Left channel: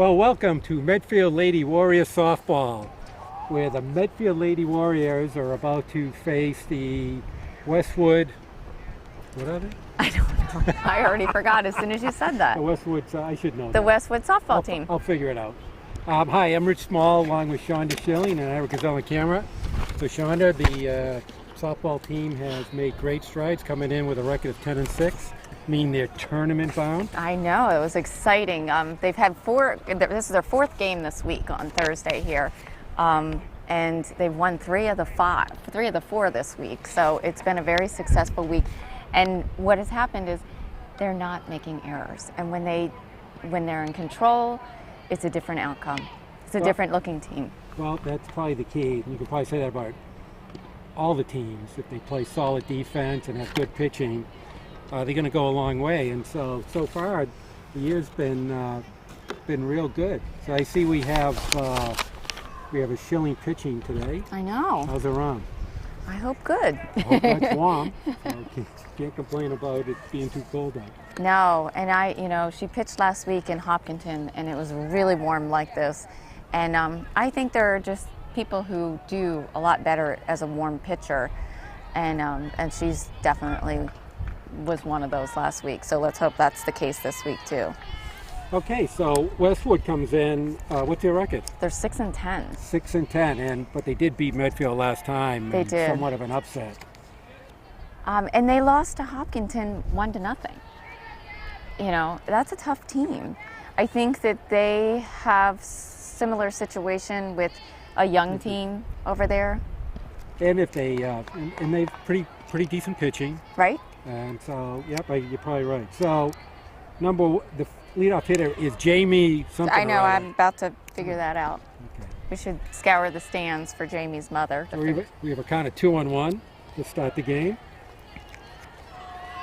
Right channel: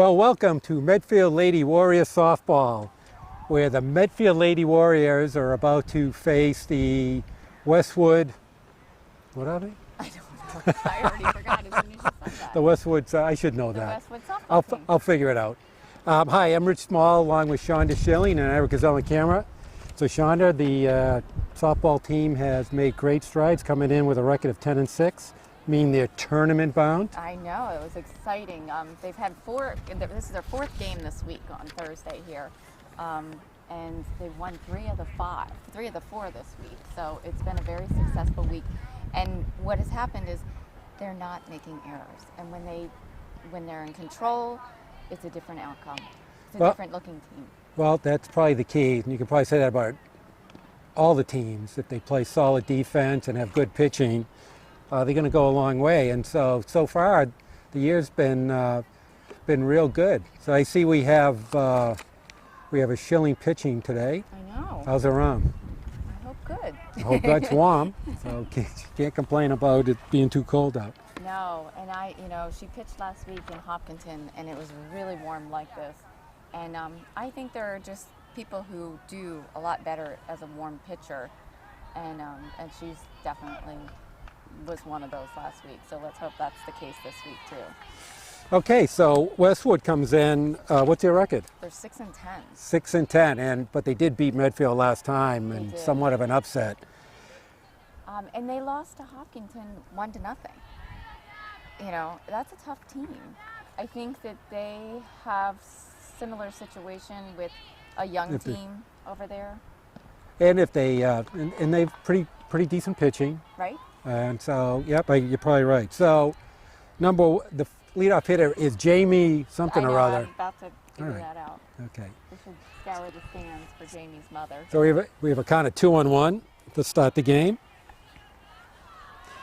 Well, welcome to Medfield Lady Warriors softball, where the Medfield Lady Warriors are about to face the Westwood, what are they? I don't know. I already forgot as soon as you said that. The Westwood, I should know that. The Westwood softball team. I'll figure it out. Hi, I'm Rich Small, along with Shonda Schilling and Eric is on the camera. So Shonda, the softball team has made great strides, coming in with a record of 10-6. Meaning they're tournament bound. I know, it was exciting. They've had this is their fourth game this week on Thursday here. And they've won three of the four this week. So it's been a very successful week. And what has happened is they're not making errors. And when they're in control, it's a different outcome. It's a different looking team. Well, that's probably the key. You could probably say that about all the teams. If they play solid defense and have good pitching, they're going to go a long way. And so far, the year's been real good. So I see we have a Schilling pitching today. I know. How's her arm? I hope good. I hope that's warm. So can't complain about it being too cold out. No, and she pitched last week in Hopkinton, and it was really warm like this. And I think there are just people who do a lot better as a warm pitcher, and she's definitely was one of those last week. So let's hope that's the case this week too. Okay, so Westwood comes in. What's their record? They're 6-10. 6-10, but they did beat Medfield last time. They did. Somewhat of an upset. And they lost to Hopkinton 1-0. You know, that's a tough team. I think that they have similar situation with a young team over there. And if they and they've pretty decent pitching. Right. And so, yep, you're probably right. So, the leadoff hitter is Jamie something I know, or other. I'm about to figure that out. Okay. We should scour the stands for Jamie's mother. So we have a kind of 2-on-1 to start the game.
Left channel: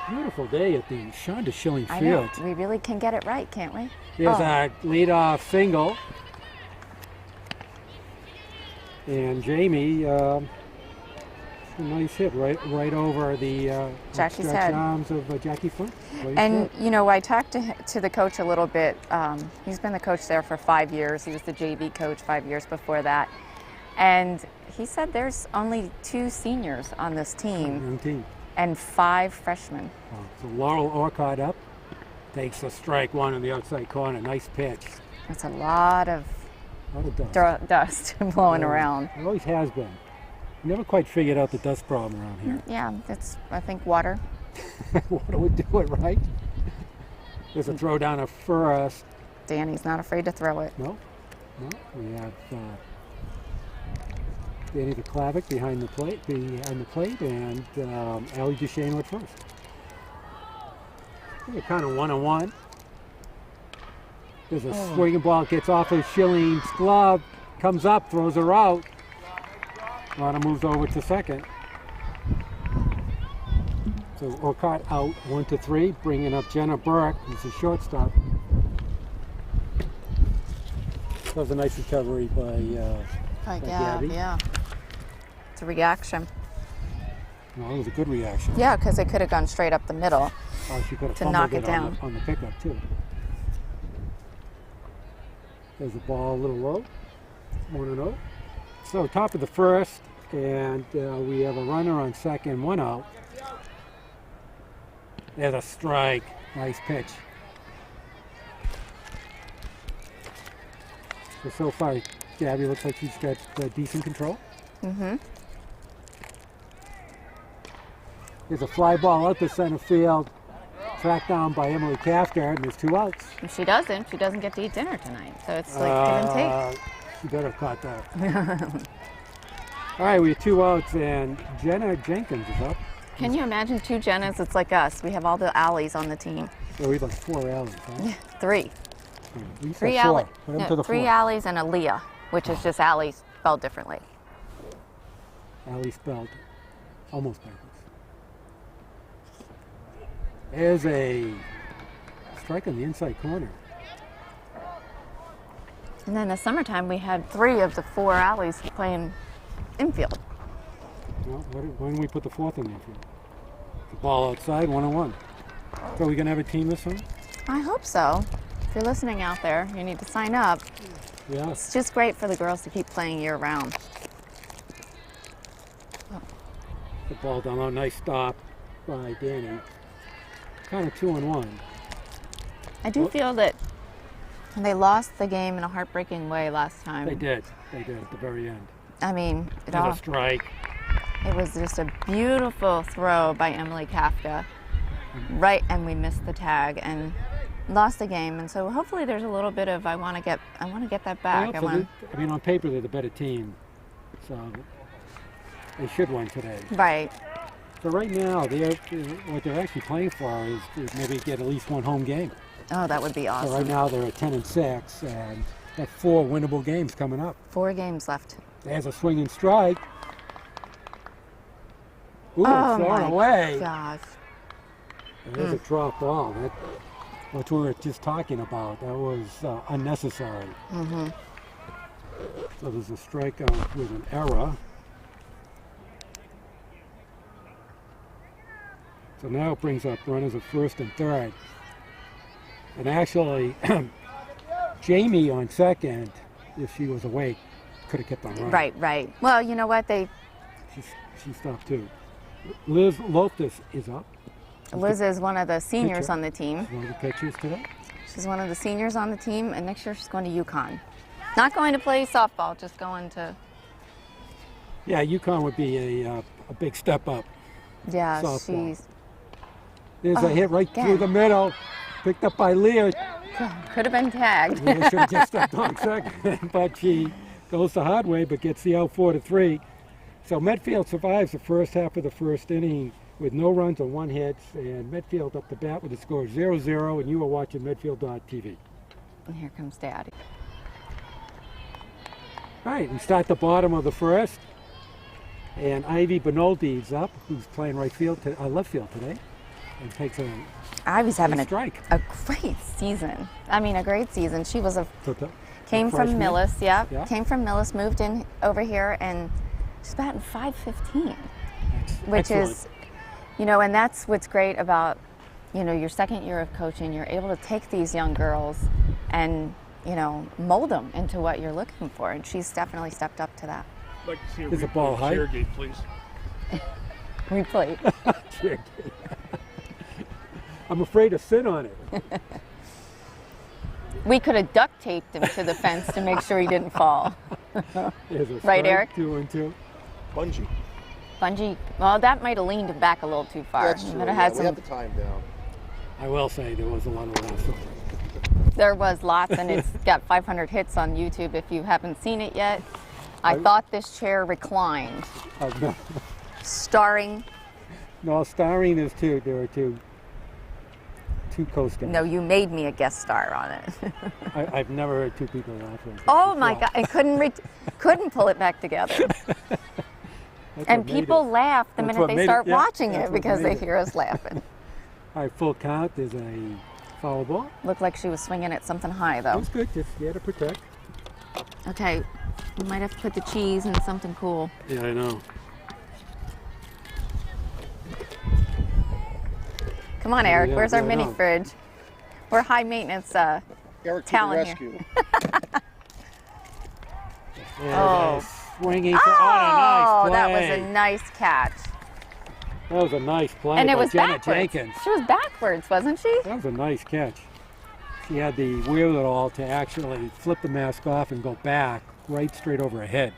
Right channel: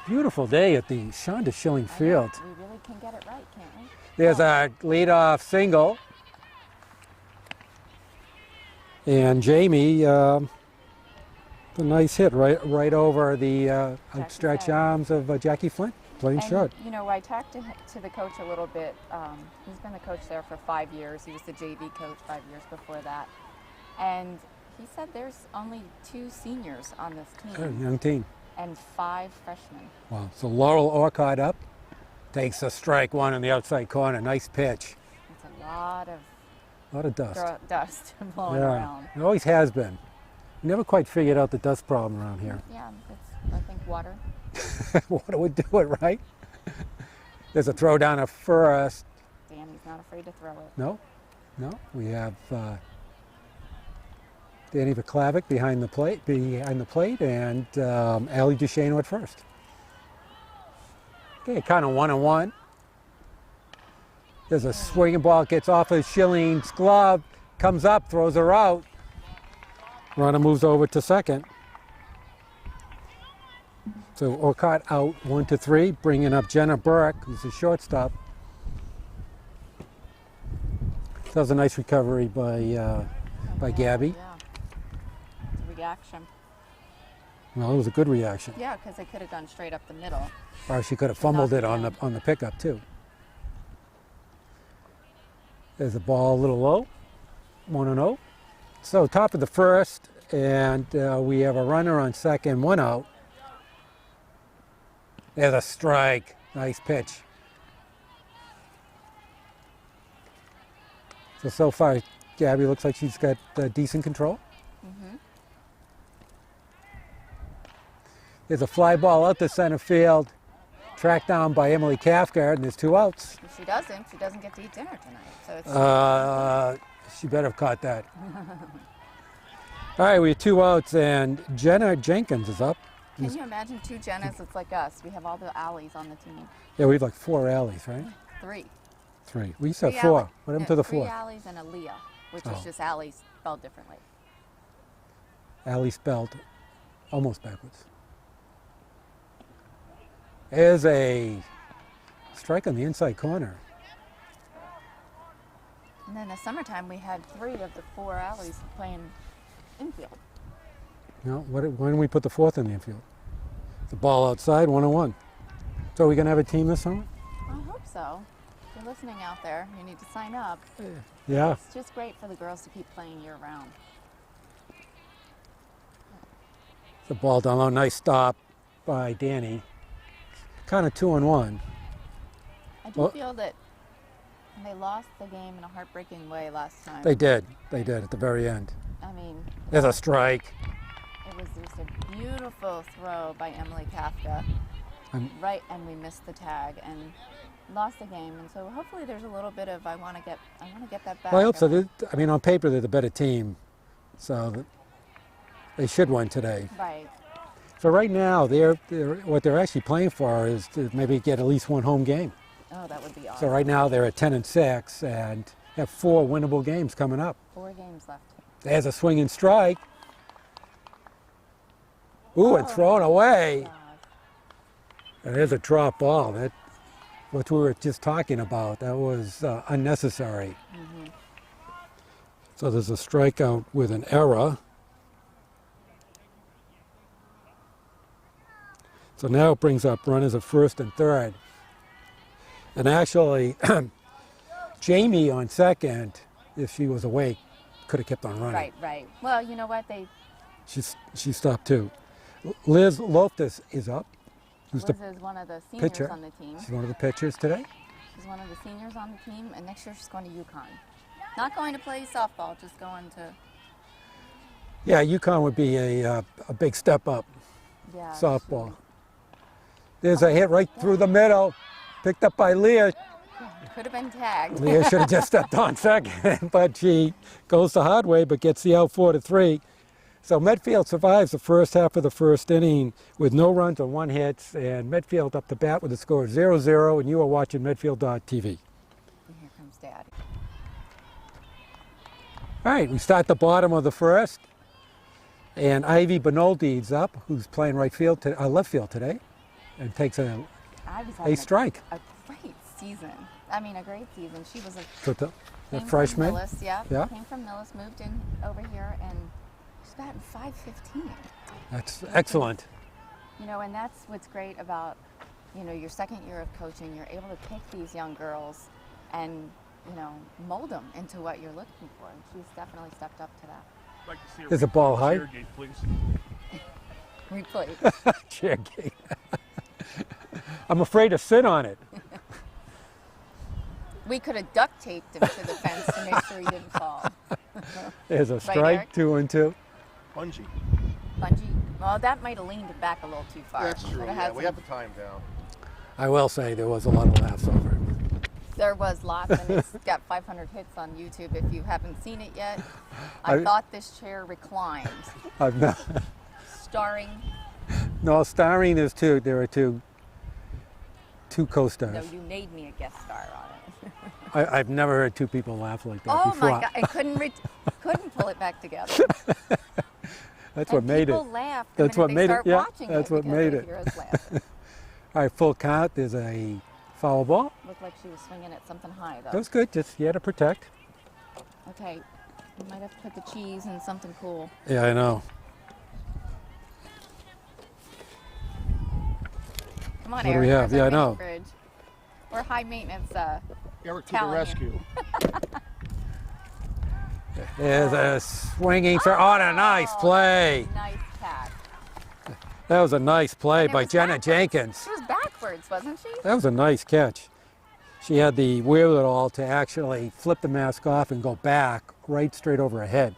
Beautiful day at the Shonda Schilling Field. I know, we really can get it right, can't we? There's a leadoff single. And Jamie, a nice hit right over the outstretched arms of Jackie Flynn. And I talked to the coach a little bit. He's been the coach there for 5 years. He was the JV coach 5 years before that. And he said there's only 2 seniors on this team. Young team. And 5 freshmen. Well, so Laurel Orcott up, takes a strike one in the outside corner. Nice pitch. That's a lot of dust. Dust blowing around. It always has been. Never quite figured out the dust problem around here. Yeah, it's, I think, water. Water would do it, right? There's a throw down at first. Danny's not afraid to throw it. No. We have Danny Vaklavic behind the plate, and Allie Duchesne at first. Okay, kind of 1-on-1. There's a swinging ball, gets off of Schilling's glove, comes up, throws her out. Runner moves over to second. So Orcott out 1-3, bringing up Jenna Burke, who's a shortstop. That was a nice recovery by Gabby. Yeah, it's a reaction. No, it was a good reaction. Yeah, because it could have gone straight up the middle. Or she could have fumbled it on the pickup too. There's the ball a little low, 1-0. So top of the first, and we have a runner on second, 1 out. There's a strike, nice pitch. So far, Gabby looks like she's got decent control. Mm-hmm. There's a fly ball out to center field, tracked down by Emily Cathcart, and there's 2 outs. If she doesn't get to eat dinner tonight. So it's like give and take. She better have caught that. All right, we have 2 outs, and Jenna Jenkins is up. Can you imagine 2 Jennas? It's like us. We have all the Allies on the team. Yeah, we have like 4 Allies, right? 3. 3. We used to have 4. What happened to the 4? 3 Allies and a Leah, which is just Allie spelled differently. Allie spelled almost backwards. There's a strike on the inside corner. And then in the summertime, we had 3 of the 4 Allies playing infield. No, when do we put the 4th in the infield? The ball outside, 1-1. So are we going to have a team this summer? I hope so. If you're listening out there, you need to sign up. Yeah. It's just great for the girls to keep playing year round. The ball down low. Nice stop by Danny. Kind of 2-1. I do feel that they lost the game in a heartbreaking way last time. They did. They did at the very end. I mean, There's a strike. it was just a beautiful throw by Emily Kafka. Right, and we missed the tag and lost the game. And so hopefully there's a little bit of I want to get that back. Well, I hope so. I mean, on paper they're the better team, so they should win today. Right. So right now, what they're actually playing for is to maybe get at least one home game. Oh, that would be awesome. So right now they're at 10-6 and have 4 winnable games coming up. 4 games left. There's a swinging strike. Ooh, it's thrown away. Gosh. And there's a drop ball. What we were just talking about, that was unnecessary. Mm-hmm. So there's a strikeout with an error. So now it brings up runners at first and third. And actually, Jamie on second, if she was awake, could have kept on running. Right. Well, you know what? She stopped too. Liz Loftus is up. Liz is one of the seniors pitcher. on the team. She's one of the pitchers today. She's one of the seniors on the team, and next year she's going to UConn. Not going to play softball, just going to. Yeah, UConn would be a big step up. Yeah, softball. she's. There's a hit right again. through the middle, picked up by Leah. Could have been tagged. Leah should have just stepped on second, but she goes the hard way, but gets the out 4-3. So Medfield survives the first half of the first inning with no runs and 1 hit, and Medfield up to bat with a score of 0-0, and you are watching Medfield.tv. And here comes Daddy. All right, we start the bottom of the first, and Ivy Benoldi's up, who's playing left field today, and takes a Ivy's having strike. a great season. I mean, a great season. She was came from freshman? Millis, yeah. Came from Millis, moved in over here, and she's batting .515. That's which excellent. Is, and that's what's great about, your second year of coaching. You're able to take these young girls and, mold them into what you're looking for. And she's definitely stepped up to that. Like to see Is the ball high? Cheer gate, please. Replay. Cheer gate. I'm afraid to sit on it. We could have duct taped him to the fence to make sure he didn't fall. There's a strike, Right, Eric? 2-2. Bungee. Well, that might have leaned him back a little too far. That's true. Could have Yeah, had we some. had the time down. I will say there was a lot of laughs over it. There was lots, and it's got 500 hits on YouTube if you haven't seen it yet. I thought this chair reclined. No, Starring. no, starring is two. There are two co-stars. No, you made me a guest star on it. I've never heard 2 people laugh like that Oh before. my God! I couldn't pull it back together. That's And what made people it. laugh the That's minute what they made it, start yeah, watching that's it what because made they it. hear us laughing. All right, full count. There's a foul ball. Looked like she was swinging at something high That though. was good. Just you had to protect. Okay, we might have to put the cheese in something cool. Yeah, I know. Come on, What do we Eric. have? Where's our Yeah, I mini know. fridge? We're high maintenance. Eric to the Talent here. rescue. There's a swinging for on a nice play. That was a nice catch. That was a nice play And it by was Jenna backwards. Jenkins. She was backwards, wasn't she? That was a nice catch. She had the wherewithal to actually flip the mask off and go back right straight over her head.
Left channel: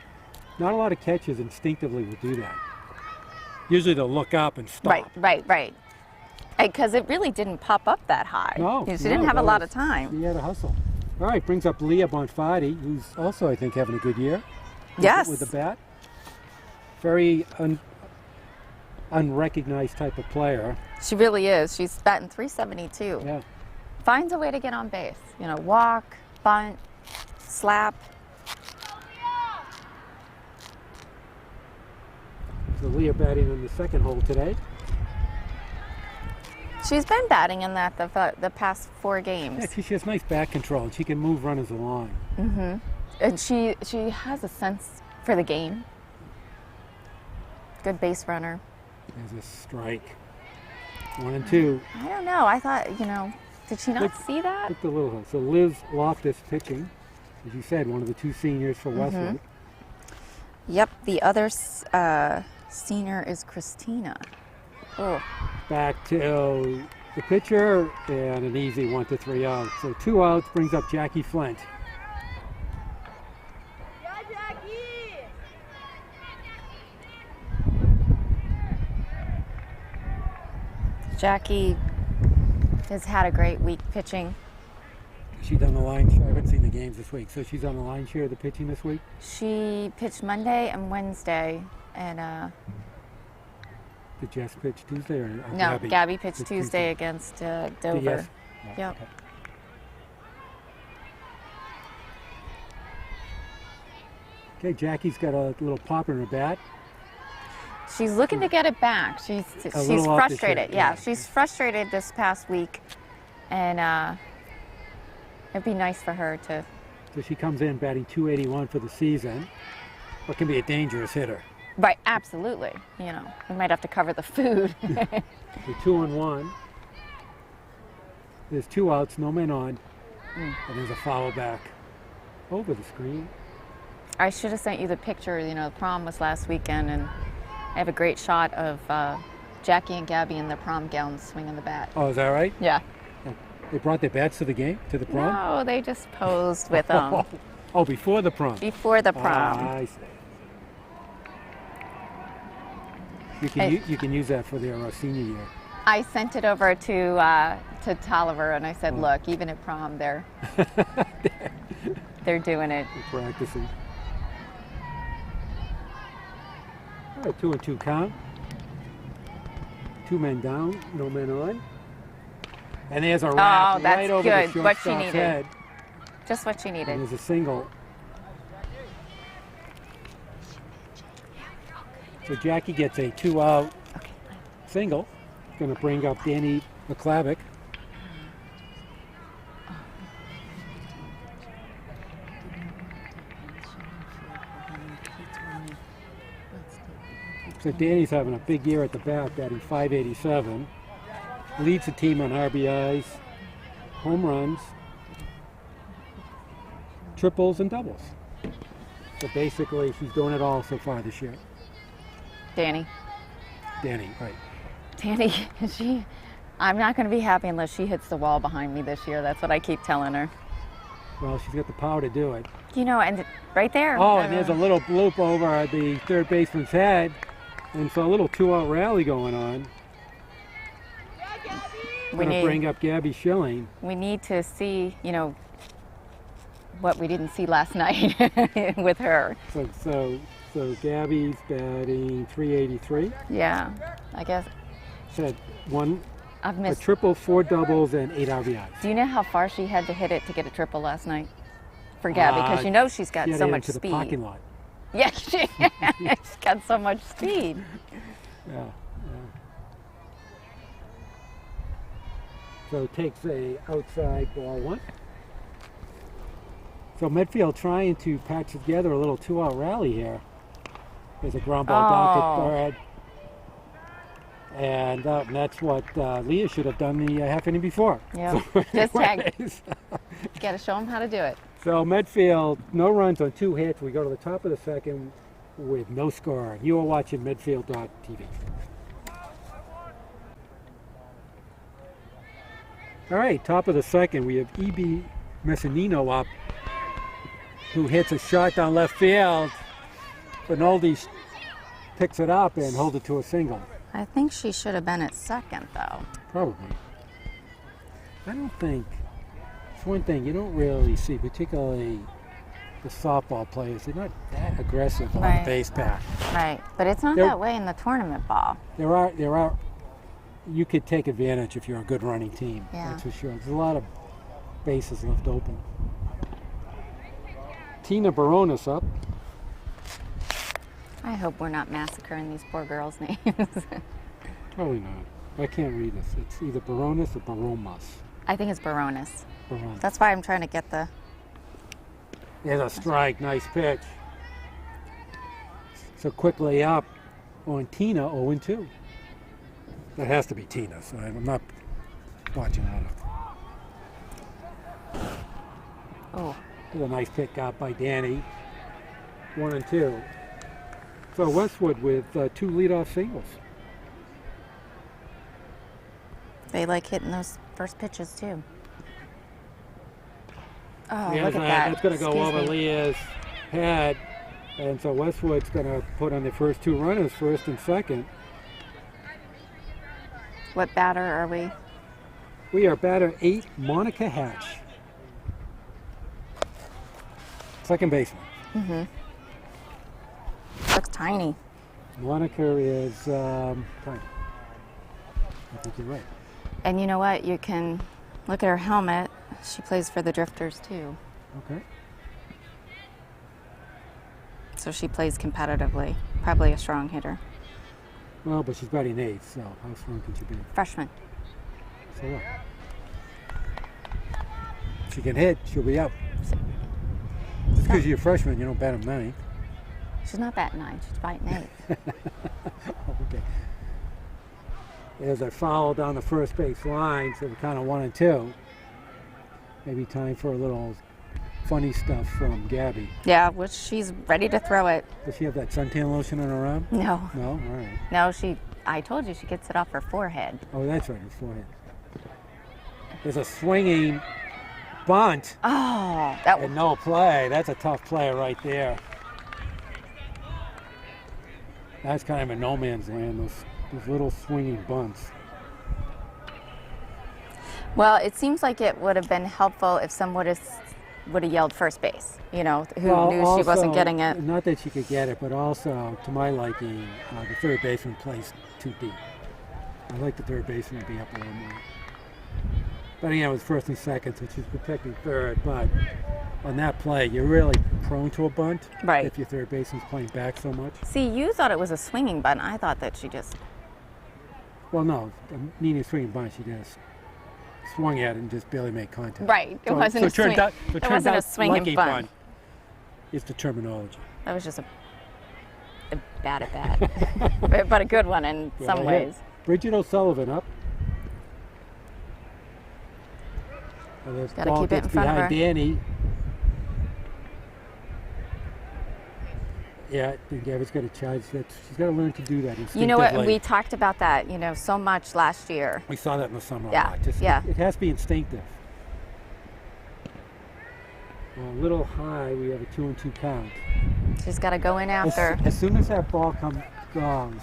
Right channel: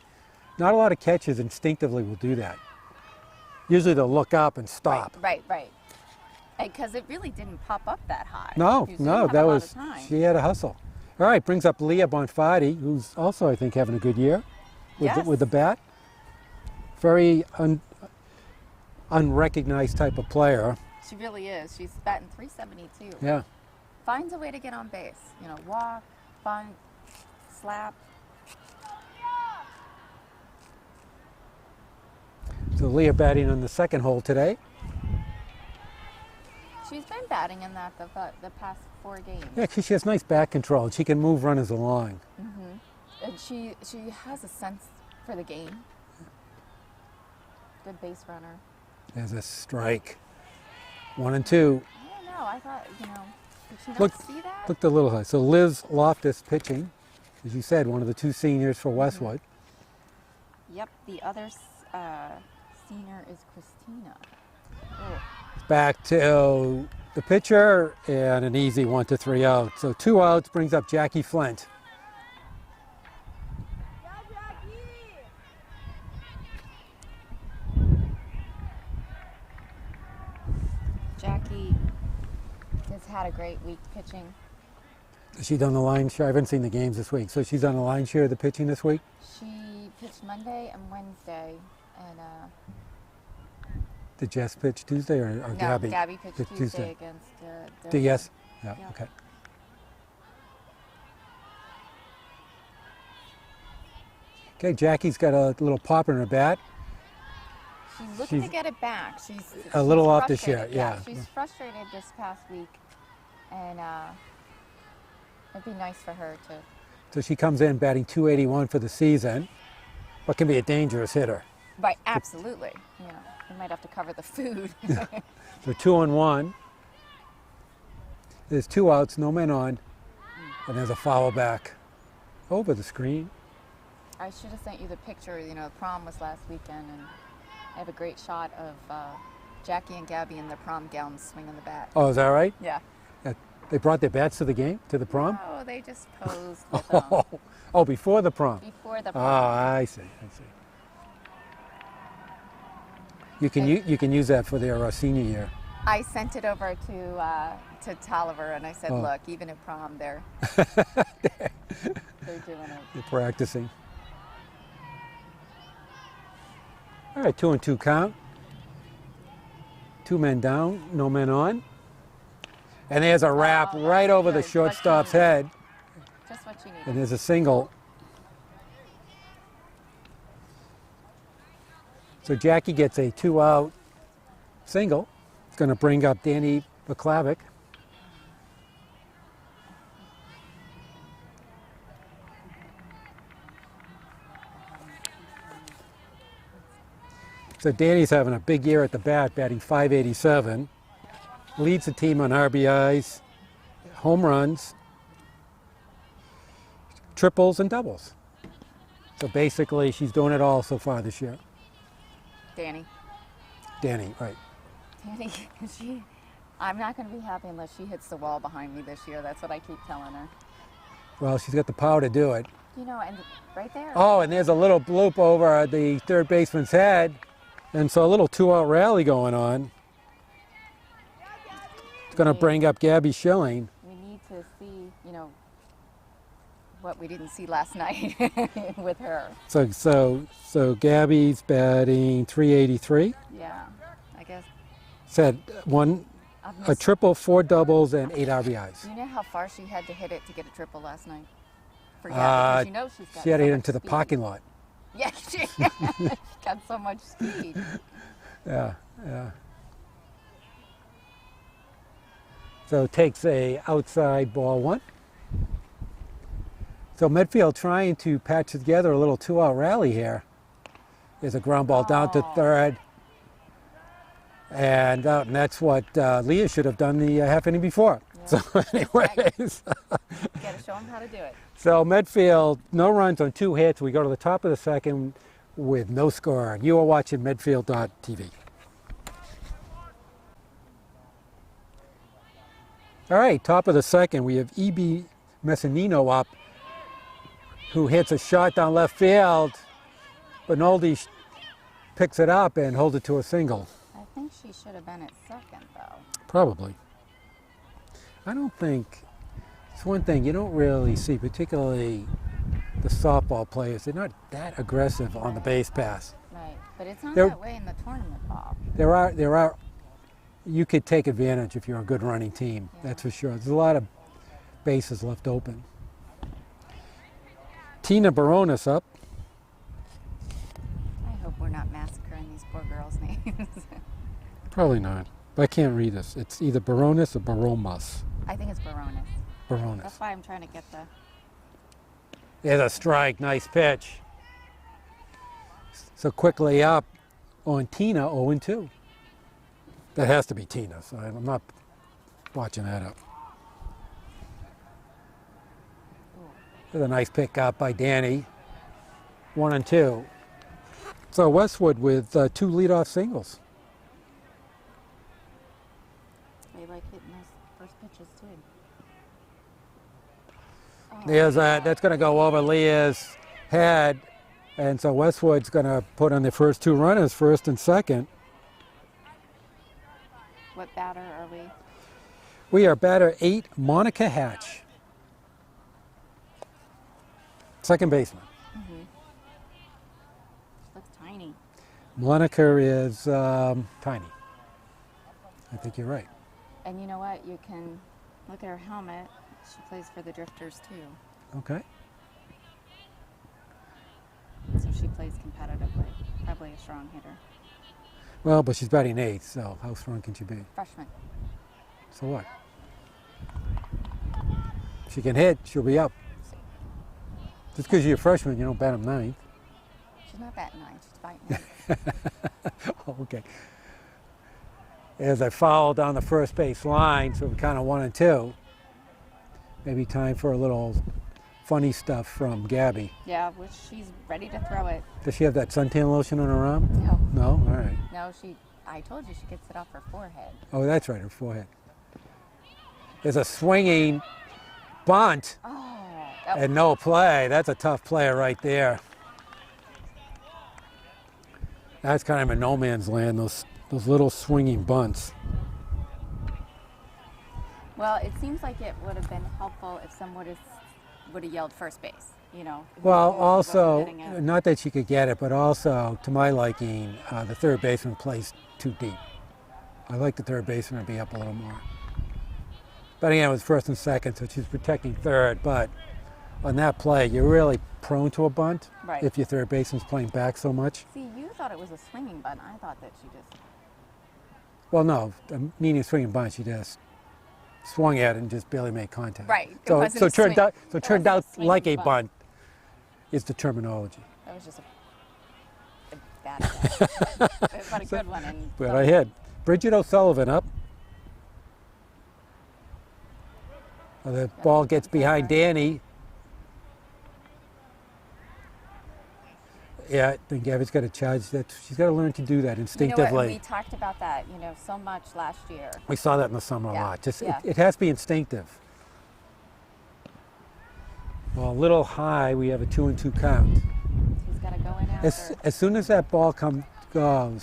Not a lot of catches instinctively will do that. Usually they'll look up and stop. Right. Because it really didn't pop up that high. No, She no, didn't have that a lot was- of time. She had a hustle. All right, brings up Leah Bonfatti, who's also, I think, having a good year. Yes. With the bat. Very unrecognized type of player. She really is. She's batting .372. Yeah. Finds a way to get on base. Walk, bunt, slap. So Leah batting on the second hole today. She's been batting in that the past 4 games. Yeah, she has nice bat control, and she can move runners along. And she has a sense for the game. Good base runner. There's a strike. 1-2. I don't know. I thought, Did she not Look- see that? Looked a little high. So Liz Loftus pitching, as you said, one of the two seniors for Westwood. Yep, the other senior is Christina. Oh, Back to the pitcher and an easy 1-3 out. So 2 outs brings up Jackie Flint. Jackie has had a great week pitching. Has she done the line share? I haven't seen the games this week. So she's on the line share of the pitching this week? She pitched Monday and Wednesday, and Did Jess pitch Tuesday or no, Gabby? Gabby pitched Pitched Tuesday against Dover. Yes. Yeah, Yep. okay. Okay, Jackie's got a little pop in her bat. She's looking to get it back. She's little off the frustrated. shit, Yeah, yeah. she's frustrated this past week, and it'd be nice for her to. So she comes in batting .281 for the season, but can be a dangerous hitter. Right, absolutely. You know, we might have to cover the food. So 2-1. There's 2 outs, no men on, and there's a foul back over the screen. I should have sent you the picture. You know, the prom was last weekend, and I have a great shot of Jackie and Gabby in their prom gowns swinging the bat. Oh, is that right? Yeah. They brought their bats to the game, to the prom? No, they just posed with them Oh, before the prom. before the prom. Ah, I see. You can use that for their senior year. I sent it over to Tolliver, and I said, Oh. "Look, even at prom, they're doing it." They're practicing. All right, 2-2 count. 2 men down, no men on. And there's a wrap Oh, that's right over the good. What she shortstop's needed. head. Just what she And needed. there's a single. So Jackie gets a 2-out single. It's going to bring up Danny McClavick. So Danny's having a big year at the bat, batting .587. Leads the team on RBIs, home runs, triples, and doubles. So basically, she's doing it all so far this year. Danny, Danny, right. I'm not going to be happy unless she hits the wall behind me this year. That's what I keep telling her. Well, she's got the power to do it. You know, and right there. Oh, and there's a little bloop over the third baseman's head. And so a little 2-out rally going on. It's going to bring up Gabby Schilling. We need to see, you know, what we didn't see last night with her. So Gabby's batting .383. Yeah, I guess Said I've a missed. triple, 4 doubles, and 8 RBIs. Do you know how far she had to hit it to get a triple last night for Gabby? Because you know she's got She had so to get much into speed. the parking lot. Yeah, she's got so much speed. Yeah. So takes a outside ball 1. So Medfield trying to patch together a little 2-out rally here. There's a ground ball down to Oh. third. And that's what Leah should have done the half inning before. Yeah. So This tag. anyways, Got to show them how to do it. so Medfield, no runs on 2 hits. We go to the top of the second with no score. You are watching Medfield.tv. All right, top of the second, we have E.B. Messinino up, who hits a shot down left field. Bernaldi picks it up and holds it to a single. I think she should have been at second, though. Probably. I don't think, it's one thing you don't really see, particularly the softball players. They're not that aggressive on Right. the base pass. Right, but it's not There- that way in the tournament ball. There are, you could take advantage if you're a good running team. Yeah. That's for sure. There's a lot of bases left open. Tina Baronis up. I hope we're not massacring these poor girls' names. Probably not. But I can't read this. It's either Baronis or Baromas. I think it's Baronis. Baronis. That's why I'm trying to get the. There's a strike. Nice pitch. So quickly up on Tina, 0-2. That has to be Tina, so I'm not watching that up. Oh, With a nice pickup by Danny. 1 and 2. So Westwood with 2 leadoff singles. they like hitting those first pitches too. Oh, There's look at that. that's going to go Excuse over me. Leah's head. And so Westwood's going to put on the first 2 runners, first and second. What batter are we? We are batter 8, Monica Hatch. Second baseman. Looks tiny. Monica is tiny. I think you're right. And you know what? You can look at her helmet. She plays for the Drifters too. Okay. So she plays competitively. Probably a strong hitter. Well, but she's batting 8th, so how strong can she be? Freshman. So what? If she can hit, she'll be up. Just because you're a freshman, you don't bat him 9th. She's not batting 9. She's batting 8. Okay. There's a foul down the first base line, so we're kind of 1 and 2. Maybe time for a little funny stuff from Gabby. Yeah, which she's ready to throw it. Does she have that suntan lotion on her arm? No. No? All right. No, I told you she gets it off her forehead. Oh, that's right, her forehead. There's a swinging bunt Oh, that and no play. That's a tough play right there. That's kind of a no man's land, those little swinging bunts. Well, it seems like it would have been helpful if someone would have yelled first base, you know, who Well, knew also, she wasn't getting it. not that she could get it, but also, to my liking, the third baseman plays too deep. I like the third baseman to be up a little more. But again, it was first and second, so she's protecting third. But on that play, you're really prone to a bunt Right. if your third baseman's playing back so much. See, you thought it was a swinging bunt. I thought that she just, Well, no, meaning swinging bunt, she just swung at it and just barely made contact. Right, it So, wasn't so a swing- it it turned wasn't a out swinging like a bunt. bunt is the terminology. that was just a bad at bat. But a good one in Well, some I hit. ways. Bridget O'Sullivan up. The Gotta ball keep it gets in front of behind her. Danny. Yeah, then Gabby's got to charge that. She's got to learn to do that You instinctively. know what? And we talked about that, so much last year. We saw that in the summer Yeah, a lot. Just, yeah. it has to be instinctive. Well, a little high. We have a 2-2 count. She's got to go in after. As soon as that ball goes,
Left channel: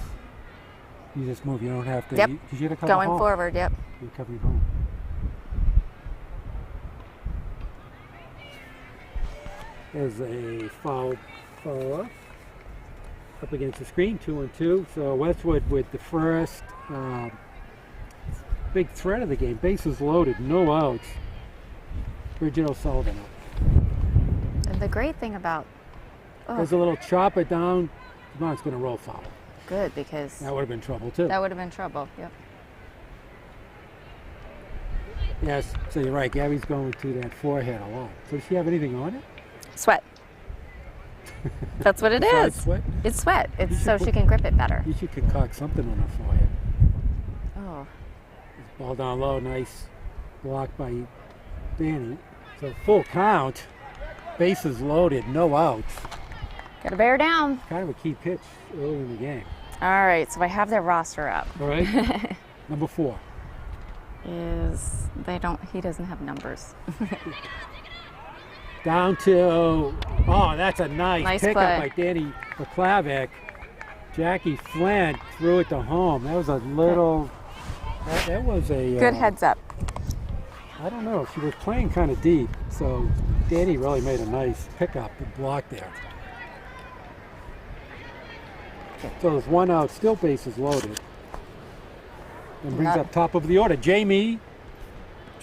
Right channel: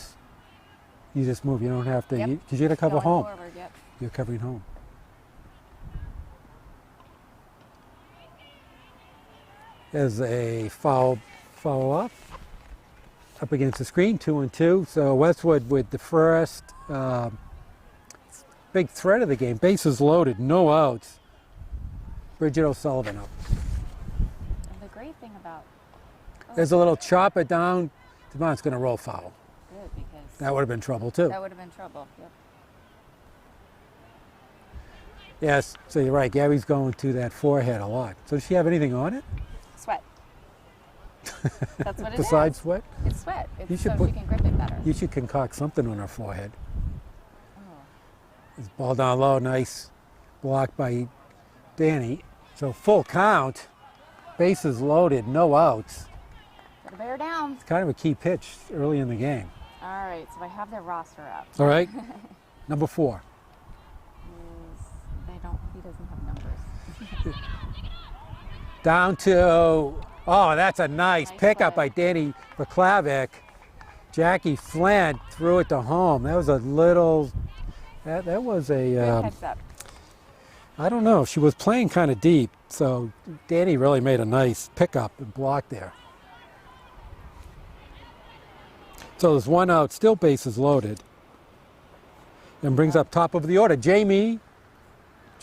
you just move. You don't have to. Yep. Because you got to cover Going home. forward, yep. You're covering home. There's a foul up against the screen, 2-2. So Westwood with the first big threat of the game. Bases loaded, no outs. Bridget O'Sullivan up. And the great thing about, There's a little chopper down. Come on, it's going to roll foul. good, because That would have been trouble too. that would have been trouble. Yep. Yes, so you're right. Gabby's going to that forehead a lot. So does she have anything on it? Sweat. That's what it is. Besides sweat? It's sweat. You It's should so put- she can grip it better. You should concoct something on her forehead. Oh, This ball down low, nice block by Danny. So full count, bases loaded, no outs. got to bear down. Kind of a key pitch early in the game. All right, so I have their roster up. All right, number 4. He doesn't have numbers. Down to, oh, that's a nice pickup play. by Danny Paklavic. Jackie Flint threw it to home. That was a little, that was a... Good heads up. I don't know. She was playing kind of deep, so Danny really made a nice pickup and block there. So there's 1 out, still bases loaded. And brings up top of the order. Jamie.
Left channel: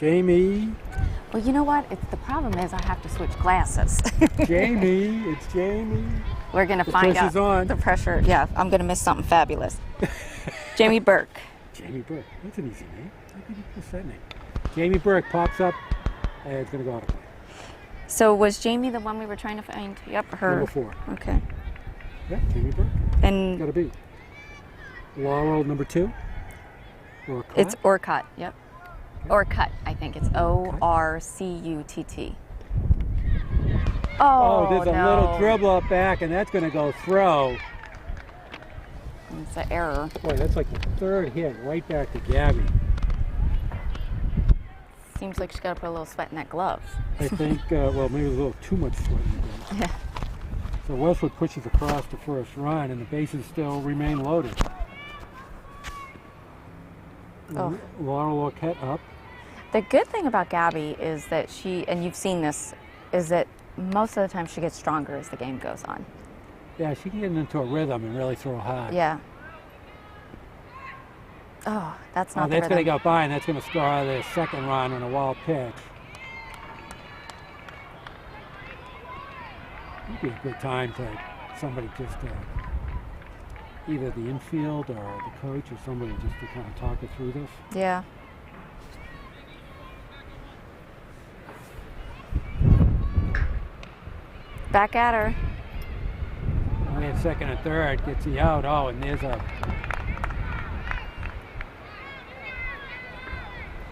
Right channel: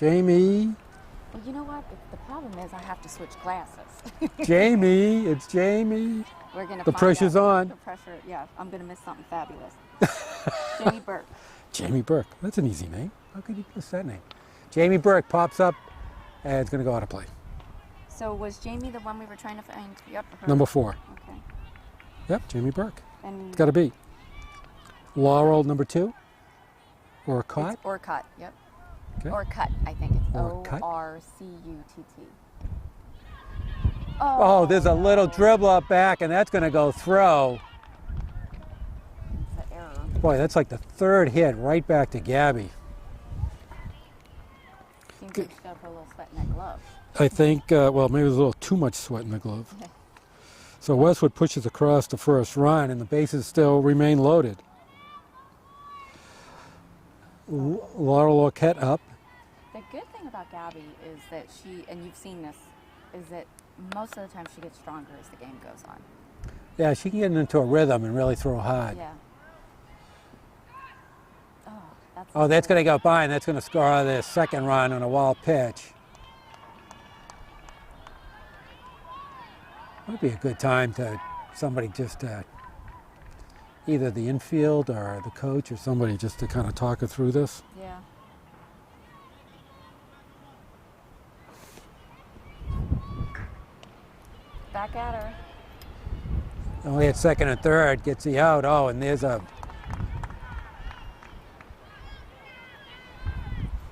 Well, you know what? The problem is I have to switch glasses. Jamie. It's Jamie. We're going to The find out. pressure's on. The pressure, yeah. I'm going to miss something fabulous. Jamie Burke. Jamie Burke. That's an easy name. How could you miss that name? Jamie Burke pops up, and it's going to go out of play. So was Jamie the one we were trying to find? Yep, her. Number 4. Okay. Yep, Jamie Burke. And Got to be. Laurel, number 2. Or a it's Orcutt. Yep. Okay. Orcutt, I think. It's Orcutt. Orcutt. Oh, there's a little no. dribble up back, and that's going to go throw. It's an error. Boy, that's like the third hit right back to Gabby. Seems like she's got to put a little sweat in that glove. I think, well, maybe there's a little too much sweat in the glove. Yeah. So Westwood pushes across the first run, and the bases still remain loaded. Oh. Laurel Arquette up. The good thing about Gabby is that she, and you've seen this, is that most of the time she gets stronger as the game goes on. Yeah, she can get into a rhythm and really throw high. Yeah. Oh, that's not Oh, that's the going to rhythm. go by, and that's going to score their second run on a wild pitch. Would be a good time to somebody just either the infield or the coach or somebody just to kind of talk her through this. Yeah. Back at her. Only at second and third, gets you out. Oh, and there's a.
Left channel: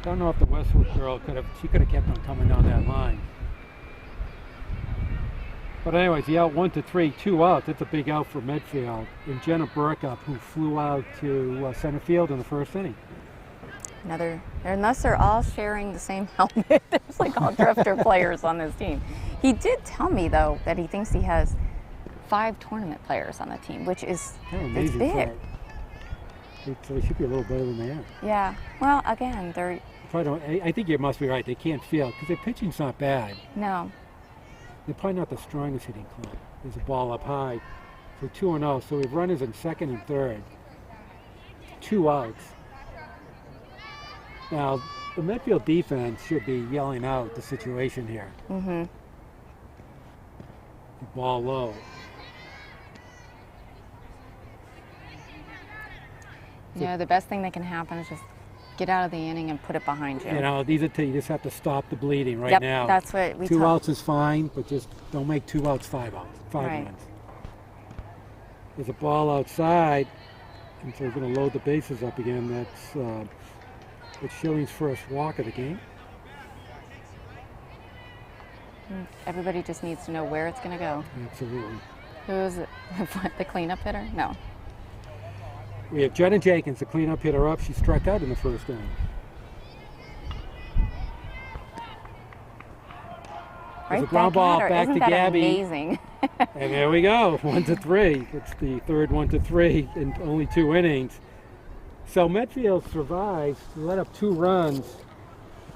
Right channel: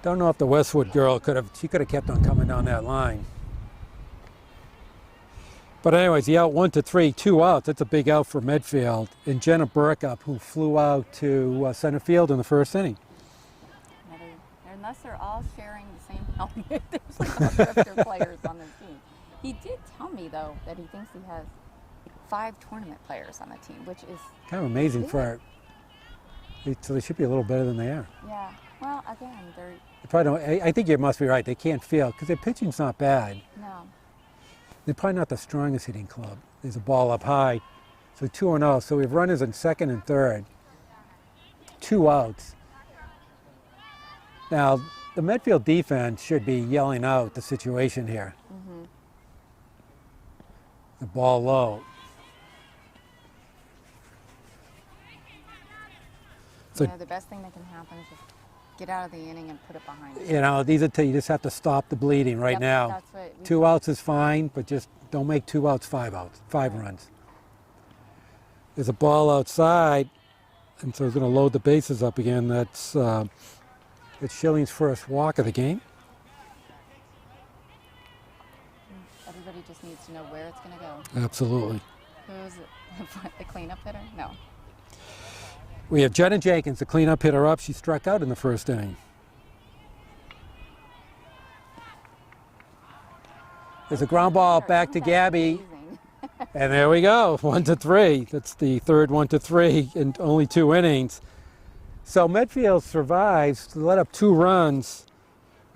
Don't know if the Westwood girl could have. She could have kept on coming down that line. But anyways, the out 1-3, 2 outs. It's a big out for Medfield. And Jenna Burkup, who flew out to center field in the first inning. Unless they're all sharing the same helmet. There's like all drifter players on this team. He did tell me though that he thinks he has 5 tournament players on the team, which is Kind of amazing big. for it. So they should be a little better than they are. Yeah. Well, again, they're Probably don't, I think you must be right. They can't field because their pitching's not bad. no. They're probably not the strongest hitting club. There's a ball up high. So 2-0. So we have runners in second and third. 2 outs. Now, the Medfield defense should be yelling out the situation here. Mm-hmm. The ball low. So- Yeah, the best thing that can happen is just get out of the inning and put it behind you. You know, these are you just have to stop the bleeding right Yep, now. that's what we 2 talk- outs is fine, but just don't make 2 outs 5 outs, 5 Right. runs. There's a ball outside, and so he's going to load the bases up again. That's it's Schilling's first walk of the game. Everybody just needs to know where it's going to go. Absolutely. Who is it? The cleanup hitter? No. We have Jenna Jenkins, the cleanup hitter up. She struck out in the first inning. There's a Right ground back ball at her. back Isn't to that Gabby. Amazing. And there we go, 1-3. That's the third 1-3 in only 2 innings. So Medfield survives to let up 2 runs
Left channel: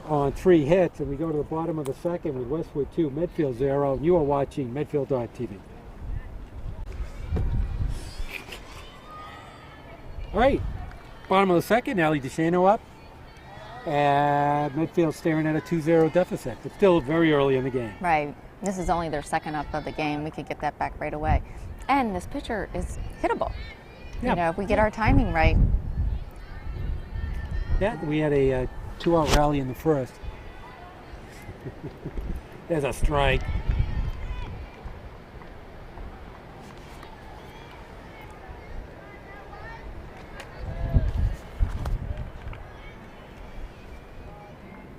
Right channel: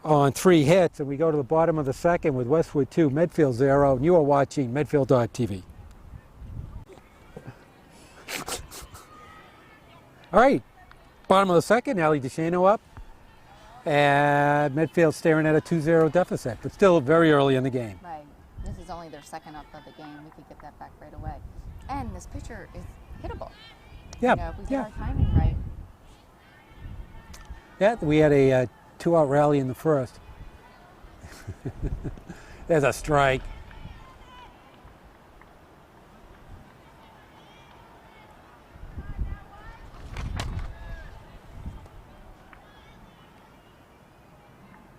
on 3 hits, and we go to the bottom of the second with Westwood 2, Medfield 0. And you are watching Medfield.tv. All right, bottom of the second, Allie DeShano up. And Medfield staring at a 2-0 deficit, but still very early in the game. Right. This is only their second up of the game. We could get that back right away. And this pitcher is hittable. Yeah. You know, if we get our timing right. Yeah, we had a 2-out rally in the first. There's a strike.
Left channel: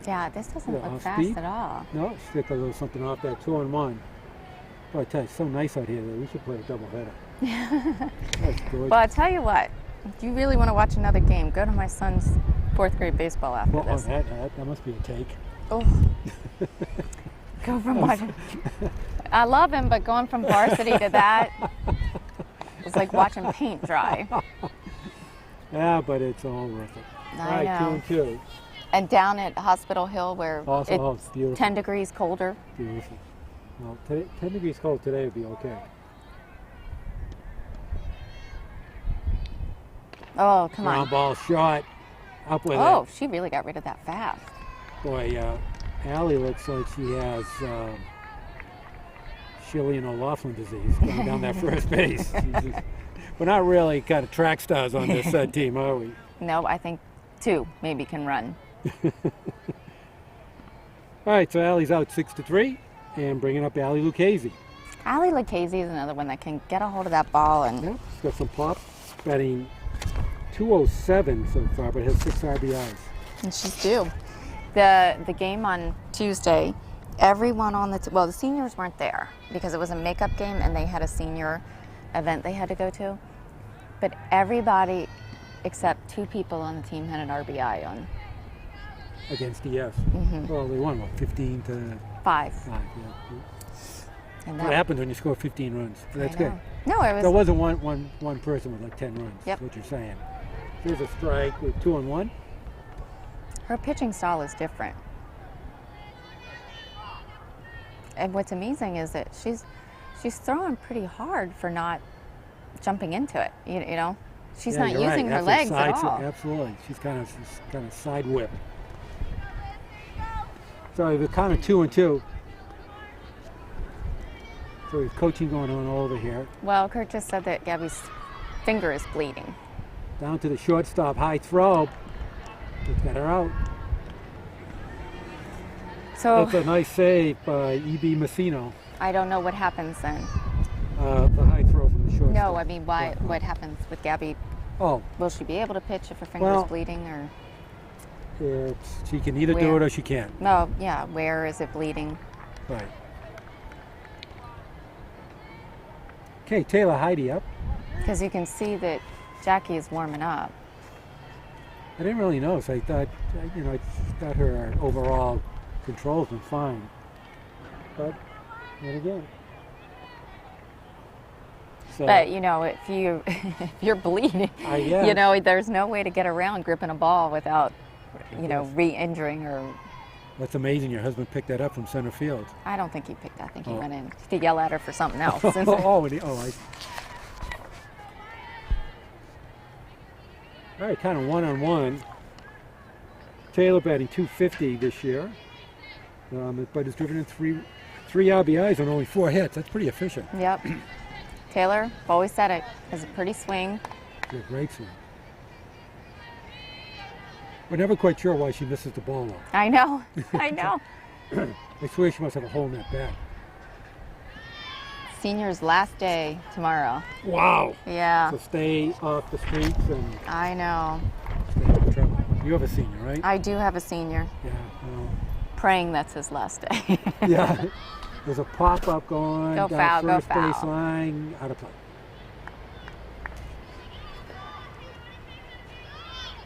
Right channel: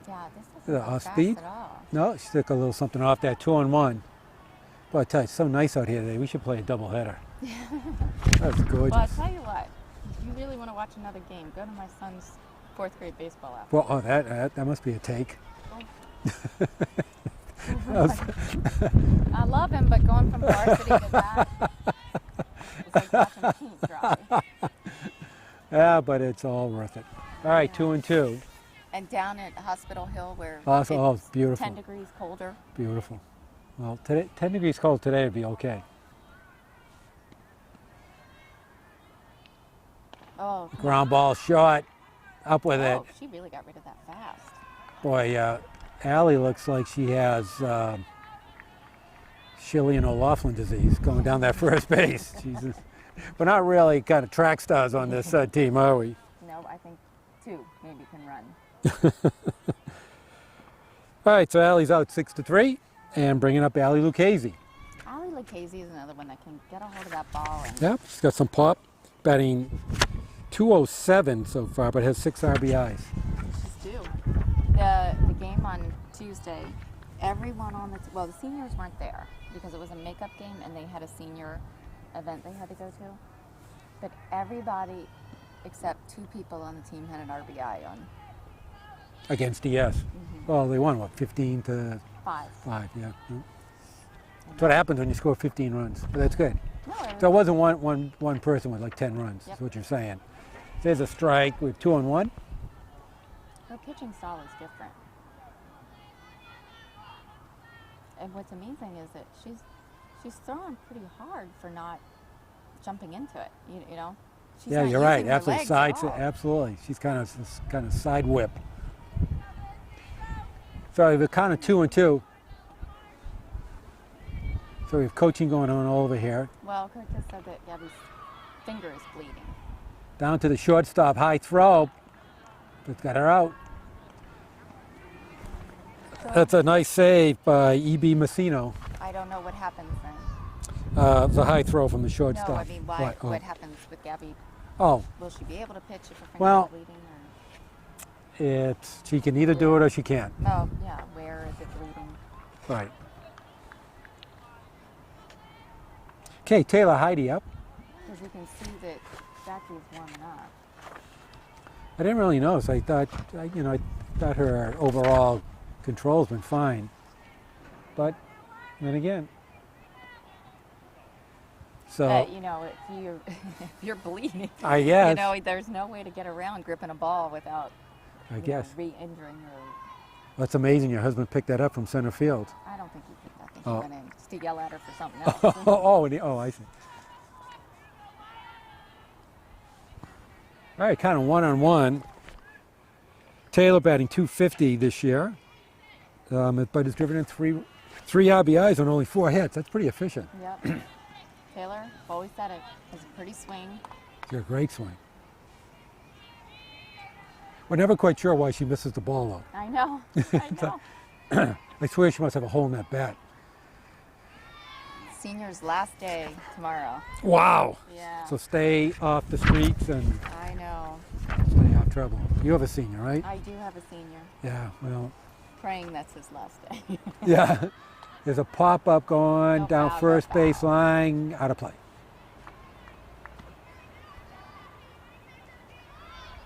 Yeah, this doesn't Yeah, look off fast speed. at all. No, she took a little something off there, 2-1. Boy, I tell you, it's so nice out here today. We should play a doubleheader. That's gorgeous. Well, I tell you what, if you really want to watch another game, go to my son's 4th grade baseball after Well, oh, this. that must be a take. Oh. Go from I love him, but going from varsity to that, it's like watching paint dry. Yeah, but it's all worth it. All I right, know. 2-2. And down at Hospital Hill, where Oh, it's it's beautiful. 10 degrees colder. Beautiful. Well, today, 10 degrees cold today would be okay. Oh, come Ground on. ball shot. Up with Oh, it. she really got rid of that fast. Boy, Allie looks like she has Shilly and O'Loughlin disease going down that first base. Jesus. We're not really kind of track stars on this team, are we? No, I think 2 maybe can run. All right, so Allie's out 6-3, and bringing up Allie Lucchese. Allie Lucchese is another one that can get a hold of that ball and Yep, she's got some pop, batting 207 so far, but has 6 RBIs. she's due. The game on Tuesday, everyone on the well, the seniors weren't there because it was a makeup game and they had a senior event they had to go to. But everybody except 2 people on the team had an RBI on Against DS. Well, they won, what, 15 to 5. 5, yeah. And That's what happens when you score 15 runs. But that's I know. good. No, it was. So it wasn't one person with like 10 runs, Yep. is what you're saying. There's a strike with 2 on 1. Her pitching style is different. And what's amazing is that she's throwing pretty hard for not jumping into it. You know, she's Yeah, not you're using right. her After legs side, at all. Absolutely. She's kind of side whip. So we're kind of 2 and 2. So we have coaching going on over here. Well, Kurt just said that Gabby's finger is bleeding. Down to the shortstop, high throw. It's got her out. So That's a nice save by E.B. Messino. I don't know what happens then. The high throw from the shortstop. No, I mean, what happens with Gabby? Oh, Will she be able to pitch if her finger's Well- bleeding, or she can either do Where? it or she can't. no? Yeah, where is it bleeding? Right. Okay, Taylor Heidi up. Because you can see that Jackie is warming up. I didn't really notice. I thought her overall control's been fine. But then again. So But you know, if if you're bleeding, I guess. you know, there's no way to get around gripping a ball without, I you know, guess. re-injuring her. That's amazing. Your husband picked that up from center field. I don't think he picked that. I think he Oh. went in to yell at her for something else. All right, kind of one-on-one. Taylor batting .250 this year, but has driven in three RBIs on only 4 hits. That's pretty efficient. Yep. Taylor, I've always said it, has a pretty swing. It's a great swing. We're never quite sure why she misses the ball, though. I know. I know. I swear she must have a hole in that bat. Senior's last day tomorrow. Wow. Yeah. So stay off the streets and I know. stay out of trouble. You have a senior, right? I do have a senior. Yeah, well, Praying that's his last day. yeah. There's a pop-up going Go down foul, go first base foul. line, out of play.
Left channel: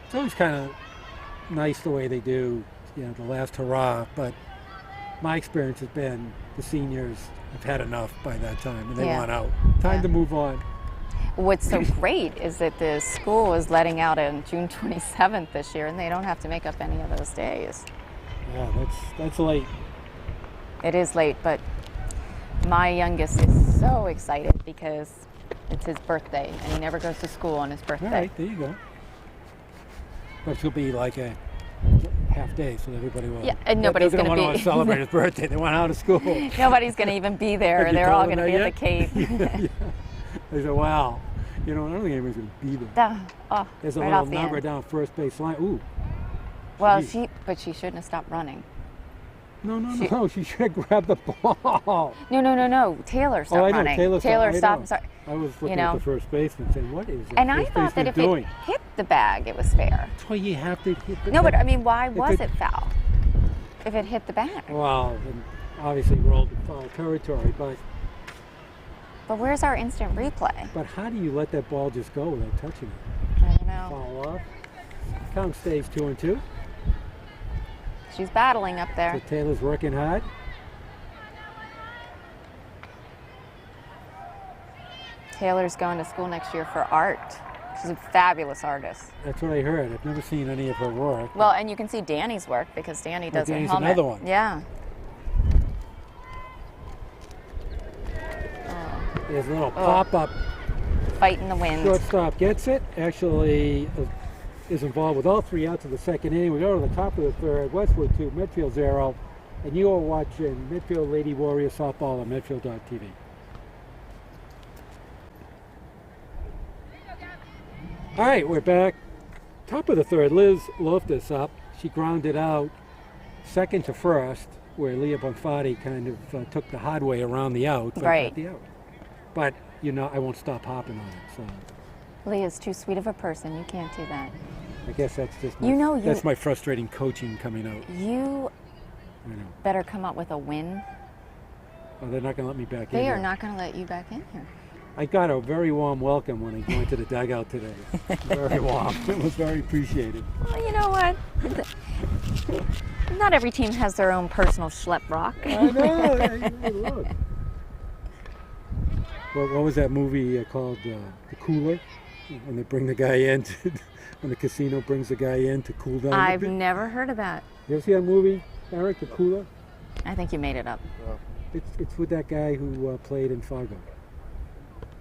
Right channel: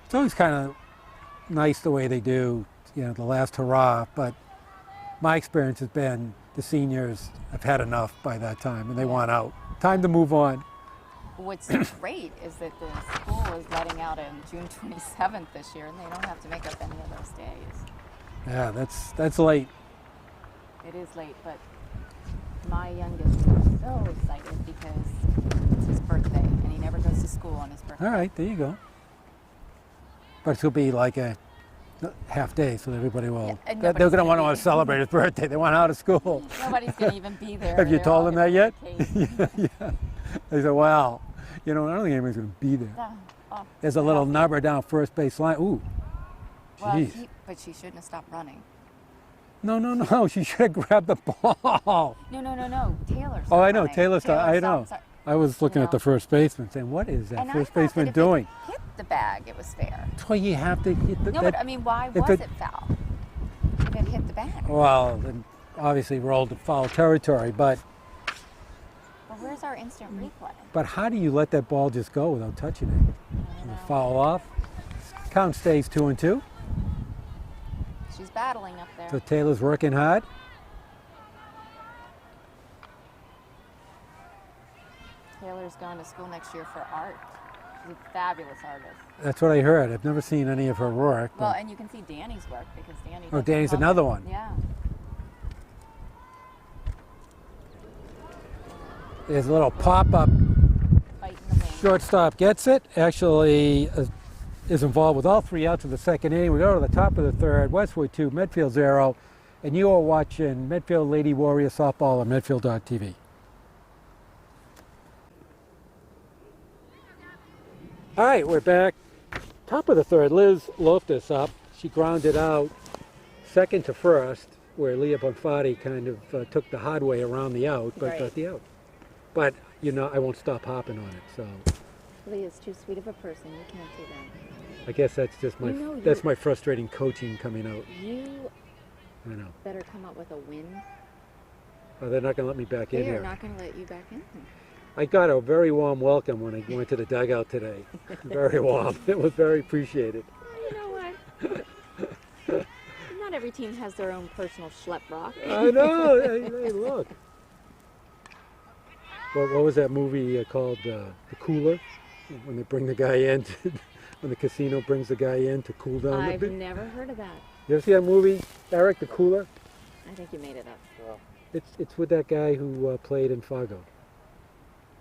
It's always kind of nice the way they do, the last hurrah, but my experience has been the seniors have had enough by that time and they Yeah. want out. Time to move on. What's so great is that the school is letting out on June 27th this year, and they don't have to make up any of those days. Yeah, that's late. It is late, but my youngest is so excited because it's his birthday, and he never goes to school on his birthday. All right, there you go. But she'll be like a half day, so everybody will. Yeah, and nobody's They're going to gonna want be- to celebrate his birthday. They want out of school. Nobody's going to even be there. Have you They're all told going them to be that at the Cape. They said, well, I don't think anybody's going to be there. Oh, There's a right little off the number end. down first base line. Ooh. Well, Jeez. but she shouldn't have stopped running. No. She should have grabbed the ball. No. Taylor stopped Oh, I know. running. Taylor stopped. know. Sorry. I was looking at know. the first baseman saying, what is that And I first thought that baseman if doing? it hit the bag, it was fair. That's why you have to. No, but I mean, why if was it- it foul? If it hit the bag. Well, it obviously rolled in foul territory, but But where's our instant replay? how do you let that ball just go without touching it? I don't know. Foul off. Count stays 2-2. She's battling up So there. Taylor's working hard. Taylor's going to school next year for art. She's a fabulous artist. That's what I heard. I've never seen any of her work. Well, and you can see Danny's work because Danny does Danny's a helmet. another one. Yeah. There's a little pop-up. Fighting the wind. Shortstop gets it. Actually is involved with all 3 outs of the second inning. We go to the top of the third. Westwood 2, Medfield 0. And you are watching Medfield Lady Warrior Softball on Medfield.tv. All right, we're back. Top of the third, Liz Loftus up. She grounded out second to first, where Leah Bonfatti kind of took the hard way around the out, but Right. got the out. But, I won't stop hopping on it, so Leah's too sweet of a person. You can't do that. I guess that's just You know, that's my frustrating coaching coming out. You I know. better come up with a win. Oh, they're not going to let me back in They here. are not going to let you back in here. I got a very warm welcome when I went to the dugout today. Very warm. It was very appreciated. Well, you know what? Not every team has their own personal schlep rock. I know. Hey, look. What was that movie called? The Cooler? When they bring the guy in, when the casino brings the guy in to cool down. I've never heard of that. You ever see that movie, Eric, The Cooler? I think you made it up. It's with that guy who played in Fargo.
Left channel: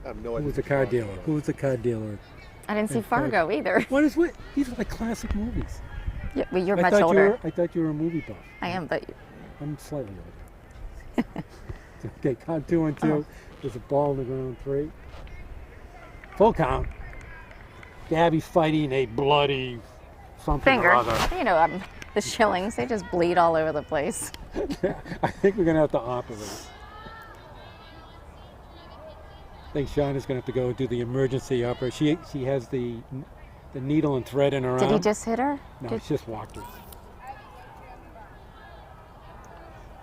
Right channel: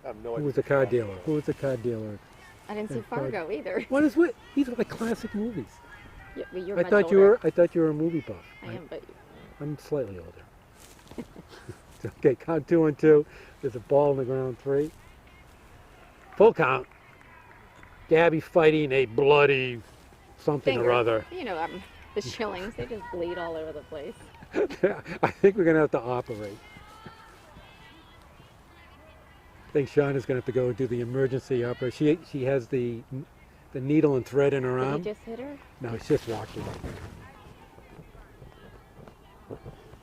I have no Who idea. was a car dealer? Who was a car dealer? I didn't see In fact- Fargo either. What is what? These are the classic movies. Yeah, well, you're I much thought older. I thought you were a movie buff. I am, but I'm slightly older. Okay, count 2 and 2. There's a ball in the ground. 3. Full count. Gabby's fighting a bloody something finger. or other. You know, the shillings, they just bleed all over the place. I think we're gonna have to operate. I think Shauna's gonna have to go and do the emergency operation. She has the needle and thread in her arm. Did he just hit her? No, it's just watching.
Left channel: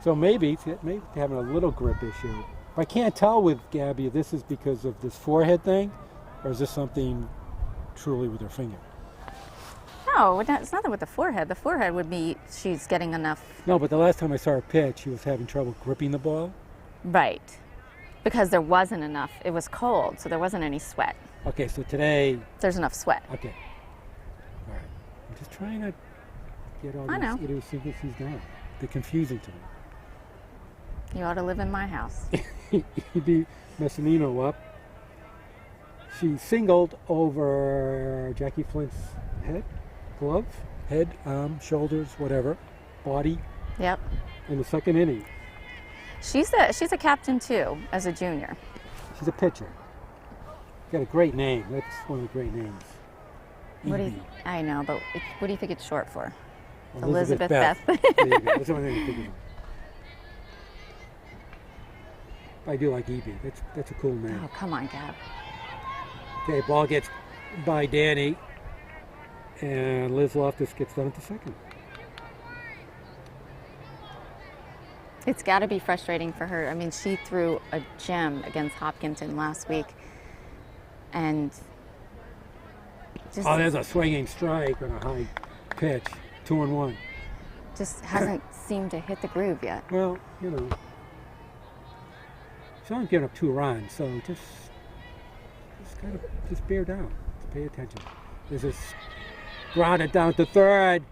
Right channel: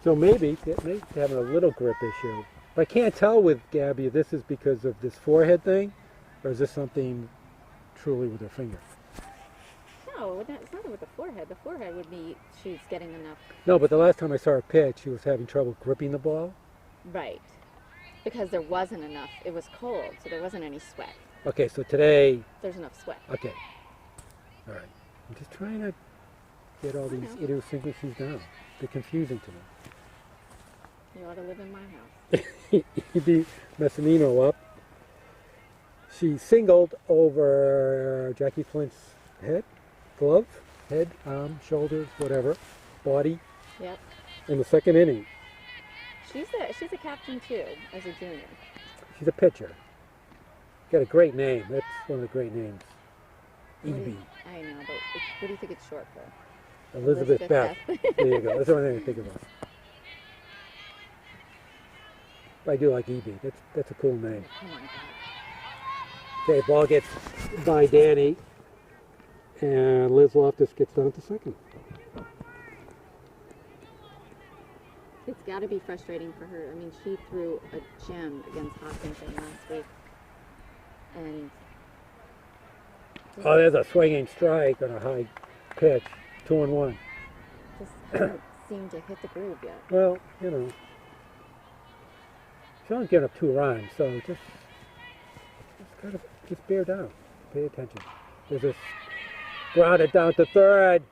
So maybe having a little grip issue. I can't tell with Gabby if this is because of this forehead thing, or is this something truly with her finger? No, it's nothing with the forehead. The forehead would be she's getting enough. No, but the last time I saw her pitch, she was having trouble gripping the ball. Right. Because there wasn't enough. It was cold, so there wasn't any sweat. Okay, so today, There's enough sweat. okay. All right. I'm just trying to get all I know. these idiosyncrasies down. They're confusing to me. You ought to live in my house. E.B. Messinino up. She singled over Jackie Flint's glove, head, arm, shoulders, whatever, body, Yep. in the second inning. She's a captain too, as a junior. She's a pitcher. Got a great name. That's one of the great names. What do E.B. you, I know, but what do you think it's short for? Elizabeth Beth. There you go. That's the only thing I think about. But I do like E.B. That's a cool name. Oh, come on, Gab. Okay, ball gets by Danny, and Liz Loftus gets done at the second. It's got to be frustrating for her. I mean, she threw a gem against Hopkinton last week, and just, Oh, there's a swinging strike on a high pitch. 2-1. just hasn't seemed to hit the groove yet. Well, you know, Sean's giving up 2 runs, so just gotta bear down. Just pay attention. There's this grounded down to third.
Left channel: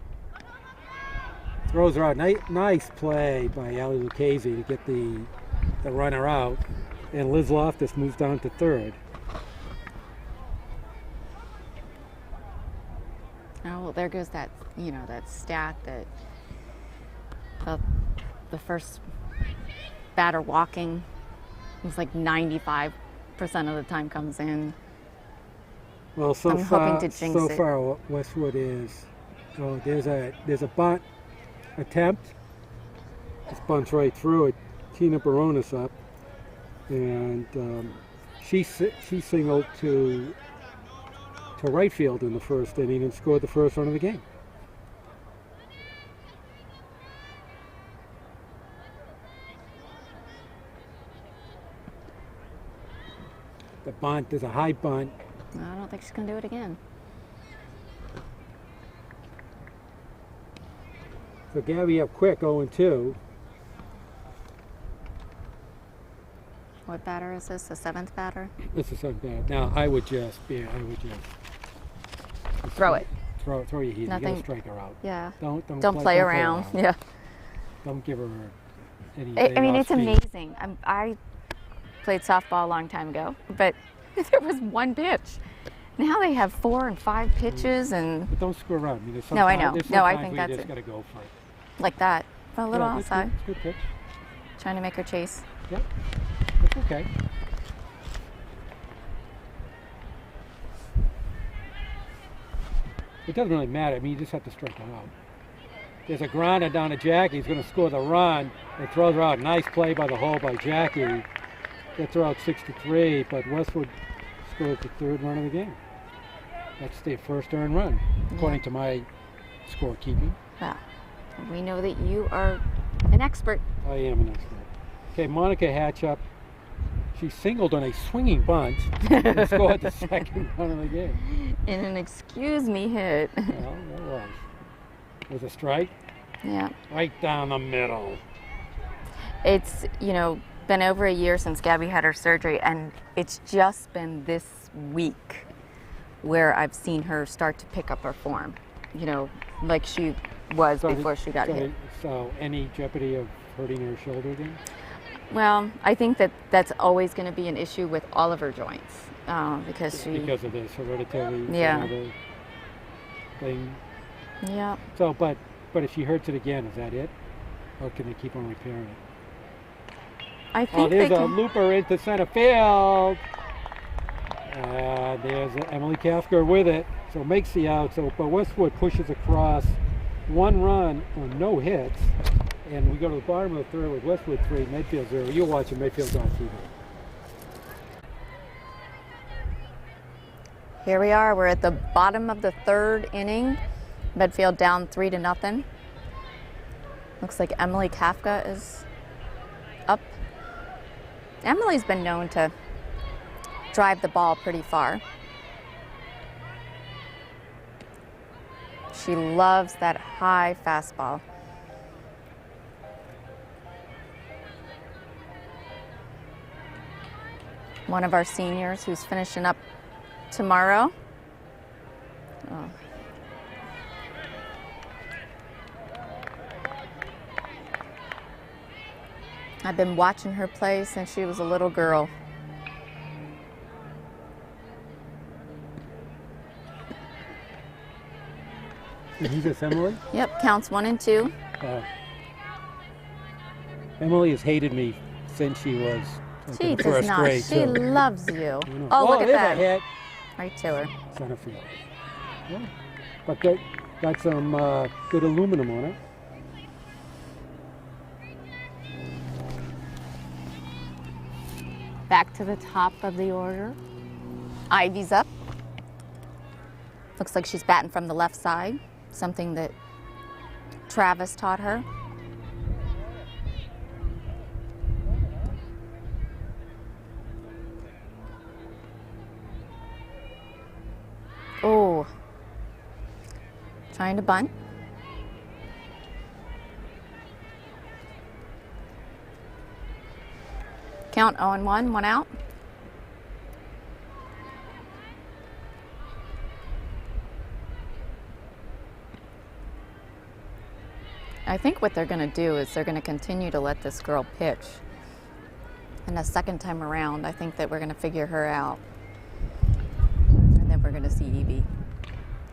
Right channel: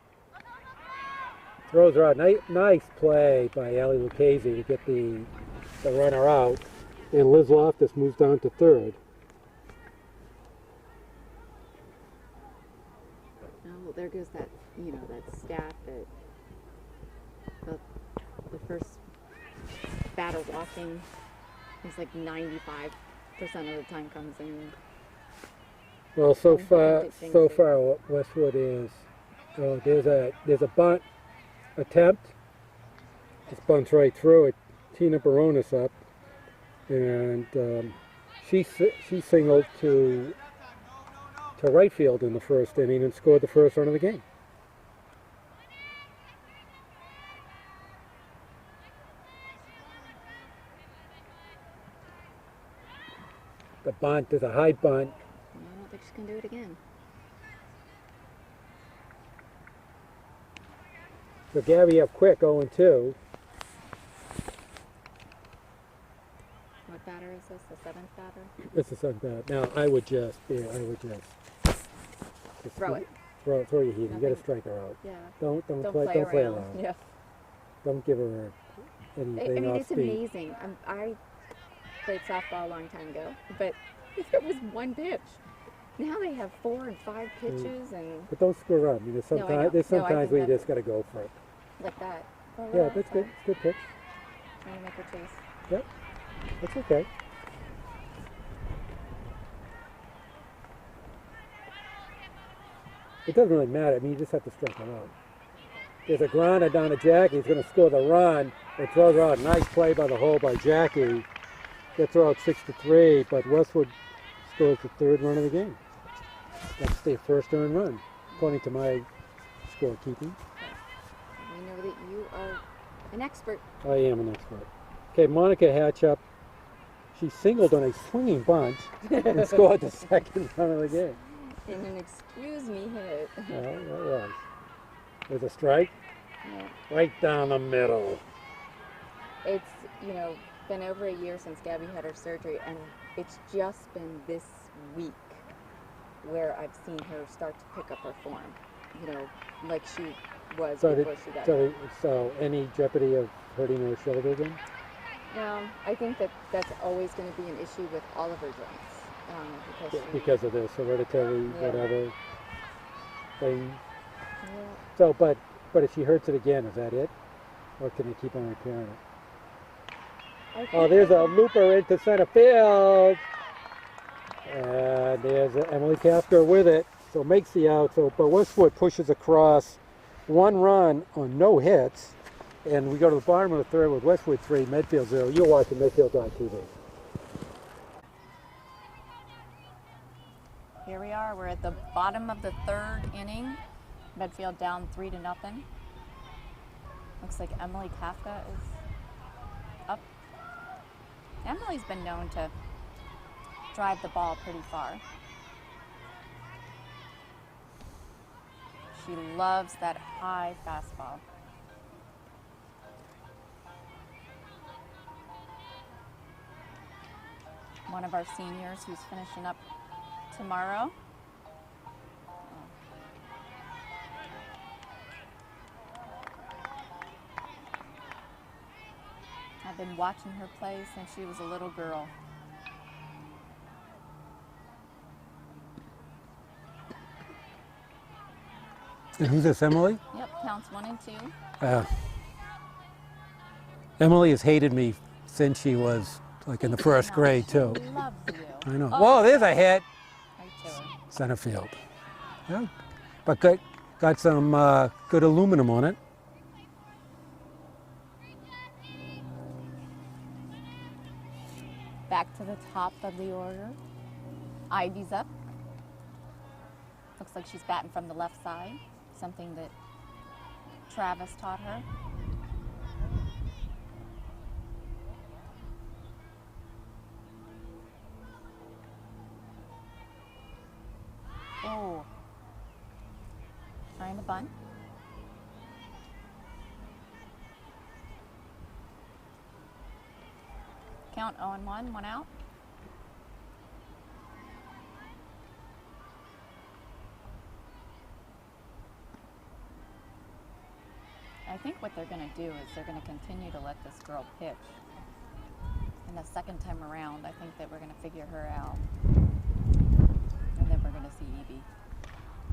Throws her out. Nice play by Ali Lucchese to get the runner out. And Liz Loftus moves down to third. Oh, well, there goes that, that stat that the first batter walking is like 95% of the time comes in. Well, so I'm hoping to jinx it. far Westwood is. Oh, there's a bunt attempt. Just bunts right through it. Tina Baronis up, and she singled to right field in the first inning and scored the first run of the game. The bunt, there's a high bunt. I don't think she's going to do it again. So Gabby up quick, 0-2. What batter is this? The 7th batter? This is something. Now I would just Throw it. throw your heat. You gotta Nothing- strike her out. Yeah. Don't Play around. Yeah. Don't give her any. I mean, off it's speed. amazing. I played softball a long time ago, but there was one pitch. Now they have 4 and 5 pitches and But don't screw around. I mean, there's No, I know. there's No, I sometimes think where that's you just it. gotta go for it. like that. A little Yeah, that's good. outside, It's a good pitch. trying to make her chase. Yep. That's okay. It doesn't really matter. I mean, you just have to strike her out. There's a grounder down to Jackie. He's going to score the run. They throw her out. Nice play by the hole by Jackie. They throw out 6-3, but Westwood scored the 3rd run of the game. That's their first earned run, according to my scorekeeping. Well, we know that you are An expert. I am an expert. Okay, Monica Hatchup. She singled on a swinging bunch and scored the second run of the game. In an excuse me hit. Yeah, it was. It was a strike Yeah. right down the middle. It's, been over a year since Gabby had her surgery, and it's just been this week where I've seen her start to pick up her form, like she was before she got hit. So any jeopardy of hurting her shoulder then? Well, I think that's always going to be an issue with all of her joints because Because of this hereditary thing. Yeah. So, but if she hurts it again, is that it? Or can they keep on repairing it? I think there's they a can. looper into center field. There's Emily Kafka with it. So makes the out. So, but Westwood pushes across 1 run on no hits. And we go to the bottom of the third with Westwood 3, Medfield 0. You're watching Medfield on TV. Here we are. We're at the bottom of the 3rd inning. Medfield down 3-0. Looks like Emily Kafka is up. Emily's been known to drive the ball pretty far. She loves that high fastball. One of our seniors who's finishing up tomorrow. Oh. I've been watching her play since she was a little girl. And who's this, Emily? Yep, counts 1 and 2. Emily has hated me since she was She in the does first not. grade. She too. loves you. I know. Oh, Whoa, look at there's a that. hit. Right to her. Center field. Yeah. But got some good aluminum on it. Back to the top of the order. Ivy's up. Looks like she's batting from the left side, something that Travis taught her. Oh, trying to bunt. Count 0-1, 1 out. I think what they're going to do is they're going to continue to let this girl pitch. And the second time around, I think that we're going to figure her out. And then we're going to see Evie.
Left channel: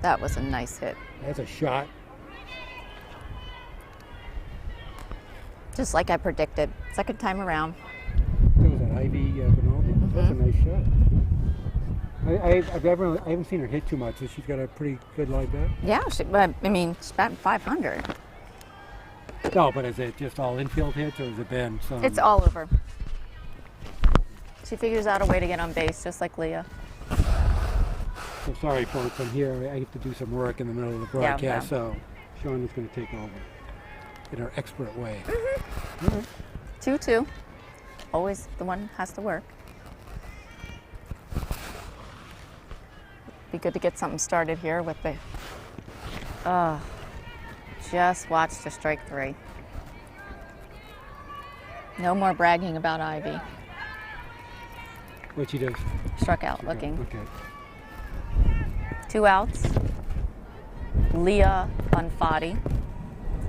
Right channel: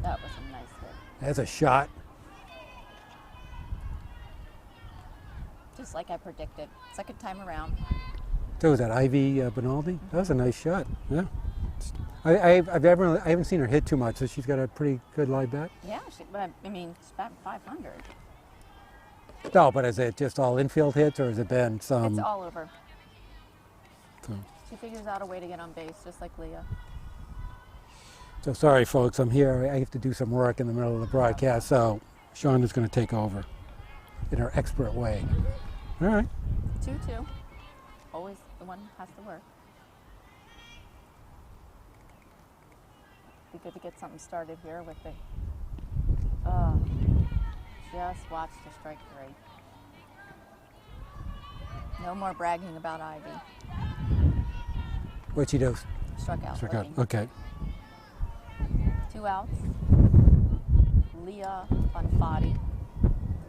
That was a nice hit. That's a shot. Just like I predicted. Second time around. So was that Ivy Benaldi? That was a nice shot. Yeah. I haven't seen her hit too much, so she's got a pretty good line back. Yeah, she's batting 500. No, but is it just all infield hits, or has it been some? It's all over. She figures out a way to get on base, just like Leah. So sorry, folks. I'm here. I have to do some work in the middle of the broadcast, so Sean is going to take over in her expert way. Mm-hmm. All right. 2-2. Always the one has to work. Be good to get something started here with the. Just watched a strike 3. No more bragging about Ivy. What she does? Struck out looking. Okay. 2 outs. Leah on Foddy.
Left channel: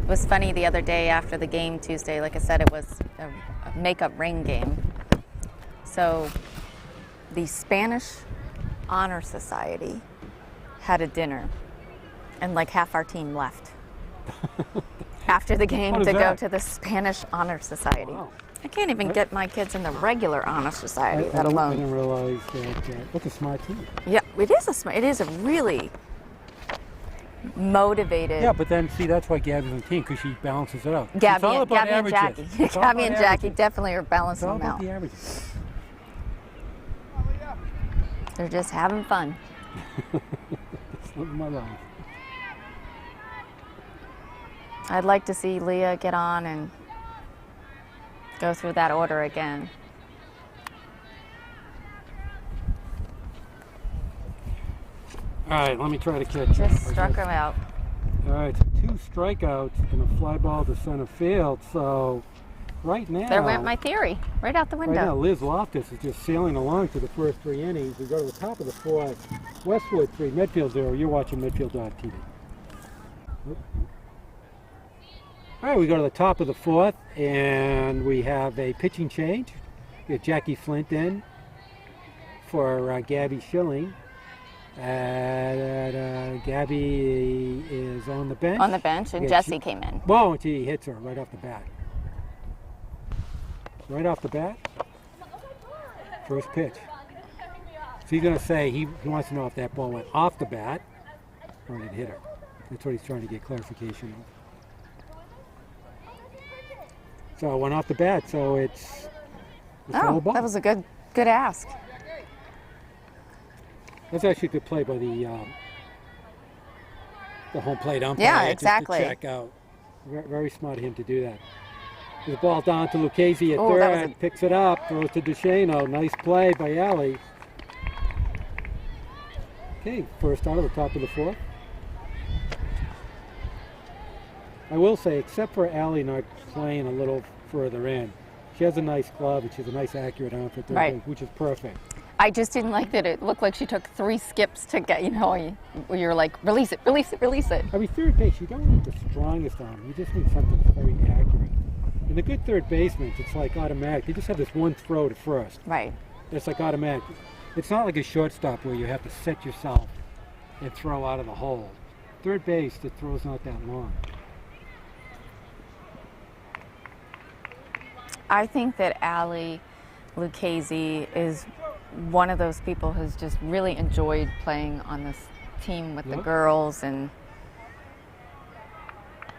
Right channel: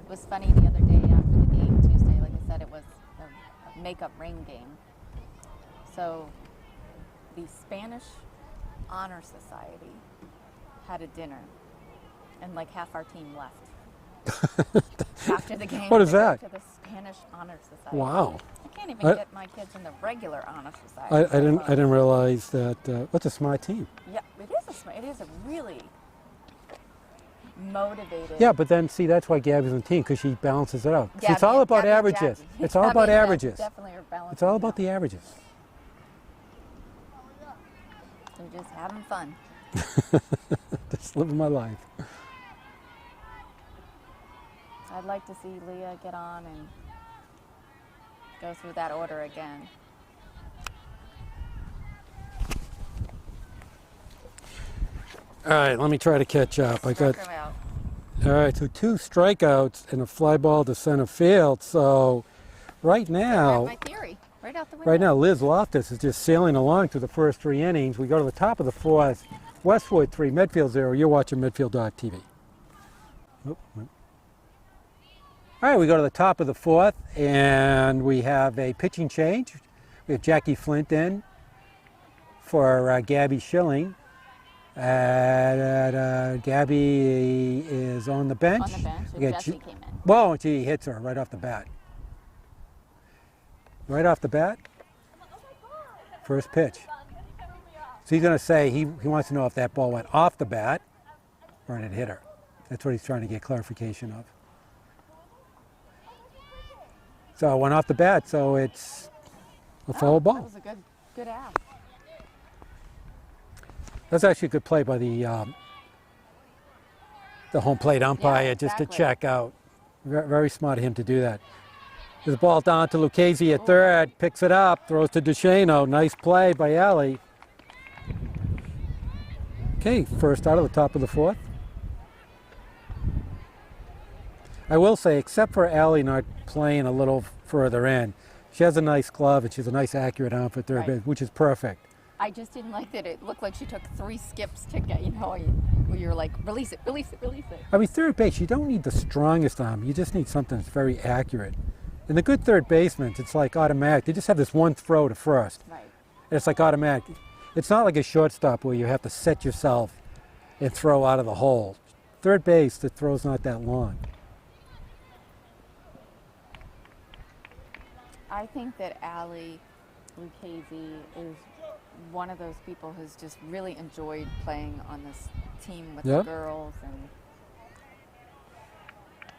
It was funny the other day after the game Tuesday. Like I said, it was a makeup ring game. So the Spanish Honor Society had a dinner, and like half our team left after the game What to is go that? to the Spanish Honor Society. Wow. I can't even get my kids in the regular Honor Society. I let alone. didn't realize that. What's a smart team? Yeah, it is a really motivated. Yeah, but then see, that's why Gabby's on the team, because she balances it out. Gabby, It's all about Gabby and averages. Jackie. It's all Gabby about and Jackie averages. definitely are It's balancing all them about out. the averages. They're just having fun. Just living my life. I'd like to see Leah get on and go through that order again. All right, let me try to catch up. Struck him out. All right, so 2 strikeouts and a fly ball to center field. So right There now, went my theory. Right out the window. right now, Liz Loftus is just sailing along to the first 3 innings. We go to the top of the 4th. Westwood 3, Medfield 0. You're watching Medfield.tv. All right, we go to the top of the 4th, and we have a pitching change. We have Jackie Flint in for Gabby Schilling. Gabby is on the bench. On the bench, and Yeah, Jesse came in. Whoa, and she hits her right off the bat. Right off the bat, first pitch. So he's going to say he wants to know if that ball went off the bat or it hit her. That's what he's trying to get clarification of. So it went off the bat, so it's a foul ball. That was a good ask. That's actually a good play by the home plate umpire, Yeah, exactly. just to check out. Very smart of him to do that. There's a ball down to Lucchese at Oh, third, that was picks it up, throws to DeShano. Nice play by Allie. Okay, first out of the top of the 4th. I will say, except for Allie not playing a little further in, she has a nice glove and she has a nice accurate arm for third Right. base, which is perfect. I just didn't like that it looked like she took 3 skips to get, where you're like, release it, release it, release it. I mean, third base, you don't need the strongest arm. You just need something that's very accurate. And the good third basemen, it's like automatic. They just have this one throw to first. Right. It's like automatic. It's not like a shortstop where you have to set yourself and throw out of the hole. Third base, the throw's not that long. I think that Allie Lucchese is one of those people who's just really enjoyed playing on this team with the Yep. girls, and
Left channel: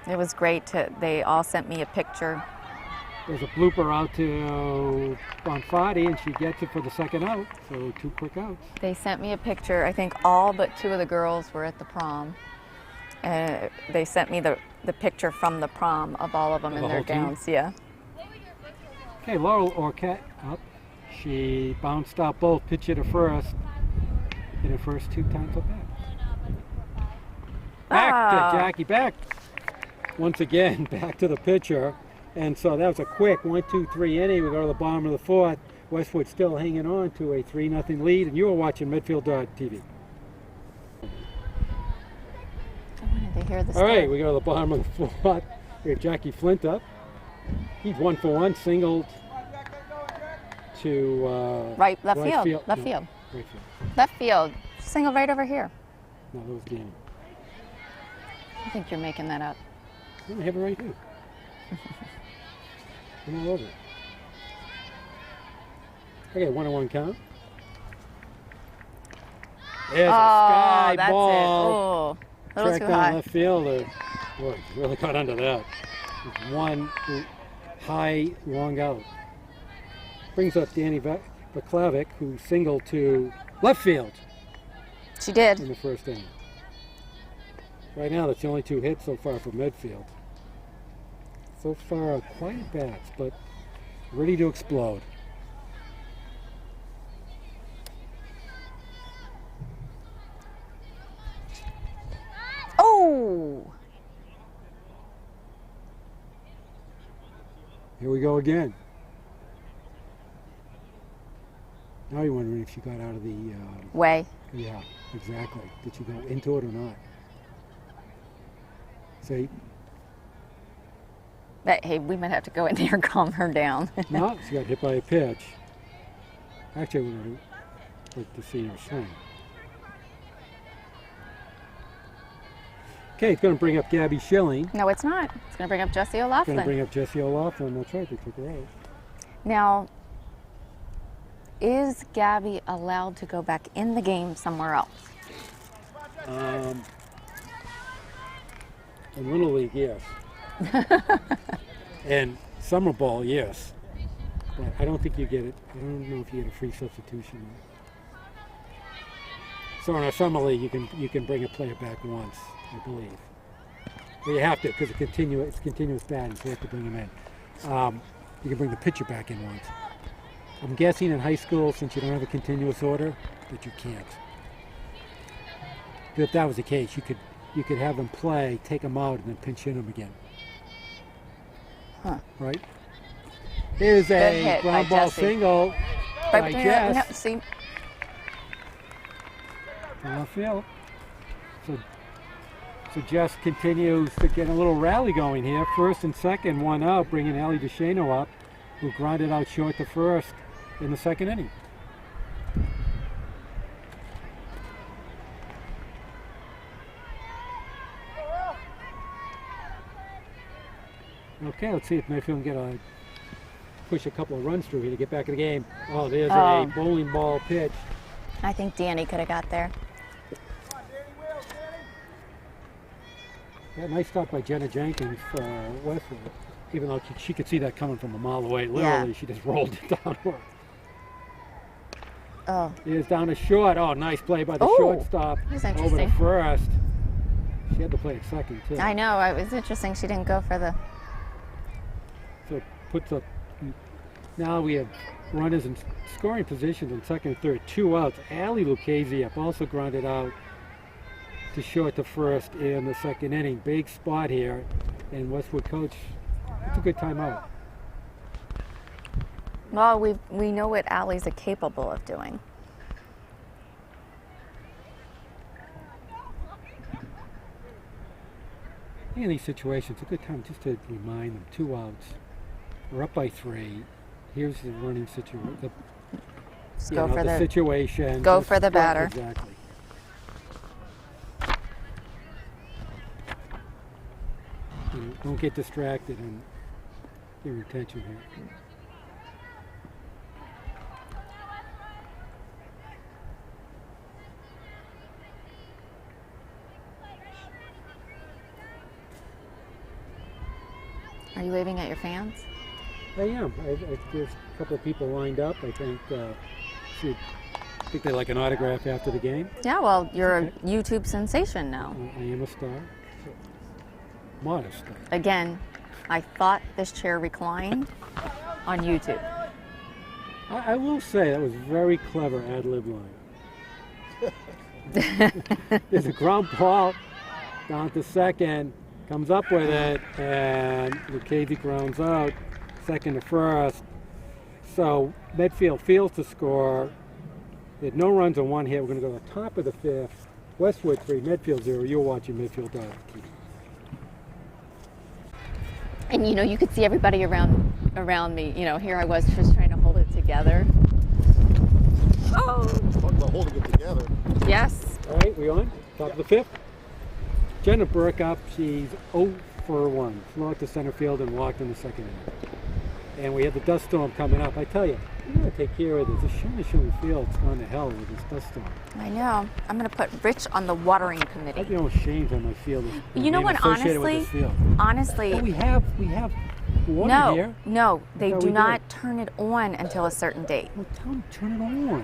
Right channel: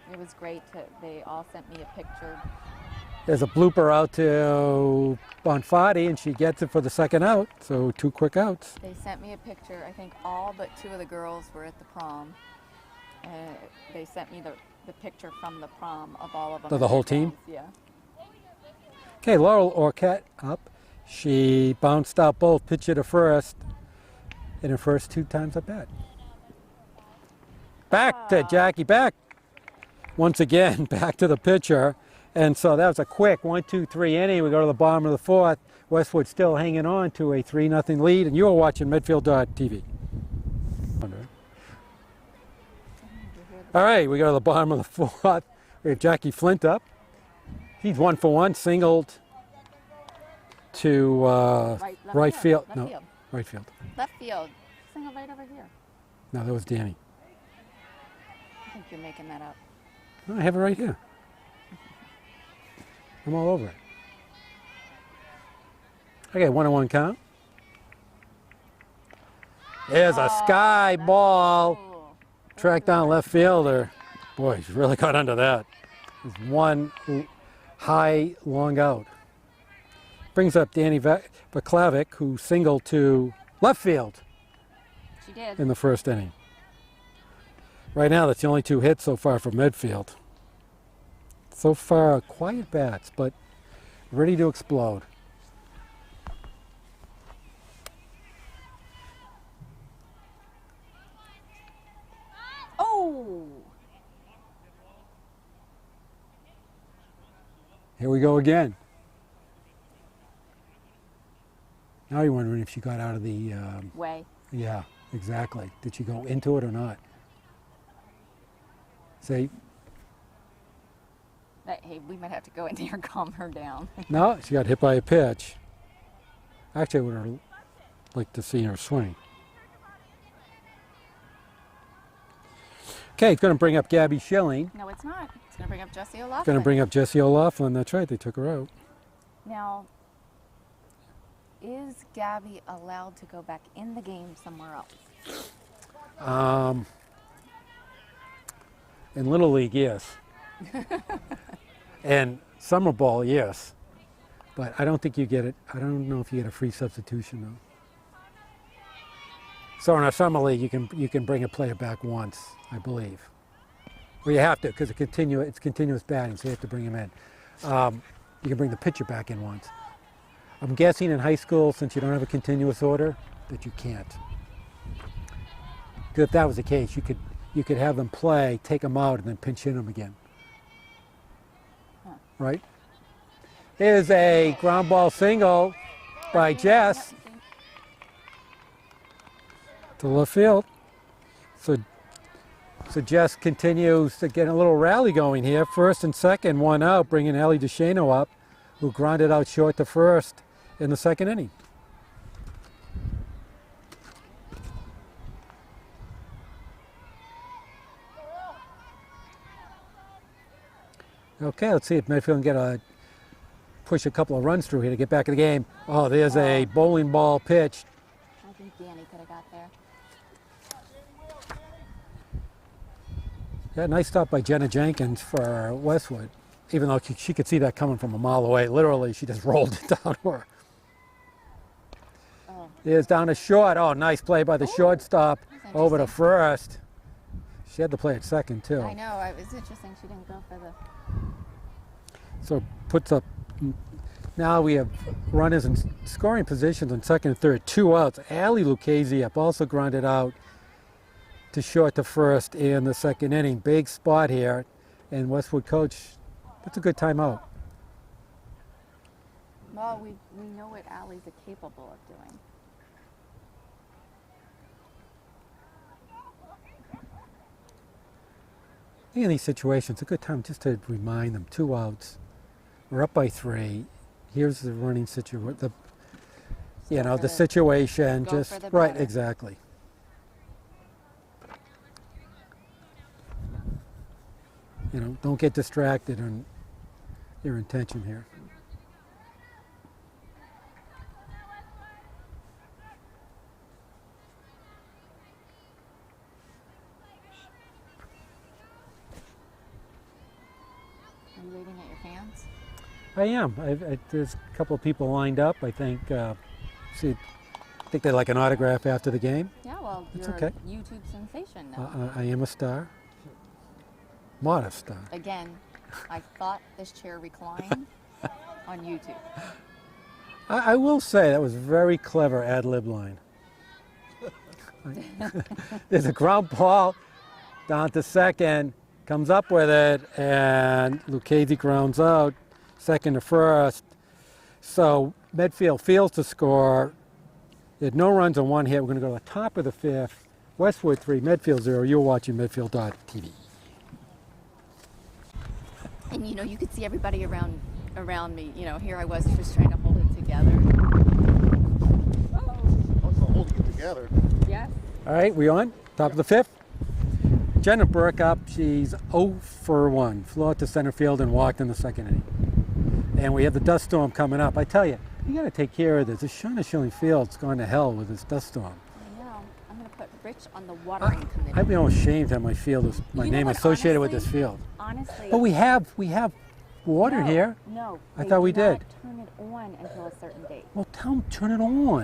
it was great they all sent me a picture. There's a blooper out to Bonfatti, and she gets it for the second out. So 2 quick outs. They sent me a picture. I think all but 2 of the girls were at the prom. They sent me the picture from the prom of all of them Of in the their whole team? gowns. Yeah. Okay, Laurel Orcutt up. She bounced out both, pitch it to first, in her first 2 times at bat. Back to Jackie, back. Once again, back to the pitcher. And so that was a quick 1-2-3 inning. We go to the bottom of the 4th. Westwood still hanging on to a 3-0 lead. And you were watching Medfield.tv. I wanted to hear this. All right, we go to the bottom of the 4th. We have Jackie Flint up. He's 1 for 1, singled to Left field. Left No, field. right field. Left field. Single right over here. No, that was Danny. I think you're making that up. I have it right here. I'm all over it. Okay, 1-1 count. There's a sky that's ball. It. Ooh, a little Track too down high. left fielder. Boy, he's really got under that. There's 1 high, long out. Brings up Danny Vaklavic, who singled to left field She did. in the first inning. Right now, that's the only 2 hits so far from Medfield. So far, quiet bats, but ready to explode. Oh! Here we go again. Now you're wondering if she got out of the, Way. yeah, exactly. Did she go into it or not? See, Hey, we might have to go in there and calm her down. no, she got hit by a pitch. Actually, I would have liked to see her swing. Okay, it's going to bring up Gabby Schilling. No, it's not. It's going to bring up Jessie O'Loughlin. Going to bring up Jessie O'Loughlin. That's right, they took her out. Now, is Gabby allowed to go back in the game somewhere else? In Little League, yes. And Summer Ball, yes. But I don't think you get it. I don't know if you get a free substitution though. So in our Summer League, you can bring a player back once, I believe. Well, you have to because it's continuous batting, so you have to bring him in. you can bring the pitcher back in once. I'm guessing in high school, since you don't have a continuous order, that you can't. 'Cause if that was the case, you could have them play, take them out, and then pinch hit them again. Huh. Right? Here's Good a hit ground by ball Jesse. single by No, Jess see, to left field. So Jess continues to get a little rally going here. First and second, one out, bringing Ellie DeShano up, who grounded out short to first in the second inning. Okay, let's see if Medfield can push a couple of runs through here to get back in the game. Oh, there's a bowling ball pitch. I think Danny could have got there. Yeah, nice stop by Jenna Jenkins for Westwood. Even though she could see that coming from a mile away. Literally, Yeah. she just rolled it down to her. Oh, Here's down to short. Oh, nice play by the Oh, shortstop that was over to interesting. first. She had to play at second, too. I know. It was interesting she didn't go for the. So puts up. Now we have runners in scoring positions on second and third. 2 outs. Allie Lucchese up, also grounded out to short to first in the second inning. Big spot here. And Westwood coach, it's a good timeout. Well, we know what Allie's capable of doing. In these situations, a good time just to remind them. 2 outs. We're up by 3. Here's the running situation. Just go for The situation. go just for the right, batter. Exactly. Don't get distracted on your intention here. Are you waving at your fans? I am. There's a couple of people lined up. I think. I think they like an autograph after the game. Yeah, well, you're okay. a YouTube sensation now. I am a star. Modest star. Again, I thought this chair reclined on YouTube. I will say that was a very clever ad lib line. There's a ground ball down to second, comes up with it, and Lucchese grounds out, second to first. So Medfield fields to score. They had no runs on 1 hit. We're going to go to the top of the 5th. Westwood 3, Medfield 0. You're watching Medfield.tv. And you could see everybody around me. Here I was just trying to hold it together. Oh. They're holding it together. Yes. All right, we on? Top of the 5th. Jenna Burke up. She's 0 for 1. Flew out to center field and walked in the second inning. And we have the dust storm coming up. I tell you, you got to take care of this. This Shawna Field's gone to hell with this dust storm. I know. I'm going to put Rich on the watering committee. I'd be all ashamed that my field is my name associated with this field. Honestly. But we have water here. No, they thought do we not did. turn it on until a certain date. Well, tell them turn it on.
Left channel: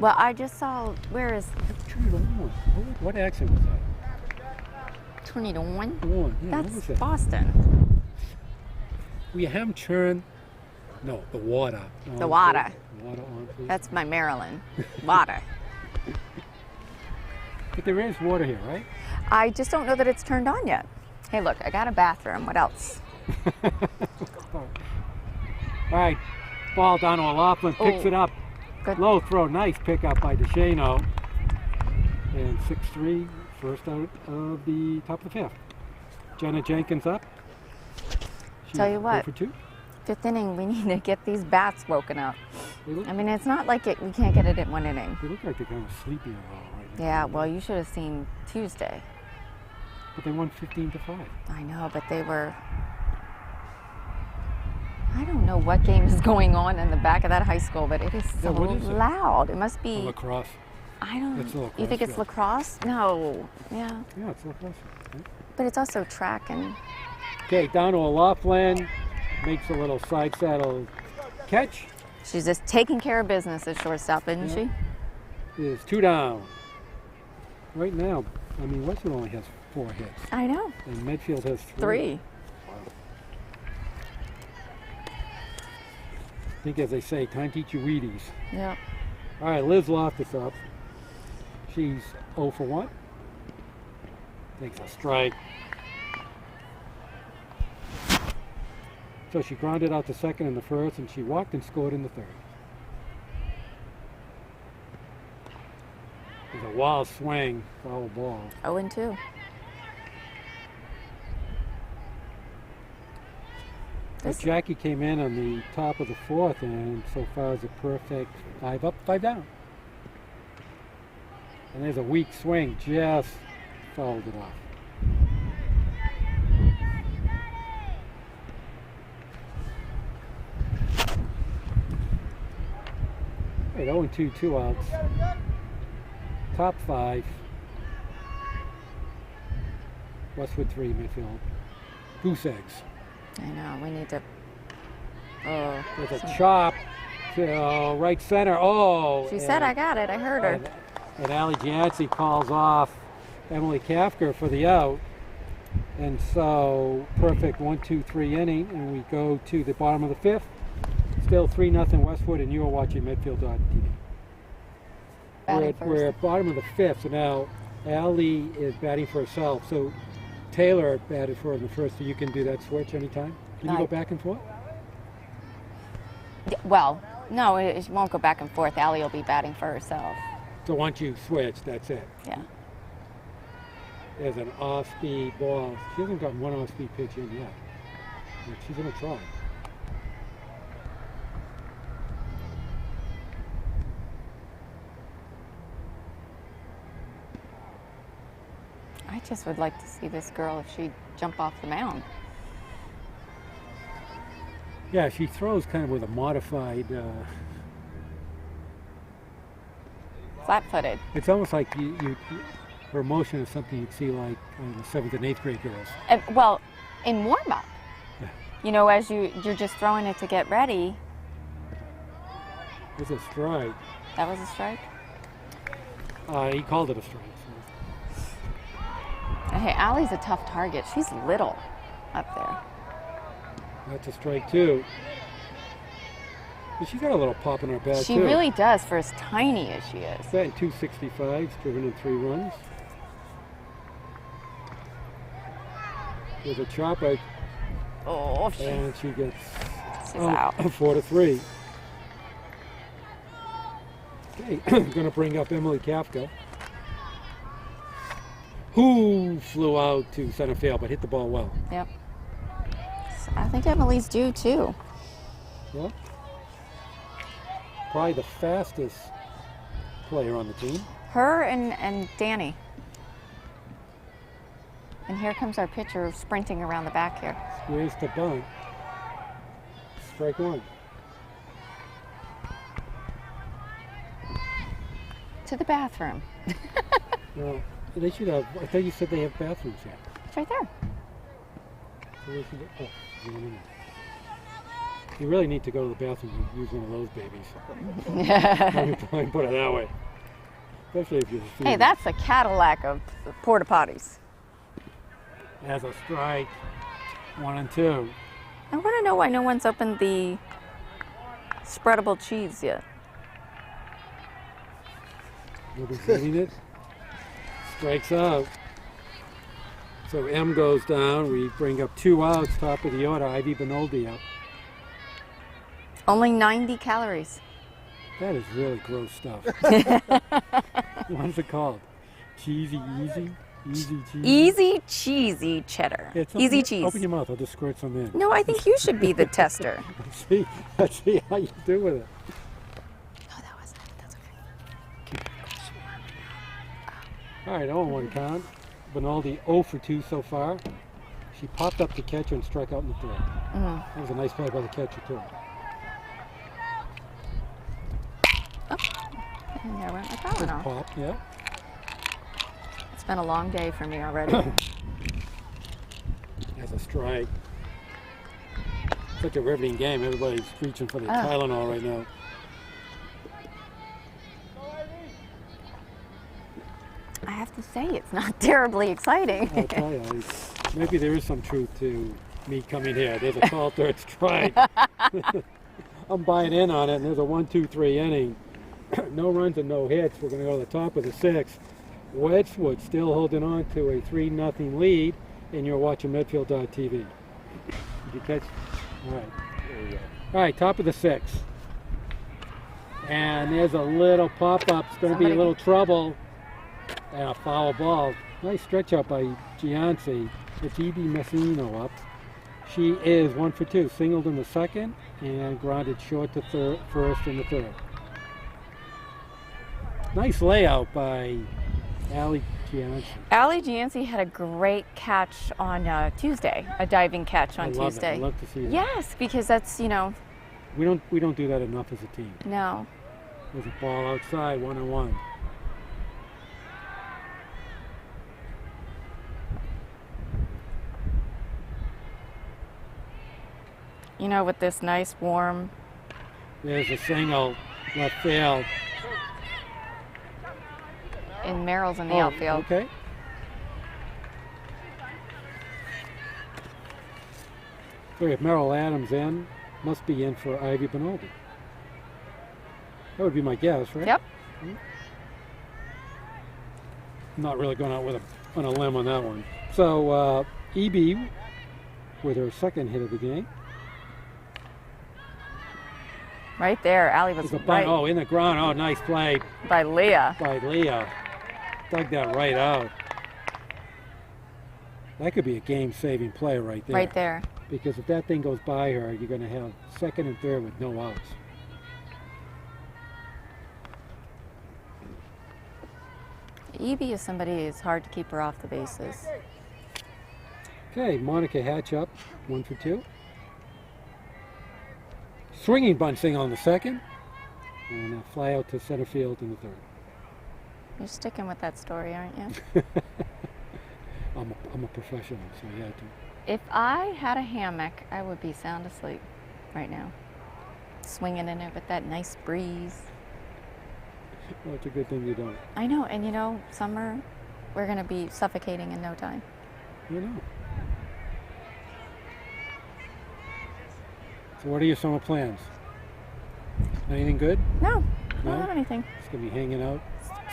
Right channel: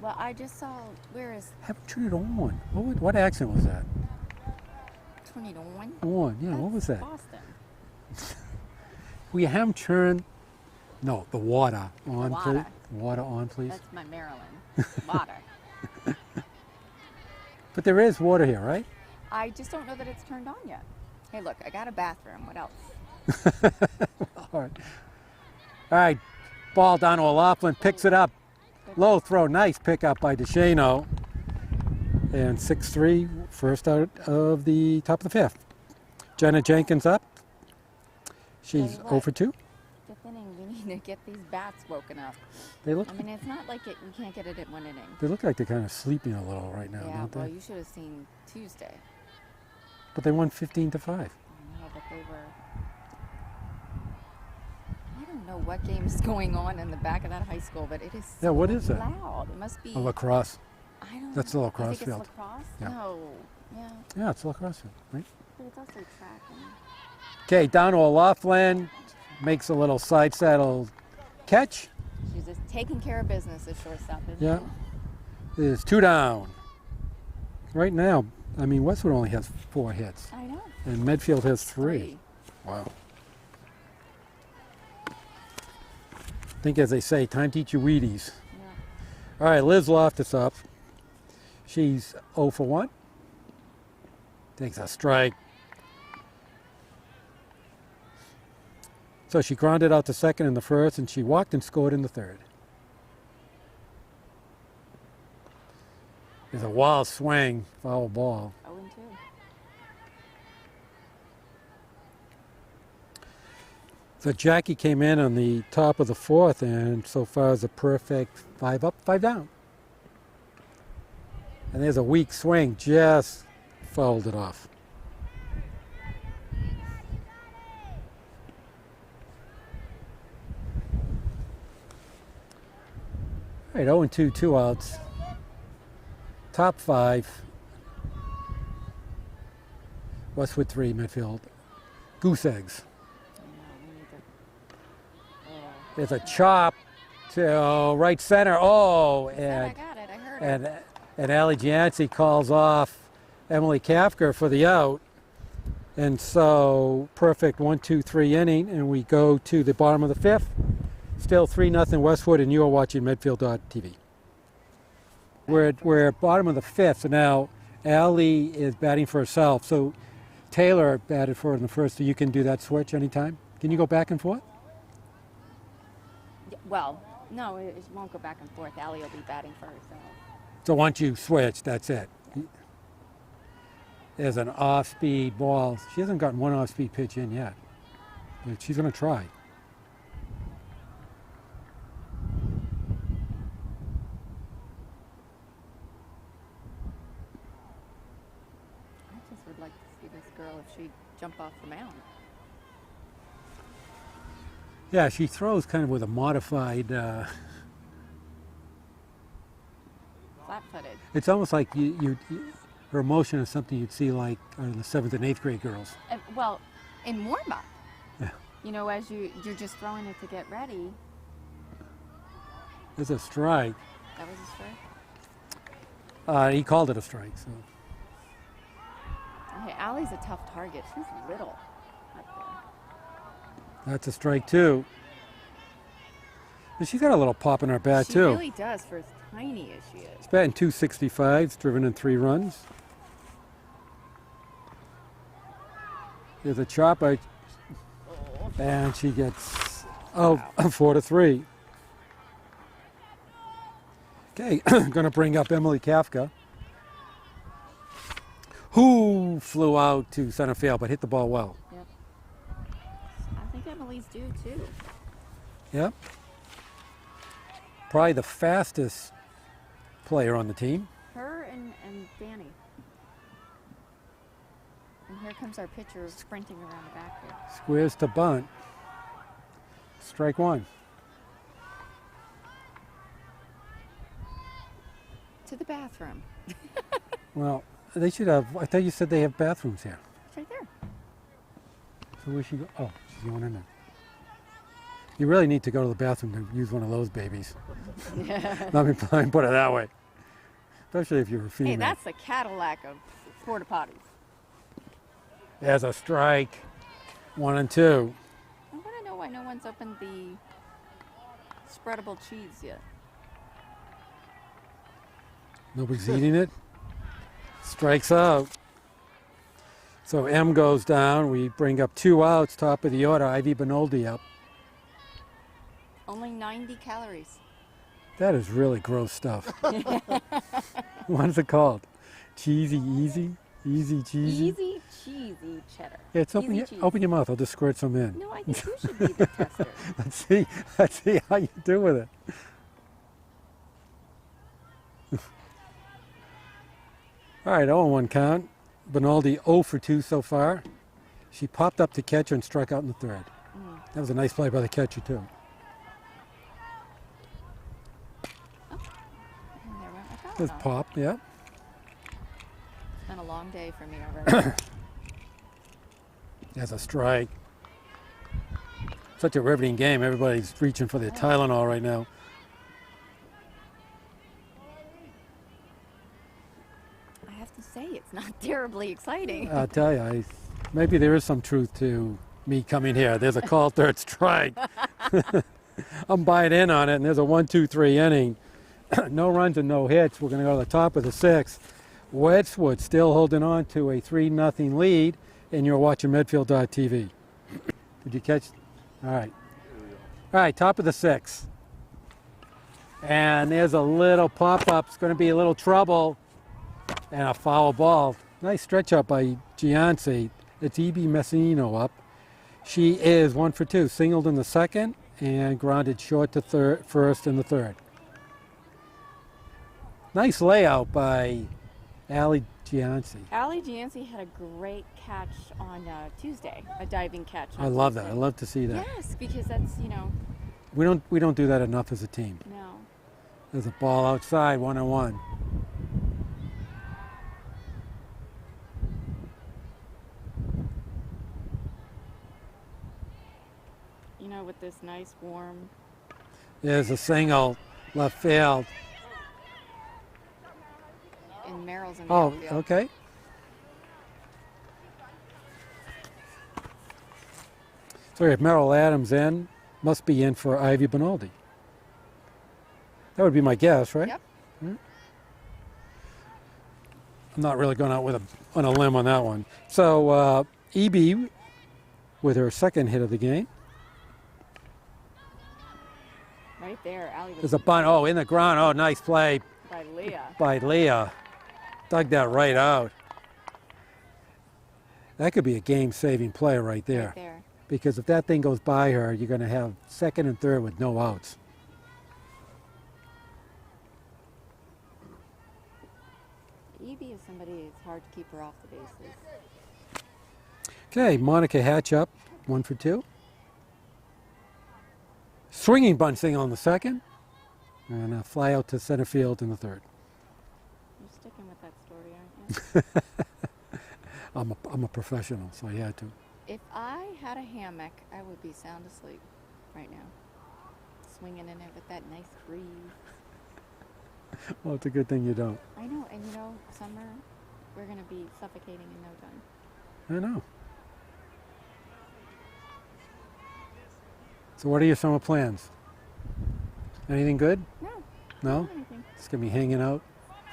Well, I just saw, where is Turn it on. What accent was that? turn it on? On. Yeah, what was That's that? Boston. We have them turn. No, the water. On, The water. Please. Water on, please. That's my Maryland. Water. But there is water here, right? I just don't know that it's turned on yet. Hey, look, I got a bathroom. What else? All right. Ball down to O'Loughlin. Picks Oh. it up. Good. Low throw. Nice pickup by DeShano. And 6-3, first out of the top of the 5th. Jenna Jenkins up. She's Tell you what. 0 for 2. 5th inning, we need to get these bats woken up. They look, I mean, it's not like we can't get it in 1 inning. they look like they're kind of sleeping a little right now. Yeah, don't well, they? you should have seen Tuesday. But they won 15-5. I know, but they were. I don't know what game is going on in the back of that high school, but it is Yeah, so what is it? loud. It must be. Lacrosse. I don't. That's the You lacrosse think it's field. lacrosse? No. Yeah, Yeah, it's lacrosse. Right? but it's also track and. Okay, down to O'Loughlin. Makes a little side saddle catch. She's just taking care of business at shortstop, isn't Yeah. she? There's 2 down. Right now, I mean, Westwood only has 4 hits. I know. And Medfield has 3. 3. Wow. think, as they say, time to eat your Wheaties. Yep. All right, Liz Loftus up. She's 0 for 1. Takes a strike. So she grounded out to second in the first, and she walked and scored in the third. There's a wild swing, foul ball. 0-2. So Jackie came in on the top of the fourth, and so far is a perfect 5 up, 5 down. And there's a weak swing, just fouled it off. All right, 0-2, 2 outs. Top 5. Westwood 3, Medfield. Goose eggs. I know, we need to. Oh. There's a chop to right center. Oh! She said I got it, I heard her. And Allie Jancy calls off Emily Kafka for the out. And so, perfect 1-2-3 inning, and we go to the bottom of the fifth. Still 3-0 Westwood, and you are watching Medfield.tv. We're at bottom of the fifth, so now Allie is batting for herself. So Taylor batted for her in the first, so you can do that switch anytime. Can you go back and forth? Well, no, it won't go back and forth. Allie will be batting for herself. So once you switch, that's it. Yeah. There's an off-speed ball. She hasn't gotten one off-speed pitch in yet. But she's going to try. I just would like to see this girl if she'd jump off the mound. Yeah, she throws kind of with a modified. Flat-footed. It's almost like her motion is something you'd see like the 7th and 8th grade girls. Well, in warm-up. Yeah. You know, as you're just throwing it to get ready. There's a strike. That was a strike? He called it a strike. So. Hey, Allie's a tough target. She's little up there. That's a strike too. But she's got a little pop in her bat She too. really does, for as tiny as she is. She's batting 265, driven in 3 runs. There's a chopper, Oh, and she gets Wow. 4-3. Okay, going to bring up Emily Kafka, who flew out to center field but hit the ball well. Yep. I think Emily's due too. Yep. Probably the fastest player on the team. Her and Danny. And here comes our pitcher sprinting around the back here. Squares to bunt. Strike 1. To the bathroom. Well, they should have. I thought you said they have bathrooms here. It's right there. So where should go? Oh, she's going in there. You really need to go to the bathroom and use one of those babies. Let me put it that way. Especially if you're a female. Hey, that's the Cadillac of porta potties. There's a strike. 1-2. I want to know why no one's opened the spreadable cheese yet. Nobody's eating it. Strikes out. So M goes down. We bring up 2 outs, top of the order. Ivy Benoldi up. Only 90 calories. That is really gross stuff. What is it called? Cheesy Easy? Easy Cheesy? Easy cheesy cheddar. Yeah, Easy cheese. Open your mouth. I'll just squirt some in. No, I think you should be the tester. Let's see how you do with it. No, that wasn't it. That's okay. All right, 0-1 count. Benaldi 0 for 2 so far. She popped up to catcher and struck out in the third. That was a nice play by the catcher, too. And there went my Just Tylenol. pop, yeah. It's been a long day for me already. There's a strike. Such a riveting game. Everybody's reaching for their Tylenol right now. I have to say, it's not terribly exciting. I'll tell you, maybe there is some truth to me coming here. There's a call third strike. I'm buying in on it, and there's a 1-2-3 inning. No runs and no hits. We're going to go to the top of the sixth. Westwood still holding on to a 3-0 lead, and you're watching Medfield.tv. Did you catch? All right. All right, top of the sixth. And there's a little pop-up. It's going to be a little trouble. And a foul ball. Nice stretch up by Gianci. It's Evie Messino up. She is 1 for 2. Singled in the second and grounded short to first in the third. Nice layout by Allie Gianci. Allie Gianci had a great catch on Tuesday, a diving catch on Tuesday. I love that. I love to see that. Yes, because that's, We don't do that enough as a team. No. There's a ball outside, 1-on-1. With this nice warm. There's a single, left field. And Merrill's in the outfield. Okay. So if Merrill Adams in, must be in for Ivy Benaldi. That would be my guess, right? Yep. I'm not really going out on a limb on that one. So EB with her second hit of the game. Right there, Allie was There's a bunt. Oh, in the ground. Oh, nice play by Leah. by Leah. Dug that right out. That could be a game-saving play right there. Right there. Because if that thing goes by her, you're going to have second and third with no outs. Evie is somebody it's hard to keep her off the bases. Okay, Monica Hatch up, 1 for 2. Swinging bunt single on the second, and a fly out to center field in the third. You're sticking with that story, aren't you? I'm a professional, so I had to. If I had a hammock, I would be sound asleep right now. Swinging in it with that nice breeze. Well, it's a good thing you don't. I know, and summer, we're going to be suffocating in no time. I know. So what are your summer plans? Anything good? No, No? don't have anything. It's going to be hanging out.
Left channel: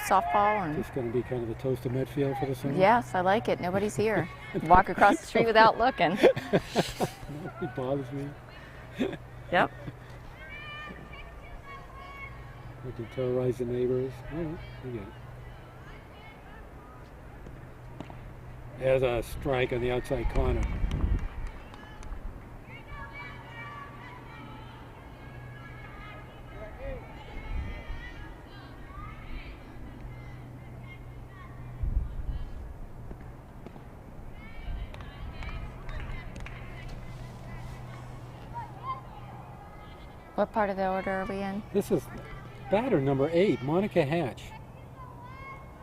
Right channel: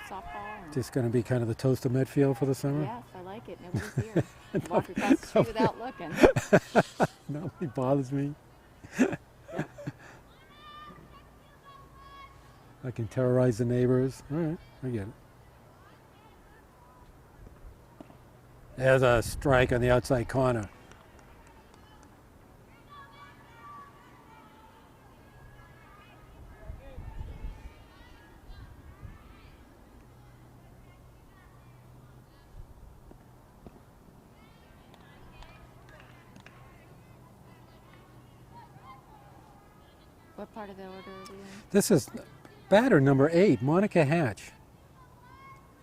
Softball and... Just going to be kind of the toast of Medfield for the summer? Yes, I like it. Nobody's here. Walk across the street without looking. Nobody bothers me. Yep. I can terrorize the neighbors. All right, I get it. There's a strike on the outside corner. What part of the order are we in? This is batter number 8, Monica Hatch.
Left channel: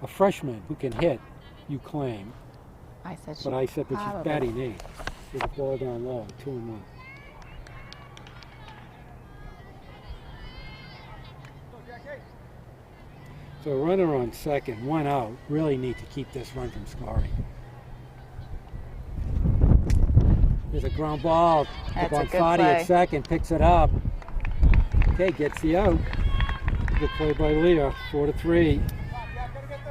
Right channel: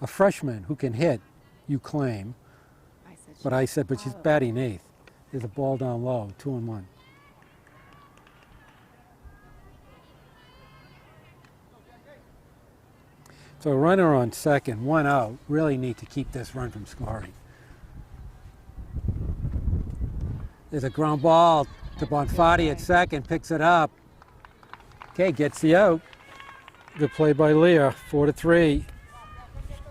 A freshman who can hit, you claim. I said she But I said, but she's probably- batting 8. There's a ball down low, 2-1. So a runner on second, 1 out. Really need to keep this run from scoring. There's a ground ball to That's a good Bonfatti play. at second, picks it up. Okay, gets the out. Good play by Leah, 4-3.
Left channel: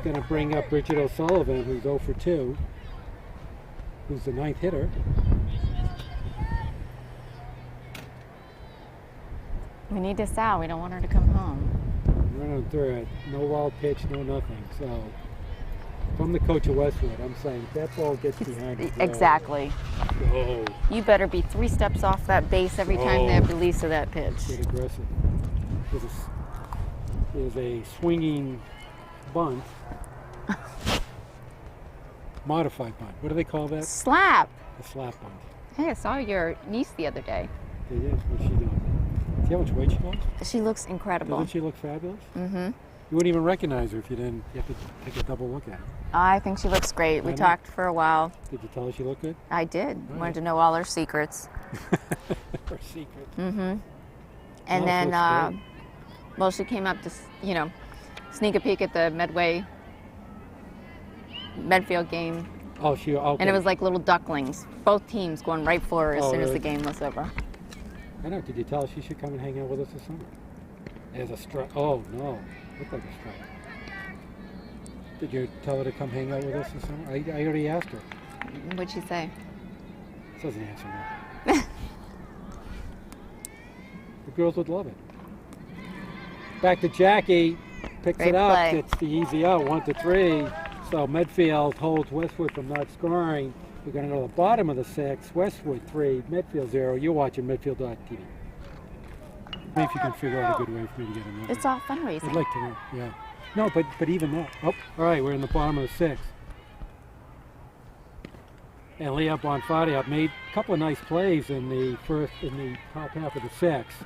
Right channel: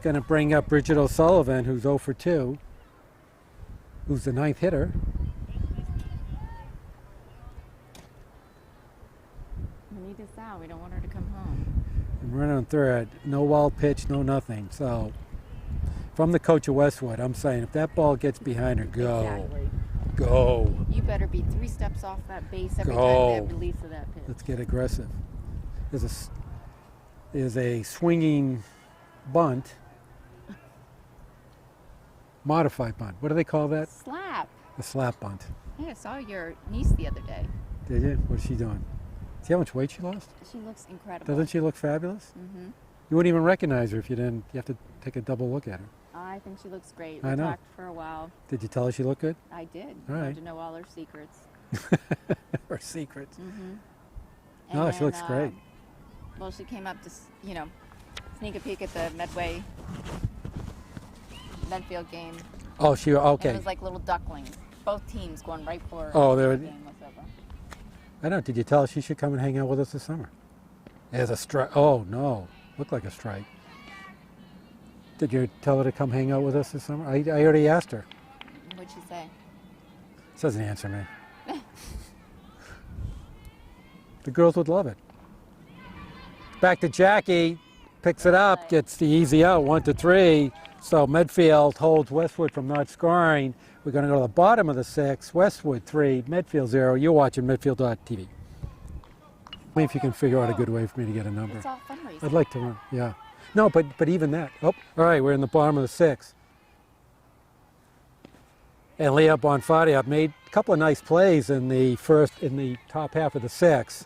Going to bring up Bridget O'Sullivan, who's 0 for 2, who's the 9th hitter. We need this out. We don't want her to come home. Runner on third, no wild pitch, no nothing. So, from the coach of Westwood, I'm saying if that ball gets behind her, go. Exactly. Go. You better be 3 steps off that base every time Oh. they release of that pitch. Let's get aggressive. There's a swinging bunt. Modified bunt. What do they call that? Slap. A slap bunt. Hey, I saw your niece the other day. They did. What's she doing? See how much weight she lost? She looks incredible. Doesn't she look fabulous? Mm-hmm. You wouldn't even recognize her if you didn't. You have to take a double look at her. I think she looks great. I We know. talked for a while. Did you tell her she looked good? I did. All Wanted right. to know all her secrets. Her secrets. Mm-hmm. And No, she then, looks great. well, she came up to, sneak a peek at the Medfield game. Oh, she okay. And it was like little ducklings. Both teams going right for her as Oh, soon as really? the game was over. I don't. Did you tell her she should come and hang out with us this summer? As a strike. Oh no, looked like a strike. Did you tell her to come hang out with us this summer? I already asked her. What'd she say? She doesn't answer me. The girls would love it. Back to Jackie. Picks Great it up. play. Gets the easy out. 1-3. So Medfield holds Westwood from not scoring. We're going to go to the bottom of the 6. Westwood 3, Medfield 0. You're watching Medfield.tv. Maybe if you can figure out a good way for me to get a number. It's all fundraising. I'd like to, yeah. No, but even that. Oh, all right, we're in the bottom of the 6. And Leah Bonfatti made a couple of nice plays in the top half of the 6,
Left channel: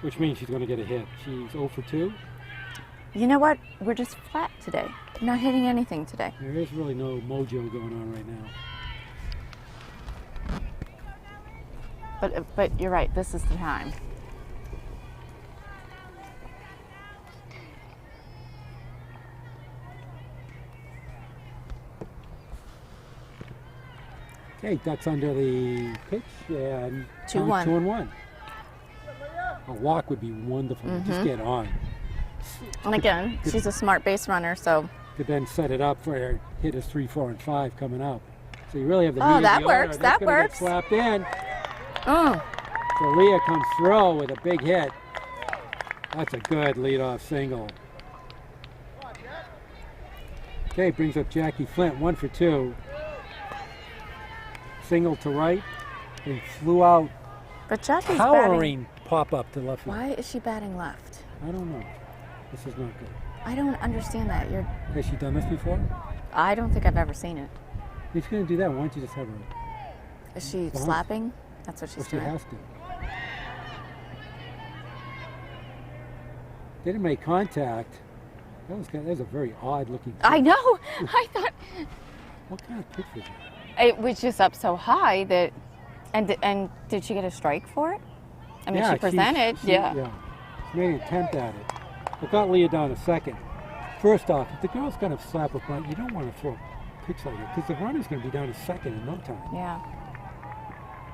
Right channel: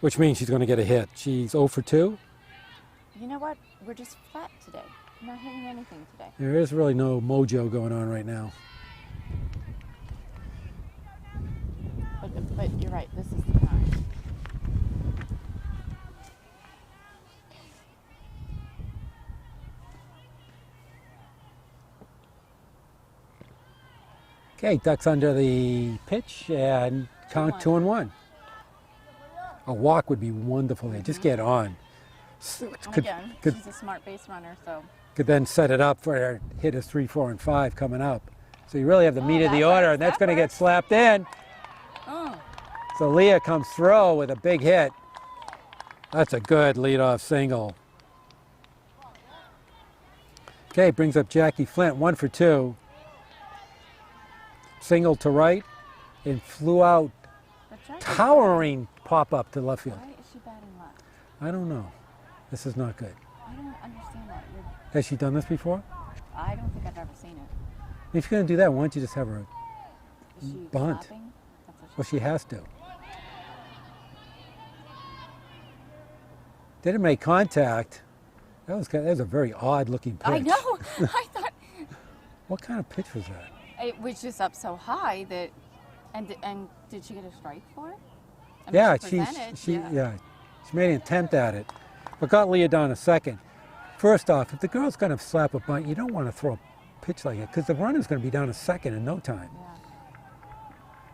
which means she's going to get a hit. She's 0 for 2. You know what? We're just flat today. Not hitting anything today. There is really no mojo going on right now. But you're right. This is the time. Okay, Ducks under the pitch and 2-1. 2-1. A walk would be wonderful. Just get on. And again, could- she's a smart base runner, so Could then set it up for hitters 3, 4, and 5 coming up. So you really have the Oh, meat of that the order, works, and that's that going to get works. slapped in. oh, So Leah comes through with a big hit. That's a good leadoff single. Okay, brings up Jackie Flint, 1 for 2. Single to right, and flew out, but Jackie's batting. towering pop up to left field. Why is she batting left? I don't know. This is not good. I don't understand that. Has she done this before? I don't think I've ever seen it. If you're going to do that, why don't you just have her? Is she Bunt. slapping? That's what she's Well, she doing. has to. Didn't make contact. That was a very odd looking pitch. I know. I thought What kind of pitch was that? it was just up so high that, and did she get a strike for it? I mean, she presented. Yeah. She made an attempt at it, but got Leah down a second. First off, if the girl's going to slap a bunt, you don't want to throw a pitch like it because the runner's going to be down a second in no time. Yeah.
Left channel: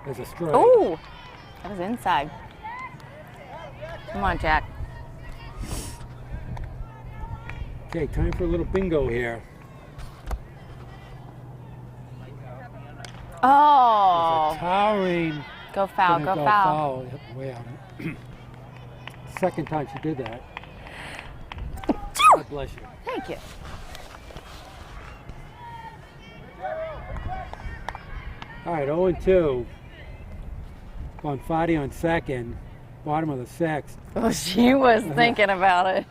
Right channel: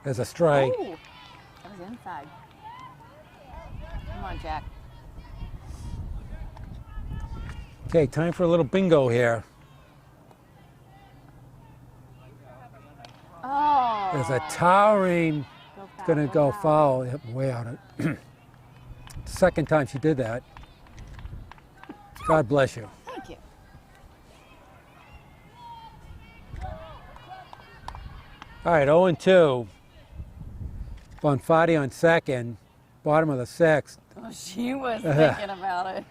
There's a strike. Oh, that was inside. Come on, Jack. Okay, time for a little bingo here. Oh. There's a towering. Go foul. Gonna Go foul. Yep, way out of Second time she did that. God bless you. Thank you. All right, 0-2. Bonfatti on second, bottom of the 6th. Oh, she was thinking about it.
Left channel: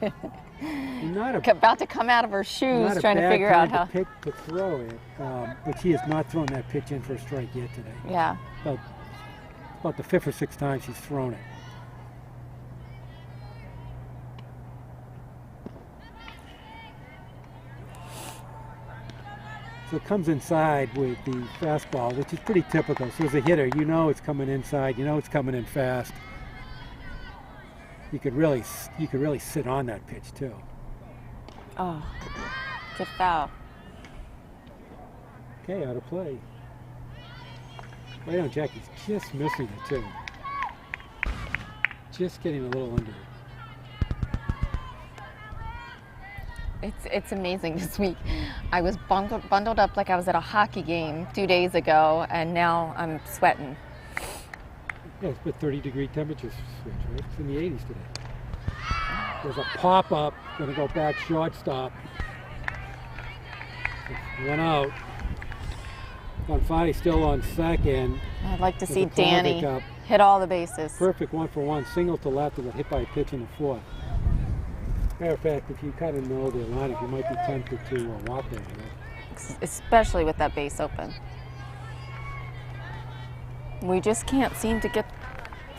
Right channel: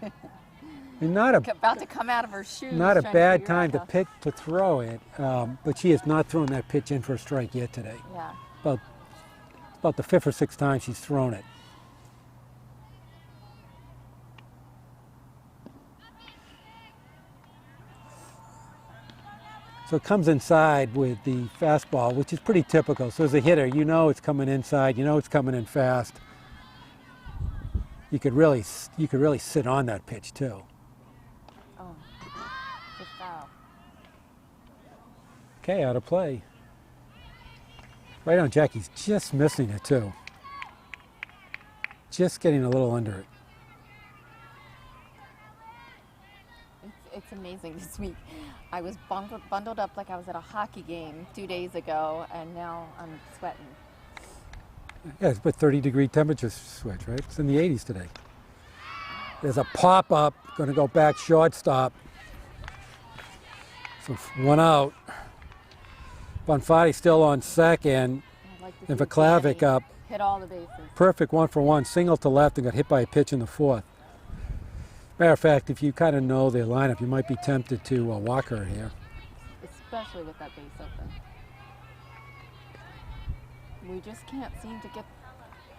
Not a About to come out of her shoes, not a trying to bad figure time out how. to pick to throw it, but she has not thrown that pitch in for a strike yet today. Yeah. About the 5th or 6th time she's thrown it. So it comes inside with the fastball, which is pretty typical. So as a hitter, you know it's coming inside, you know it's coming in fast. You could really sit on that pitch too. Oh, good foul. Okay, out of play. Right on, Jackie's just missing it too. Just getting a little under it. It's amazing this week. I was bundled up like I was at a hockey game 2 days ago, and now I'm sweating. Yeah, it's about 30-degree temperature switch, right? It's in the 80s today. There's a pop-up, going to go back shortstop. So 1 out. Bonfatti still on second. I'd like to There's see a Klavic Danny up. hit all the bases. Perfect 1-for-1, single to left and got hit by a pitch in the 4th. Matter of fact, if you kind of know their lineup, you might be tempted to walk her here. Especially with that base open. We just can't seem to get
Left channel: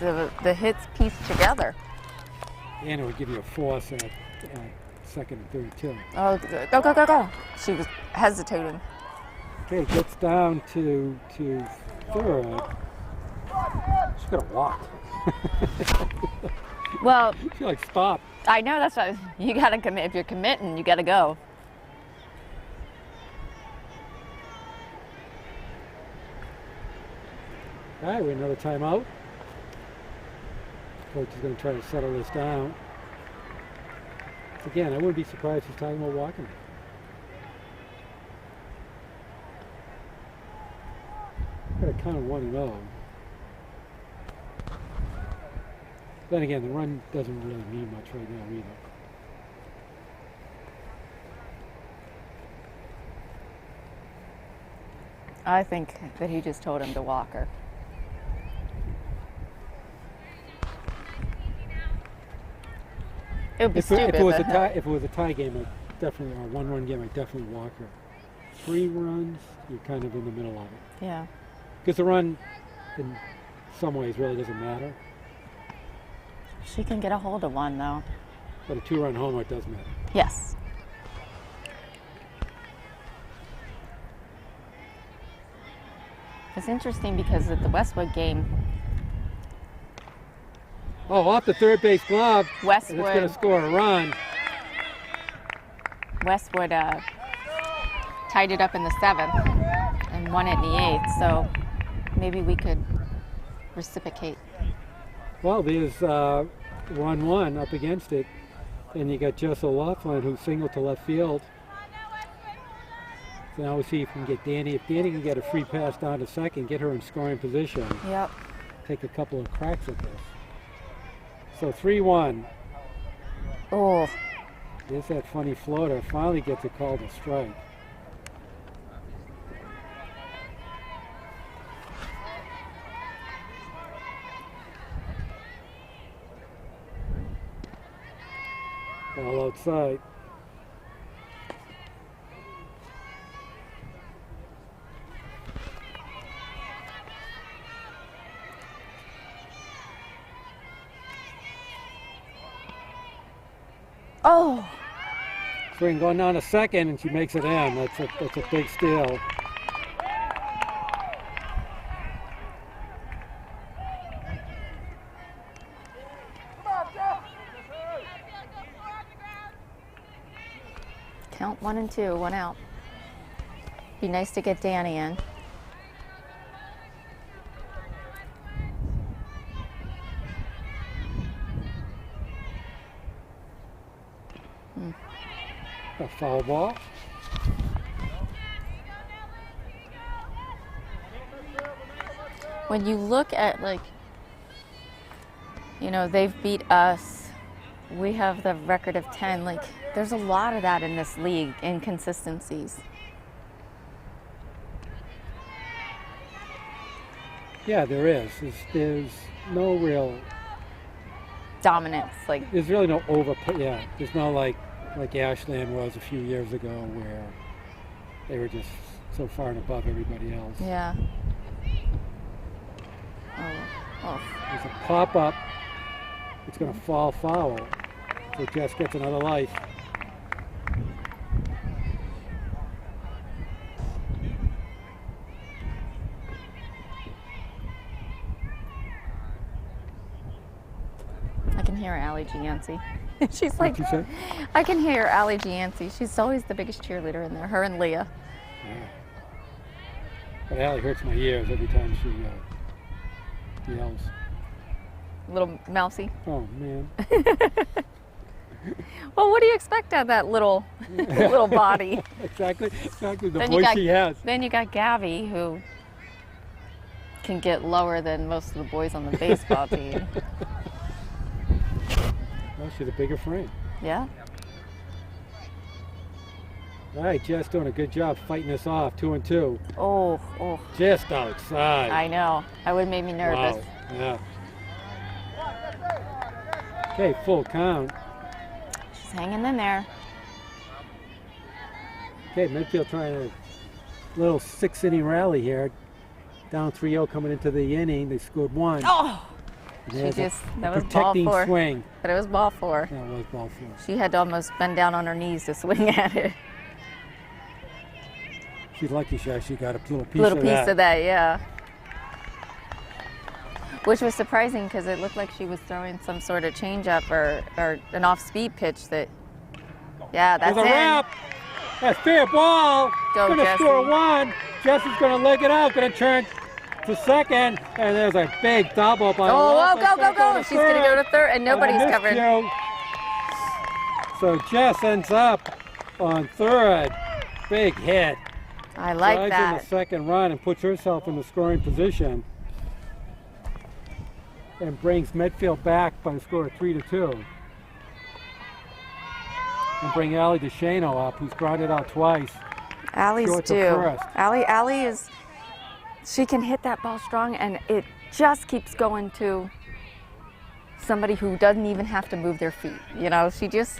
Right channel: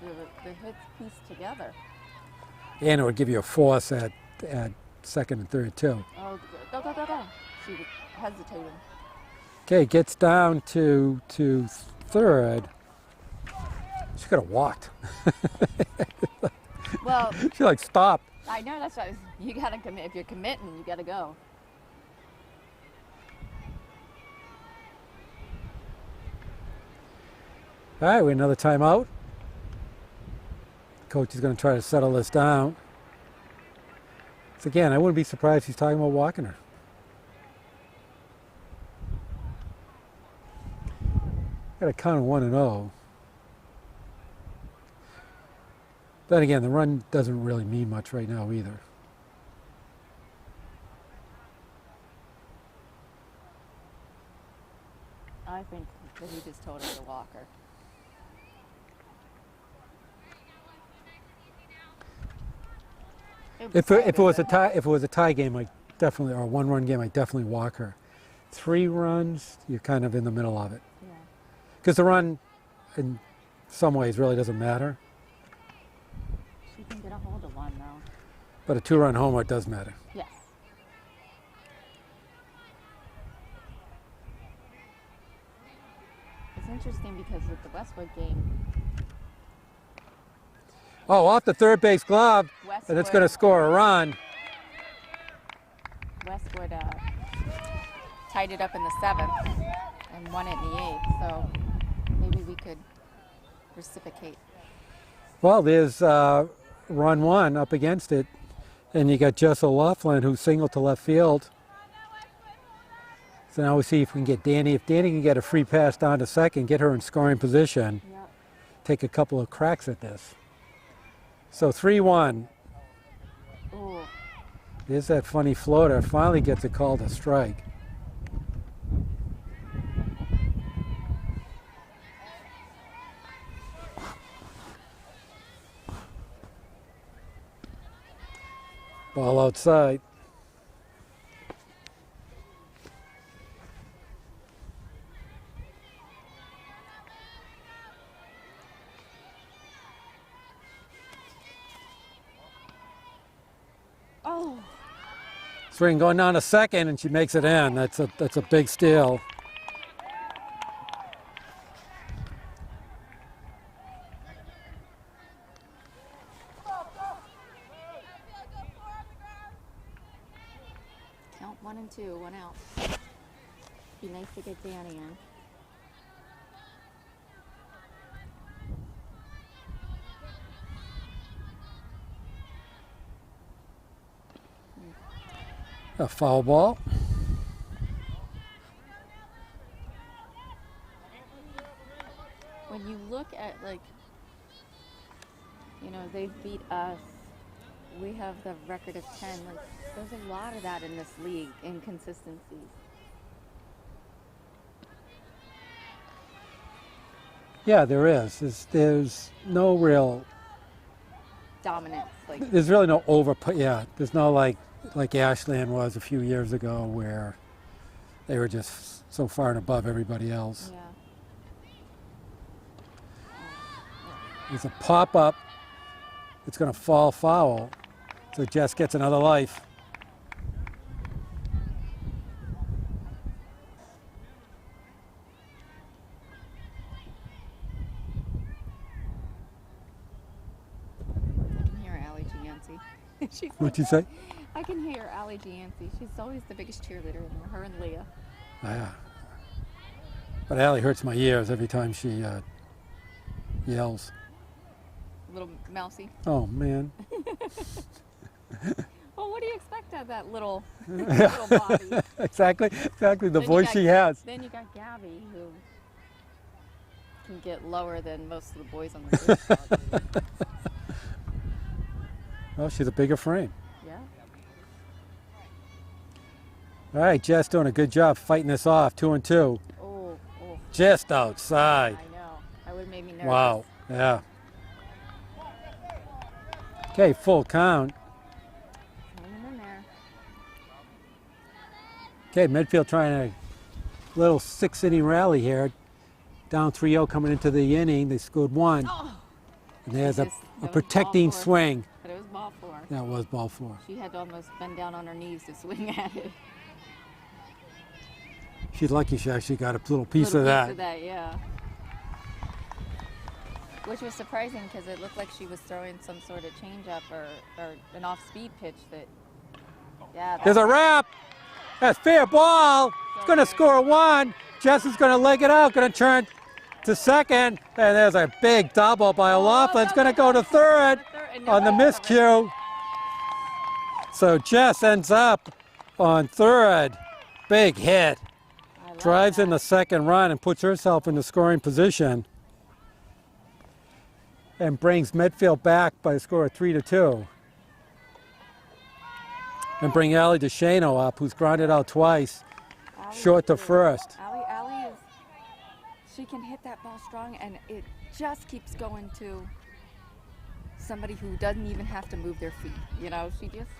the hits pieced together. And it would give you a force at second and third too. Oh, go, go, go, go. She was hesitating. Okay, gets down to third. She could have walked. Well, She like stopped. I know that's why you got to commit. If you're committing, you got to go. All right, we another timeout. Coach is going to try to settle this down. So again, I wouldn't be surprised he's talking about walking her. Got a count of 1-0. Then again, the run doesn't really mean much right now either. I think that he just told him to walk her. It would be stupid, If it was a but- tie, if it was a tie game, I definitely, or a one-run game, I definitely walk her. 3 runs, you're kind of in the middle of it. Yeah. Because the run, in some ways, really doesn't matter. She can get a hold of one, though. But a 2-run homer does matter. Yes. It's interesting because at the Westwood game, Oh, off the third base glove, Westwood, and it's going to score a run. Westwood tied it up in the 7th and won it in the 8th, so maybe we could reciprocate. Well, there's run 1 up against it, and you got Jess O'Loughlin who singled to left field. So now we see if we can get Danny. If Danny can get a free pass down to second, get her in scoring position, Yep. take a couple of cracks at this. So 3-1. Oh, There's that funny floater. Finally gets it called a strike. Ball outside. oh, Swing going down to second, and she makes it in. That's a big steal. count 1 and 2, 1 out. Be nice to get Danny in. A foul ball. When you look at, like, you know, they've beat us, we have the record of 10, like, there's a lot of that in this league, inconsistencies. Yeah, there is. There's no real. Dominance, like, There's really no Yeah, there's no like Ashland was a few years ago, where they were just so far and above everybody else. yeah. Oh, There's a pop up. It's going to fall foul. So Jess gets another life. I can hear Allie Gianci. She's like, What'd you say? I can hear Allie Gianci. She's always the biggest cheerleader in there, her and Leah. Yeah. But Allie hurts my ears every time she yells. Little mousy. Oh, man. Well, what do you expect out of that little little body? Exactly the Then you voice got- she has. Then you got Gabby, who can get lower than most of the boys on the baseball team. Well, she's a bigger frame. Yeah. All right, Jess doing a good job fighting this off, 2 and 2. Oh, Just outside. I know. That would have made me nervous. Wow. Yeah. Okay, full count. She's hanging in there. Okay, Medfield trying a little 6-inning rally here. Down 3-0 coming into the inning. They scored 1. Oh! And there's She a just- that was ball protecting 4. swing. But it was ball 4. That was ball 4. She had to almost bend down on her knees to swing at it. She's lucky she actually got a little piece Little of piece that. of that, yeah. Which was surprising because it looked like she was throwing some sort of changeup or an off-speed pitch that, yeah, that's There's a in. wrap. That's fair ball. Go, Gonna Jessie. score 1. Jess is gonna leg it out. Gonna turn to second, and there's a big double by Laughlin. It's going to go to She's going to go to third, and nobody's on the covered. miscue. So Jess ends up on third. Big hit. I like Drives that. in the second run and puts herself in the scoring position. And brings Medfield back by a score of 3-2. And bring Allie DeShano up, who's grounded out twice. Allie's Short to due. first. Allie is, she can hit that ball strong, and it just keeps going to somebody who doesn't even have to move their feet. You know, she just,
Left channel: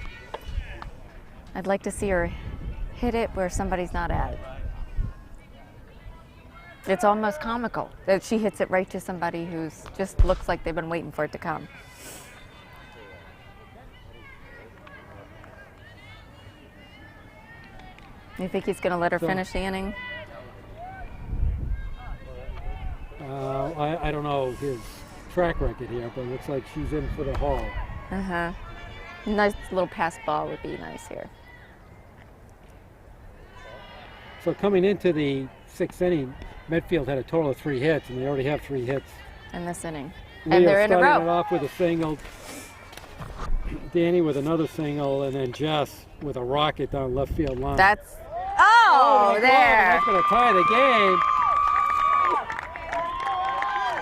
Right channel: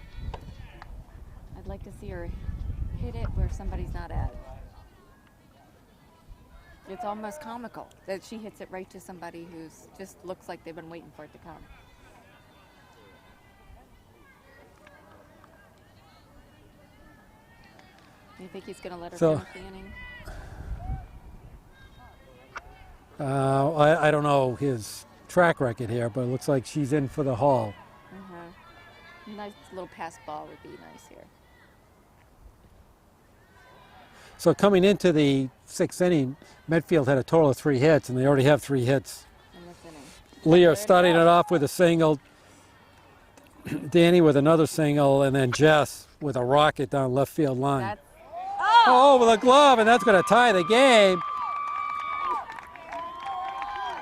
I'd like to see her hit it where somebody's not at it. It's almost comical that she hits it right to somebody who's just looks like they've been waiting for it to come. You think he's going to let her finish the inning? I don't know his track record here, but it looks like she's in for the haul. Uh-huh. Nice little pass ball would be nice here. So coming into the sixth inning, Medfield had a total of 3 hits, and they already have 3 hits. In this inning. Leo starting it off with a single, Danny with another single, and then Jess with a rocket down left field line. That's, with a glove, there. and that's going to tie the game.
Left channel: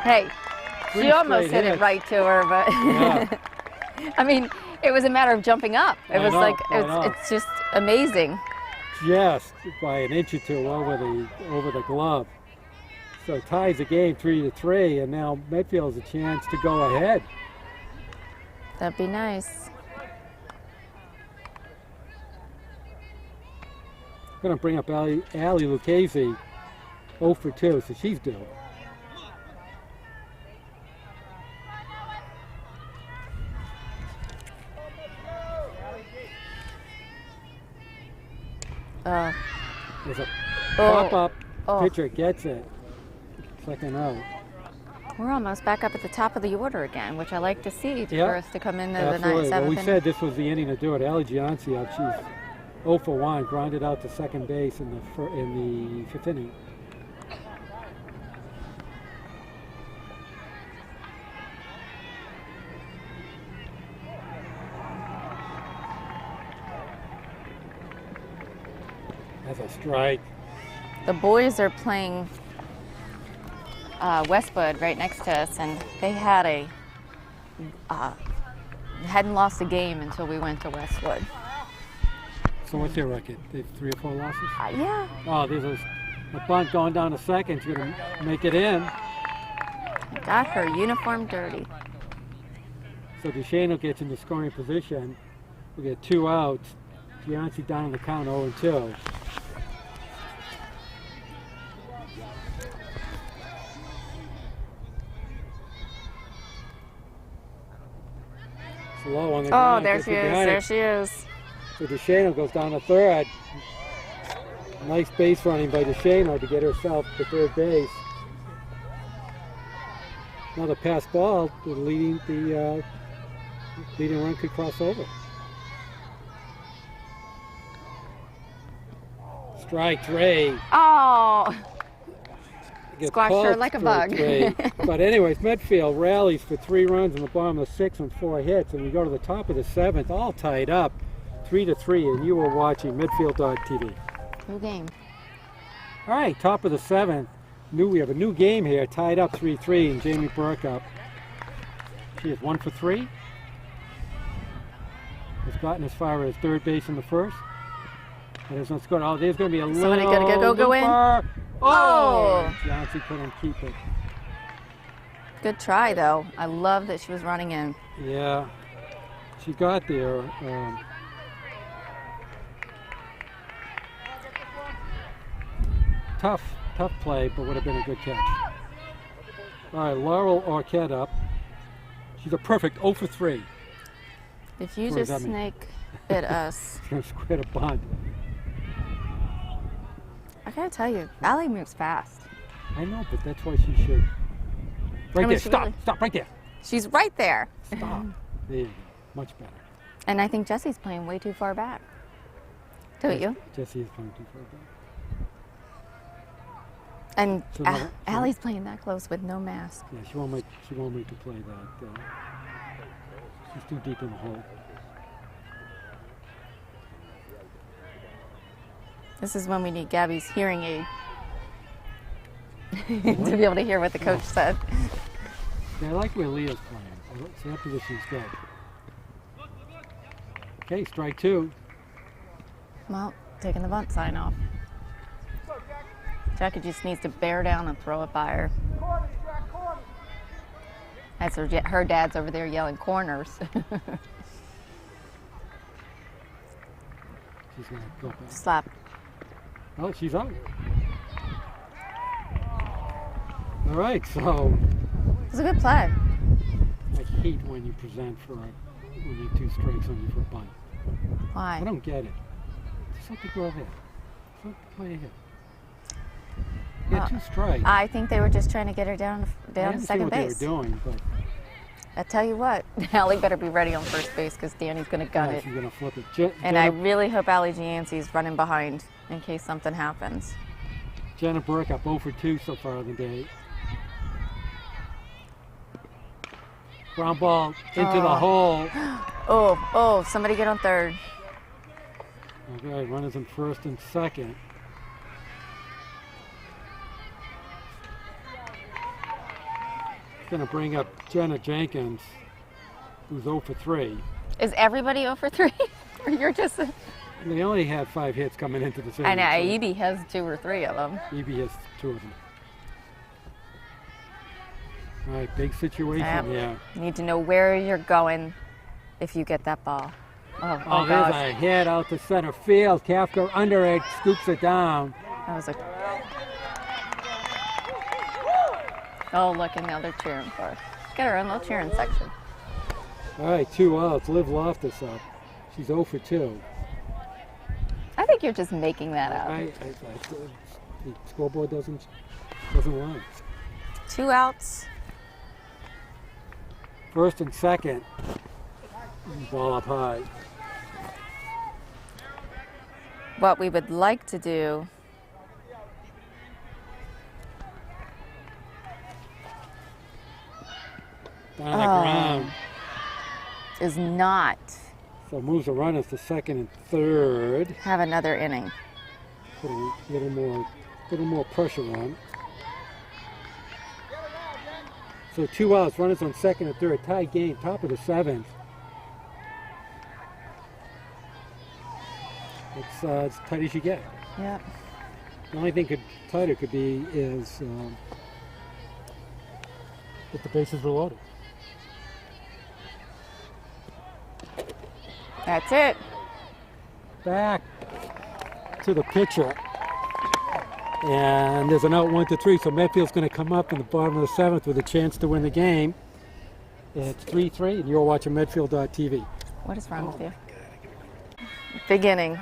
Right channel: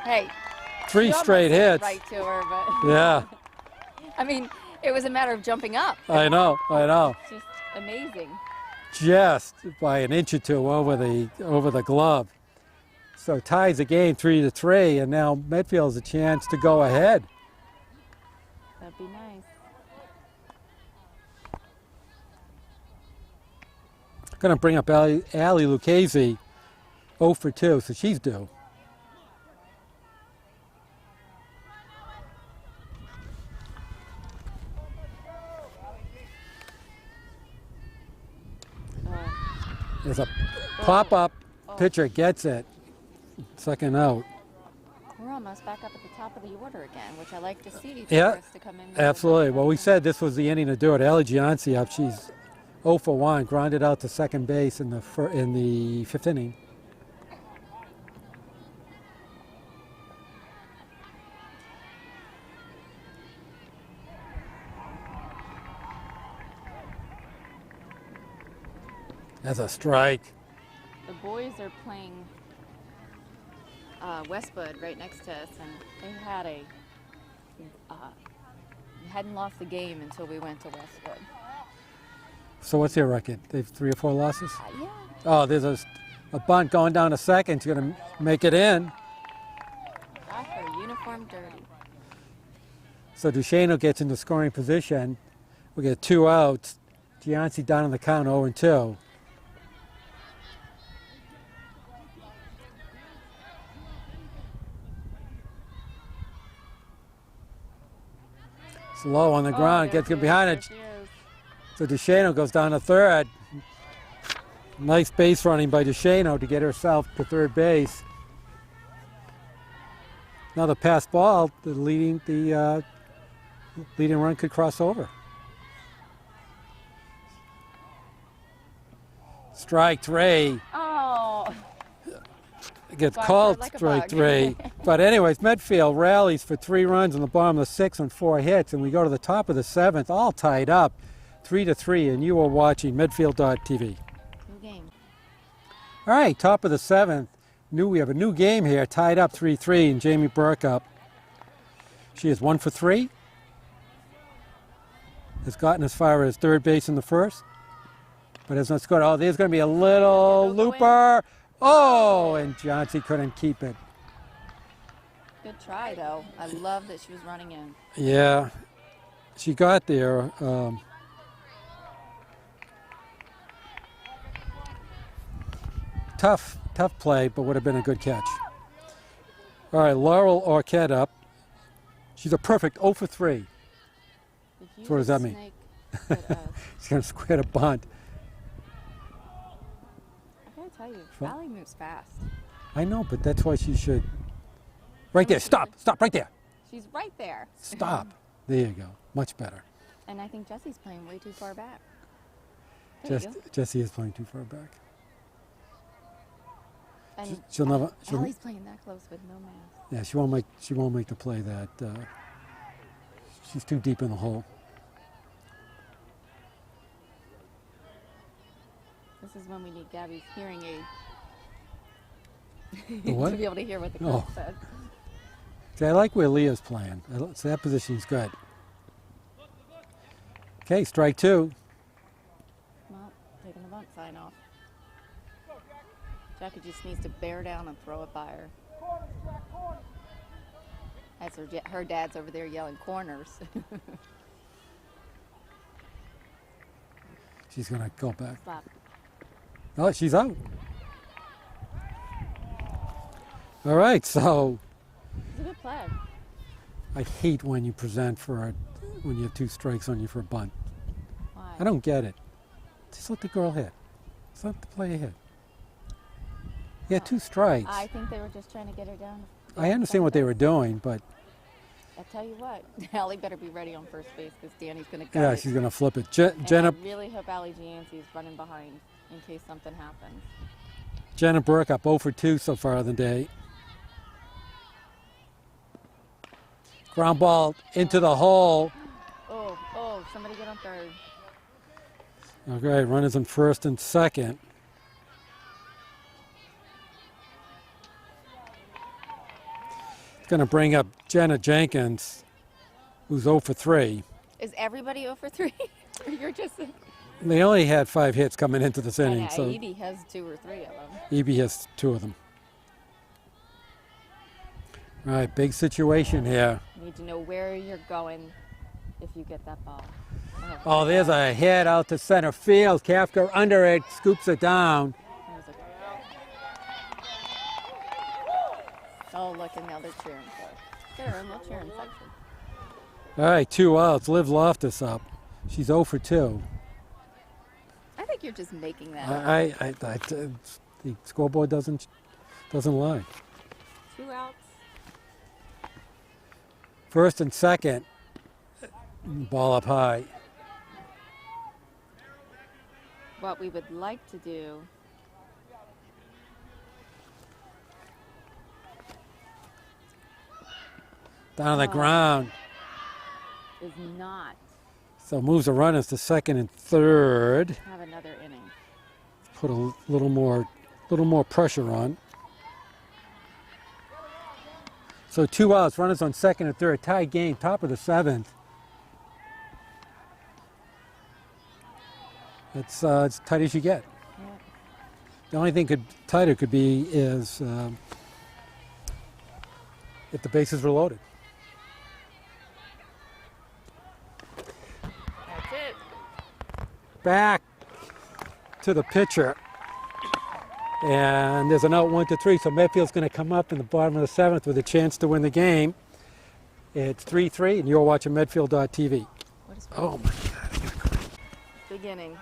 Hey, 3 she almost straight hit hits. it right to her, but Yeah. I mean, it was a matter of jumping up. It was know, like, I know. it's just amazing. Just by an inch or two over the glove. So ties the game 3-3, and now Medfield has a chance to go ahead. That'd be nice. Going to bring up Allie Lucchese, 0 for 2, so she's due. There's a pop-up. Pitcher gets it. Second out. We're almost back up at the top of the order again, which I like to see for Yeah, us to come in there. absolutely. The Well, we ninth, said this was the inning to do it. Allie Gianci up. She's 0 for 1, grounded out to second base in the 5th inning. That's a strike. The boys are playing Westwood right next to us, and they had hadn't lost a game until we went to Westwood. So what's their record? They have 3 or 4 losses? Yeah. Oh, there's a bunt going down to second. She's going to make it in. Got her uniform dirty. So DeShano gets into scoring position. We get 2 outs. Gianci down on the count, 0-2. It's low on the ground. There Gets she it is. behind There it. she is. So DeShano goes down to third. Nice base running by DeShano to get herself to third base. Another pass ball. The leading run could cross over. Strike 3. Oh. Gets Squashed her called like a strike bug. 3. But anyways, Medfield rallies for 3 runs in the bottom of the 6th on 4 hits, and we go to the top of the 7th, all tied up, 3-3, and you are watching Medfield.tv. New game. All right, top of the 7th. We have a new game here, tied up 3-3, and Jamie Burke up. She is 1 for 3. Has gotten as far as third base in the first, but has not scored. Oh, there's going to be a Somebody little go in. looper. Oh. Oh, and Johnson couldn't keep it. Good try, though. I love that she was running in. Yeah, she got there. Tough play, but would have been a good catch. All right, Laurel Arquette up. She's a perfect 0 for 3. If you What does just that mean? snake bit us, She's going to square the bunt. I gotta tell you, Allie moves fast. I know, but that's why she should. Right mean, there, she stop, really- stop, right there. She's right there. Stop. There you go, much better. And I think Jesse's playing way too far back. Don't you? Jesse is playing too far back. And So no- so- Allie's playing that close with no mask. Yeah, she won't make the play that. She's too deep in the hole. This is when we need Gabby's hearing aid What? to be able to hear what the coach Oh. said. See, I like where Leah's playing. So that position's good. Okay, strike 2. Well, taking the bunt sign off. Jackie just needs to bear down and throw it by her. As her dad's over there yelling corners. She's gonna go back. Slap. Oh, she's out. All right, so It was a good play. I hate when you present when you have 2 strikes on you for a bunt. Why? I don't get it. Just let the girl hit. Just let the player hit. You had 2 strikes. I think they were just trying to get her down I understand second what base. they were doing, but I tell you what, Allie better be ready on first base because Danny's going to gut yeah, it. she's gonna flip it. And I really hope Allie Giansi's running behind in case something happens. Jenna Burke up 0 for 2 so far of the day. Ground ball into the hole. Oh, somebody get on third. Okay, runners in first and second. It's going to bring up Jenna Jenkins, who's 0 for 3. Is everybody 0 for 3? Or you're just... They only had 5 hits coming into the I inning. know, So Evie has 2 or 3 of them. EB has 2 of them. All right, big situation here. You need to know where you're going if you get that ball. Oh, there's God. a hit out to center field. Kafka under it, scoops it down. That was a... Oh, look, and now they're cheering for her. Get her own little cheering section. All right, 2 outs. Liv Loftus up. She's 0 for 2. I think you're just making that up. The scoreboard doesn't lie. 2 outs. First and second, ball up high. What we would like to do Down the ground. is not So moves the runners to second and third. have another inning. Put a little more pressure on. So 2 outs, runners on second and third, tie game, top of the 7th. It's as tight as you get. Yep. The only thing tighter could be is if the bases were loaded. That's it. Back to the pitcher. And there's an out 1-3, so Medfield's going to come up in the bottom of the 7th with a chance to win the game. It's 3-3, and you're watching Medfield.tv. What is wrong with you? Big inning.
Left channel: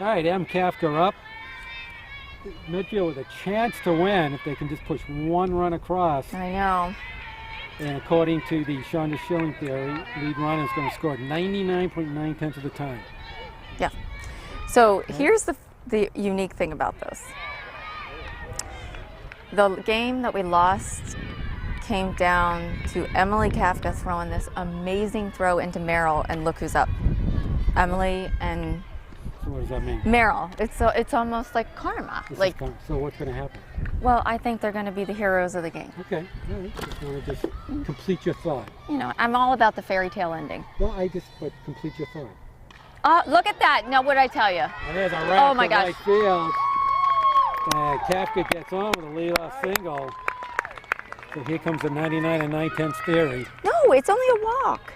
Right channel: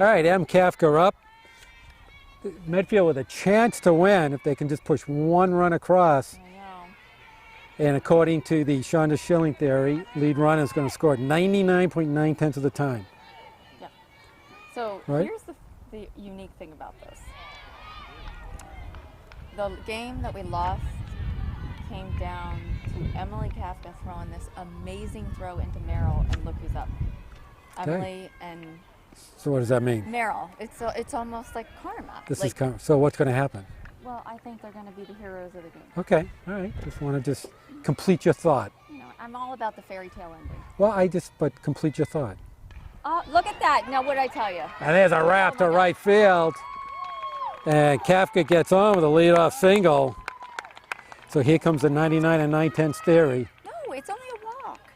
All right, M. Kafka up. Medfield with a chance to win if they can just push 1 run across. I know. And according to the Shonda Schilling theory, lead runner is going to score 99.9 of the time. Yeah. So Right? here's the unique thing about this. The game that we lost came down to Emily Kafka throwing this amazing throw into Merrill, and look who's up. Emily and So what does that mean? Merrill. It's almost like karma. So what's going to happen? Well, I think they're going to be the heroes of the game. Okay, all right. Just want to just complete your thought. You know, I'm all about the fairy tale ending. Well, but complete your thought. Look at that. Now, what did I tell you? And there's a wrap my to gosh. right field. And Kafka gets on with a leadoff single. So here comes the 99 and 9/10 theory. No, it's only a walk.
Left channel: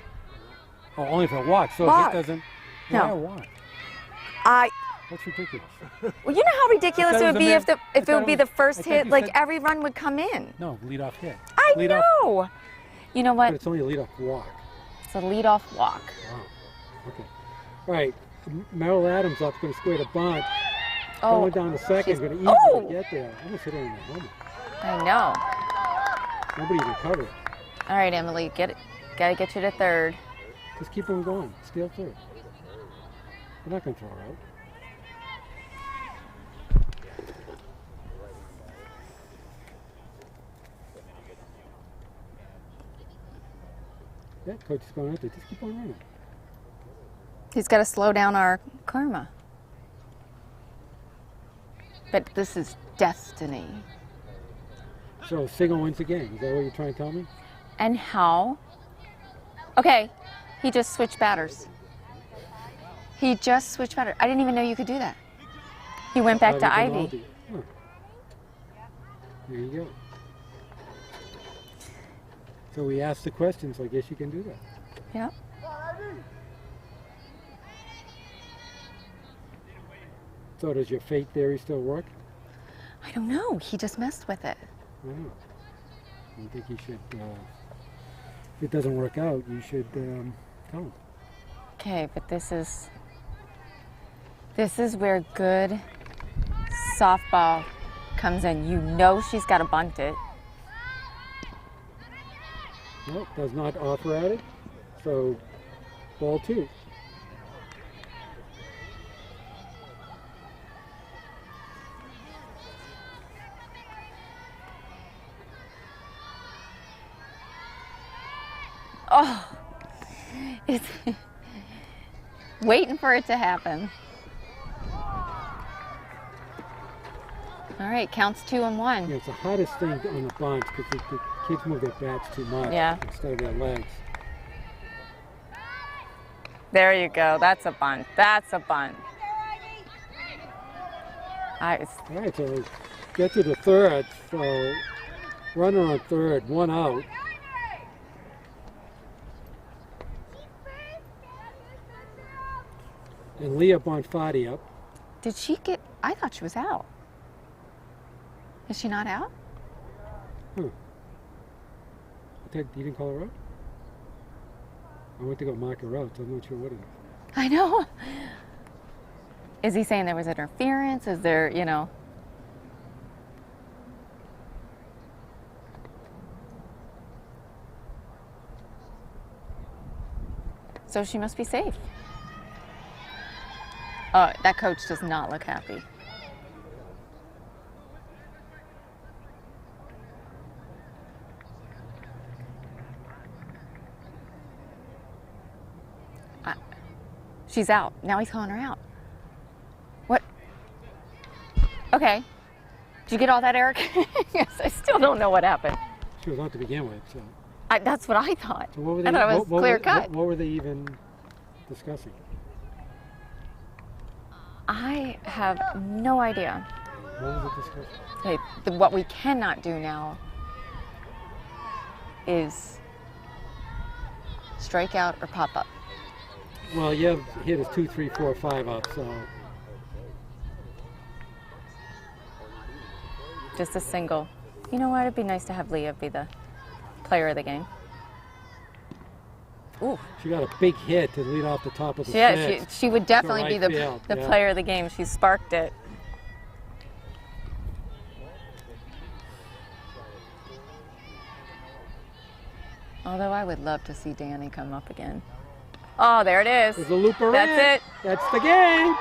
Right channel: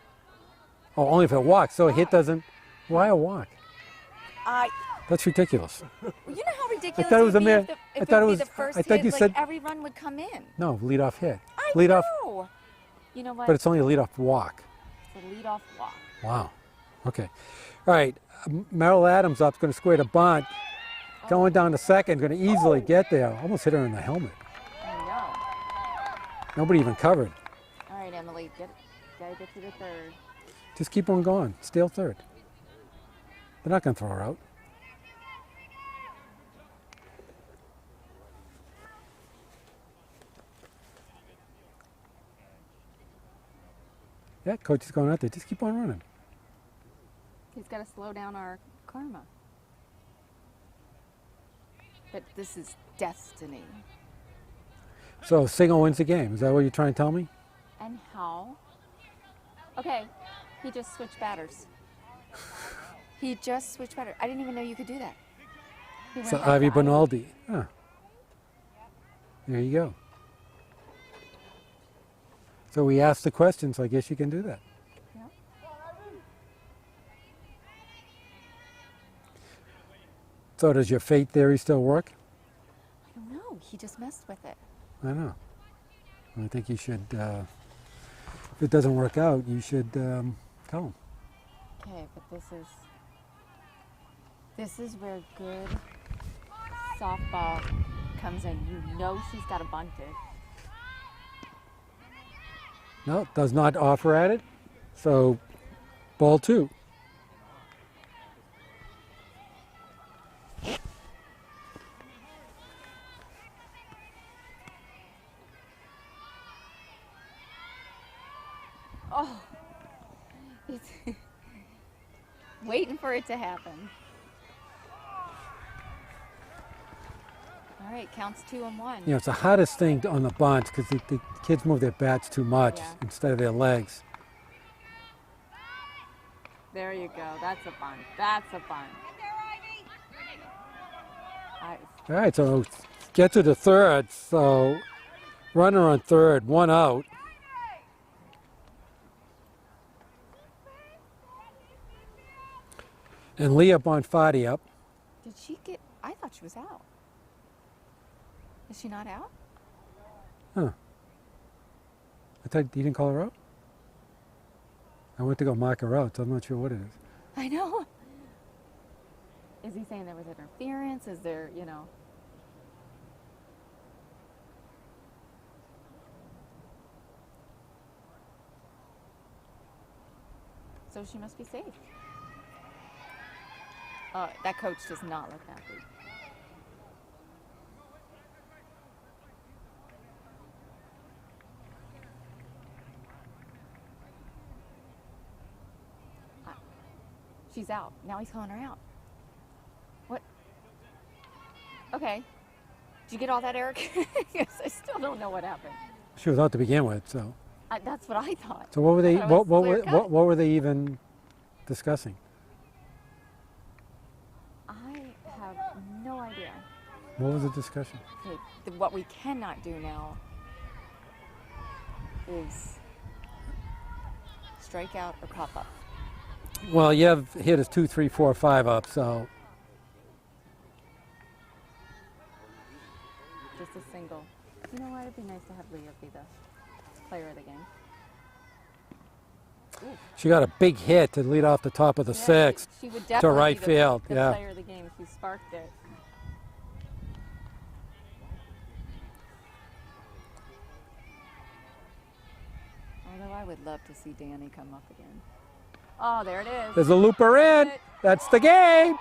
Oh, only if it walks. So a hit Walk. doesn't. Why No. a walk? That's ridiculous. Well, you know how ridiculous thought it it would was be a if man- I it thought would be it the was- first I thought hit, you like said- every run would come in. No, leadoff hit. I Leadoff, know. You know what? But it's only a leadoff walk. It's a leadoff walk. Wow. Okay. All right. Merrill Adams up, going to square the bunt. Going down to second, she's- going to easily oh. get there. Almost hit her in the helmet. I know. Nobody even covered. All right, Emily, gotta get you to third. Just keep on going. Steal third. They're not going to throw her out. Yeah, coach is going out there. Just keep on running. He's got to slow down our karma. But this is destiny. So single wins the game. Is that what you're trying to tell me? And how? Okay, he just switched batters. He just switched batters. I didn't even know you could do that. He went back to Ivy. Benaldi. Huh. There you go. So we asked the question, so I guess you can do that. Yep. So does your fate theory still work? I don't know. He just messed with it. I know. I think you should, if it doesn't work out, you should go. Okay, but this is where good softball comes in. You know she's got to bunt it. No, does not offer at it. So ball 2. Oh, it's waiting for it to happen. All right, counts 2-1. You know, it's the hottest thing on the bunts because the kids move their bats too much instead of their legs. There you go. That's a bunt. That's a bunt. All right, so get to the third. So runner on third, 1 out. And Leah Bonfatti up. Did she get? I thought she was out. Is she not out? Huh. I thought you didn't call her out? I went to go mark her out, so I'm not sure what it is. I know. Is he saying there was interference? Is there, you know? So she must be safe. That coach does not look happy. She's out. Now he's calling her out. What? Okay. Did you get all that, Eric? Yes, I still don't know what happened. She was out to begin with, so. That's what I thought. So what were they? I thought it was clear cut. What were they even discussing? I have no idea. What was the discussion? Okay, what we cannot do now is strike out or pop up. Well, you have hit us 2, 3, 4, 5 up, so. Just a single. You know what? It'd be nice to have Leah be the player of the game. Ooh. She got a big hit to lead off the top of the sixth. She would definitely right be the field. player of the game. She sparked it. Although I would love to see Danny come up again. Oh, there it is. There's a looper That's in. it. That's the game.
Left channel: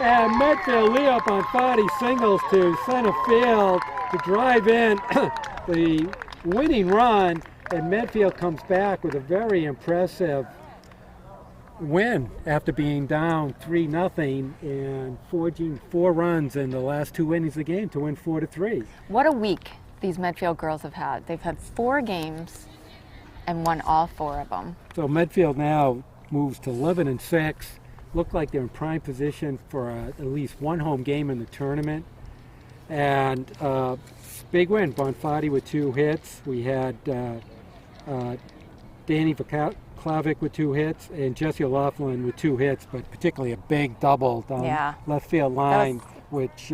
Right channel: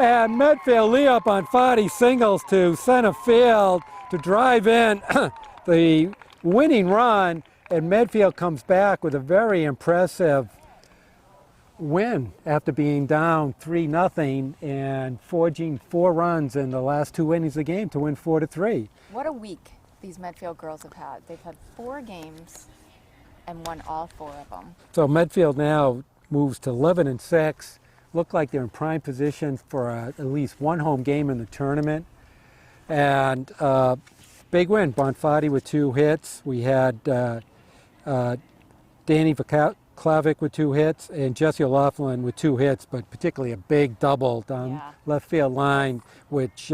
And Medfield Leah Bonfatti singles to center field to drive in the winning run. And Medfield comes back with a very impressive win after being down 3-0 and forging 4 runs in the last 2 innings of the game to win 4-3. What a week these Medfield girls have had. They've had 4 games and won all 4 of them. So Medfield now moves to 11-6. Look like they're in prime position for at least 1 home game in the tournament. And big win, Bonfatti with 2 hits. We had Danny Klavic with 2 hits and Jessie O'Loughlin with 2 hits, but particularly a big double down left field line, which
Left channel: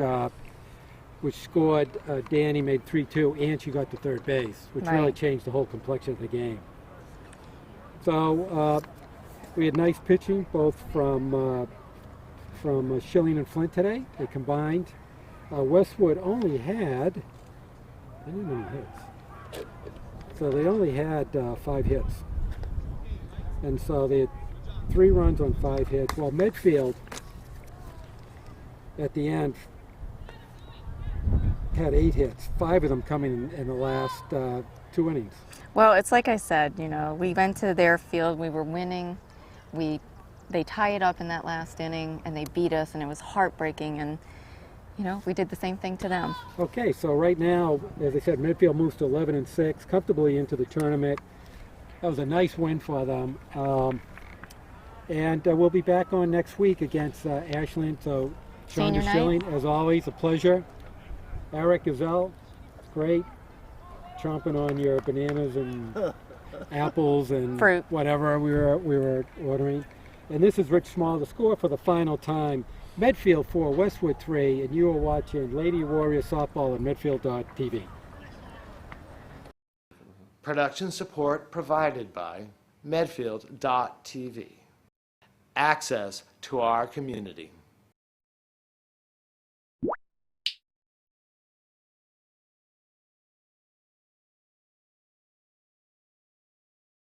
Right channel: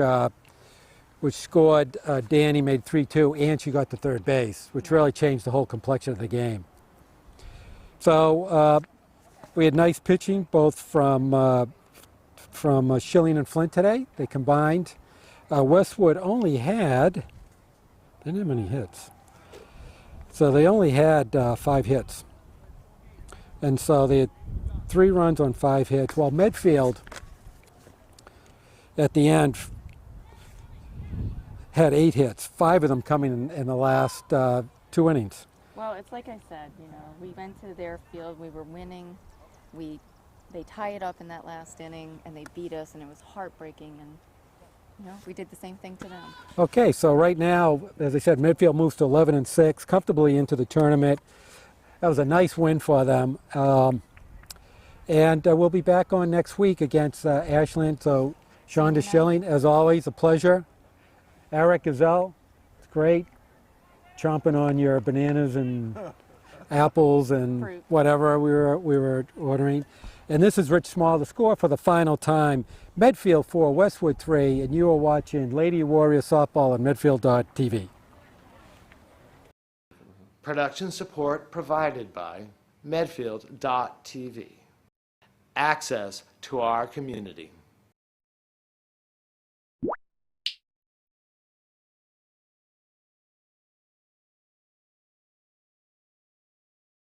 scored. Danny made 3-2, and she got to third base, which really changed the whole complexion of the game. So we had nice pitching both from Schilling and Flint today. They combined. Westwood only had, they didn't have any hits. So they only had 5 hits. And so they had 3 runs on 5 hits, while Medfield at the end had 8 hits, 5 of them coming in the last 2 innings. Well, it's like I said, we went to their field, we were winning, they tie it up in that last inning, and they beat us, and it was heartbreaking, and we did the same thing to them. Okay, so right now, as I said, Medfield moves to 11-6, comfortably into the tournament. That was a nice win for them. And we'll be back on next week against Ashland. So, Shonda Senior night. Schilling, as always, a pleasure. Eric Gazelle, it's great. Chomping on your bananas and apples and Fruit. whatever we were ordering. And this is Rich Small, the score for the final time. Medfield 4, Westwood 3, and you are watching Lady Warrior Softball on Medfield.tv. Production support provided by Medfield.tv. Access to our community.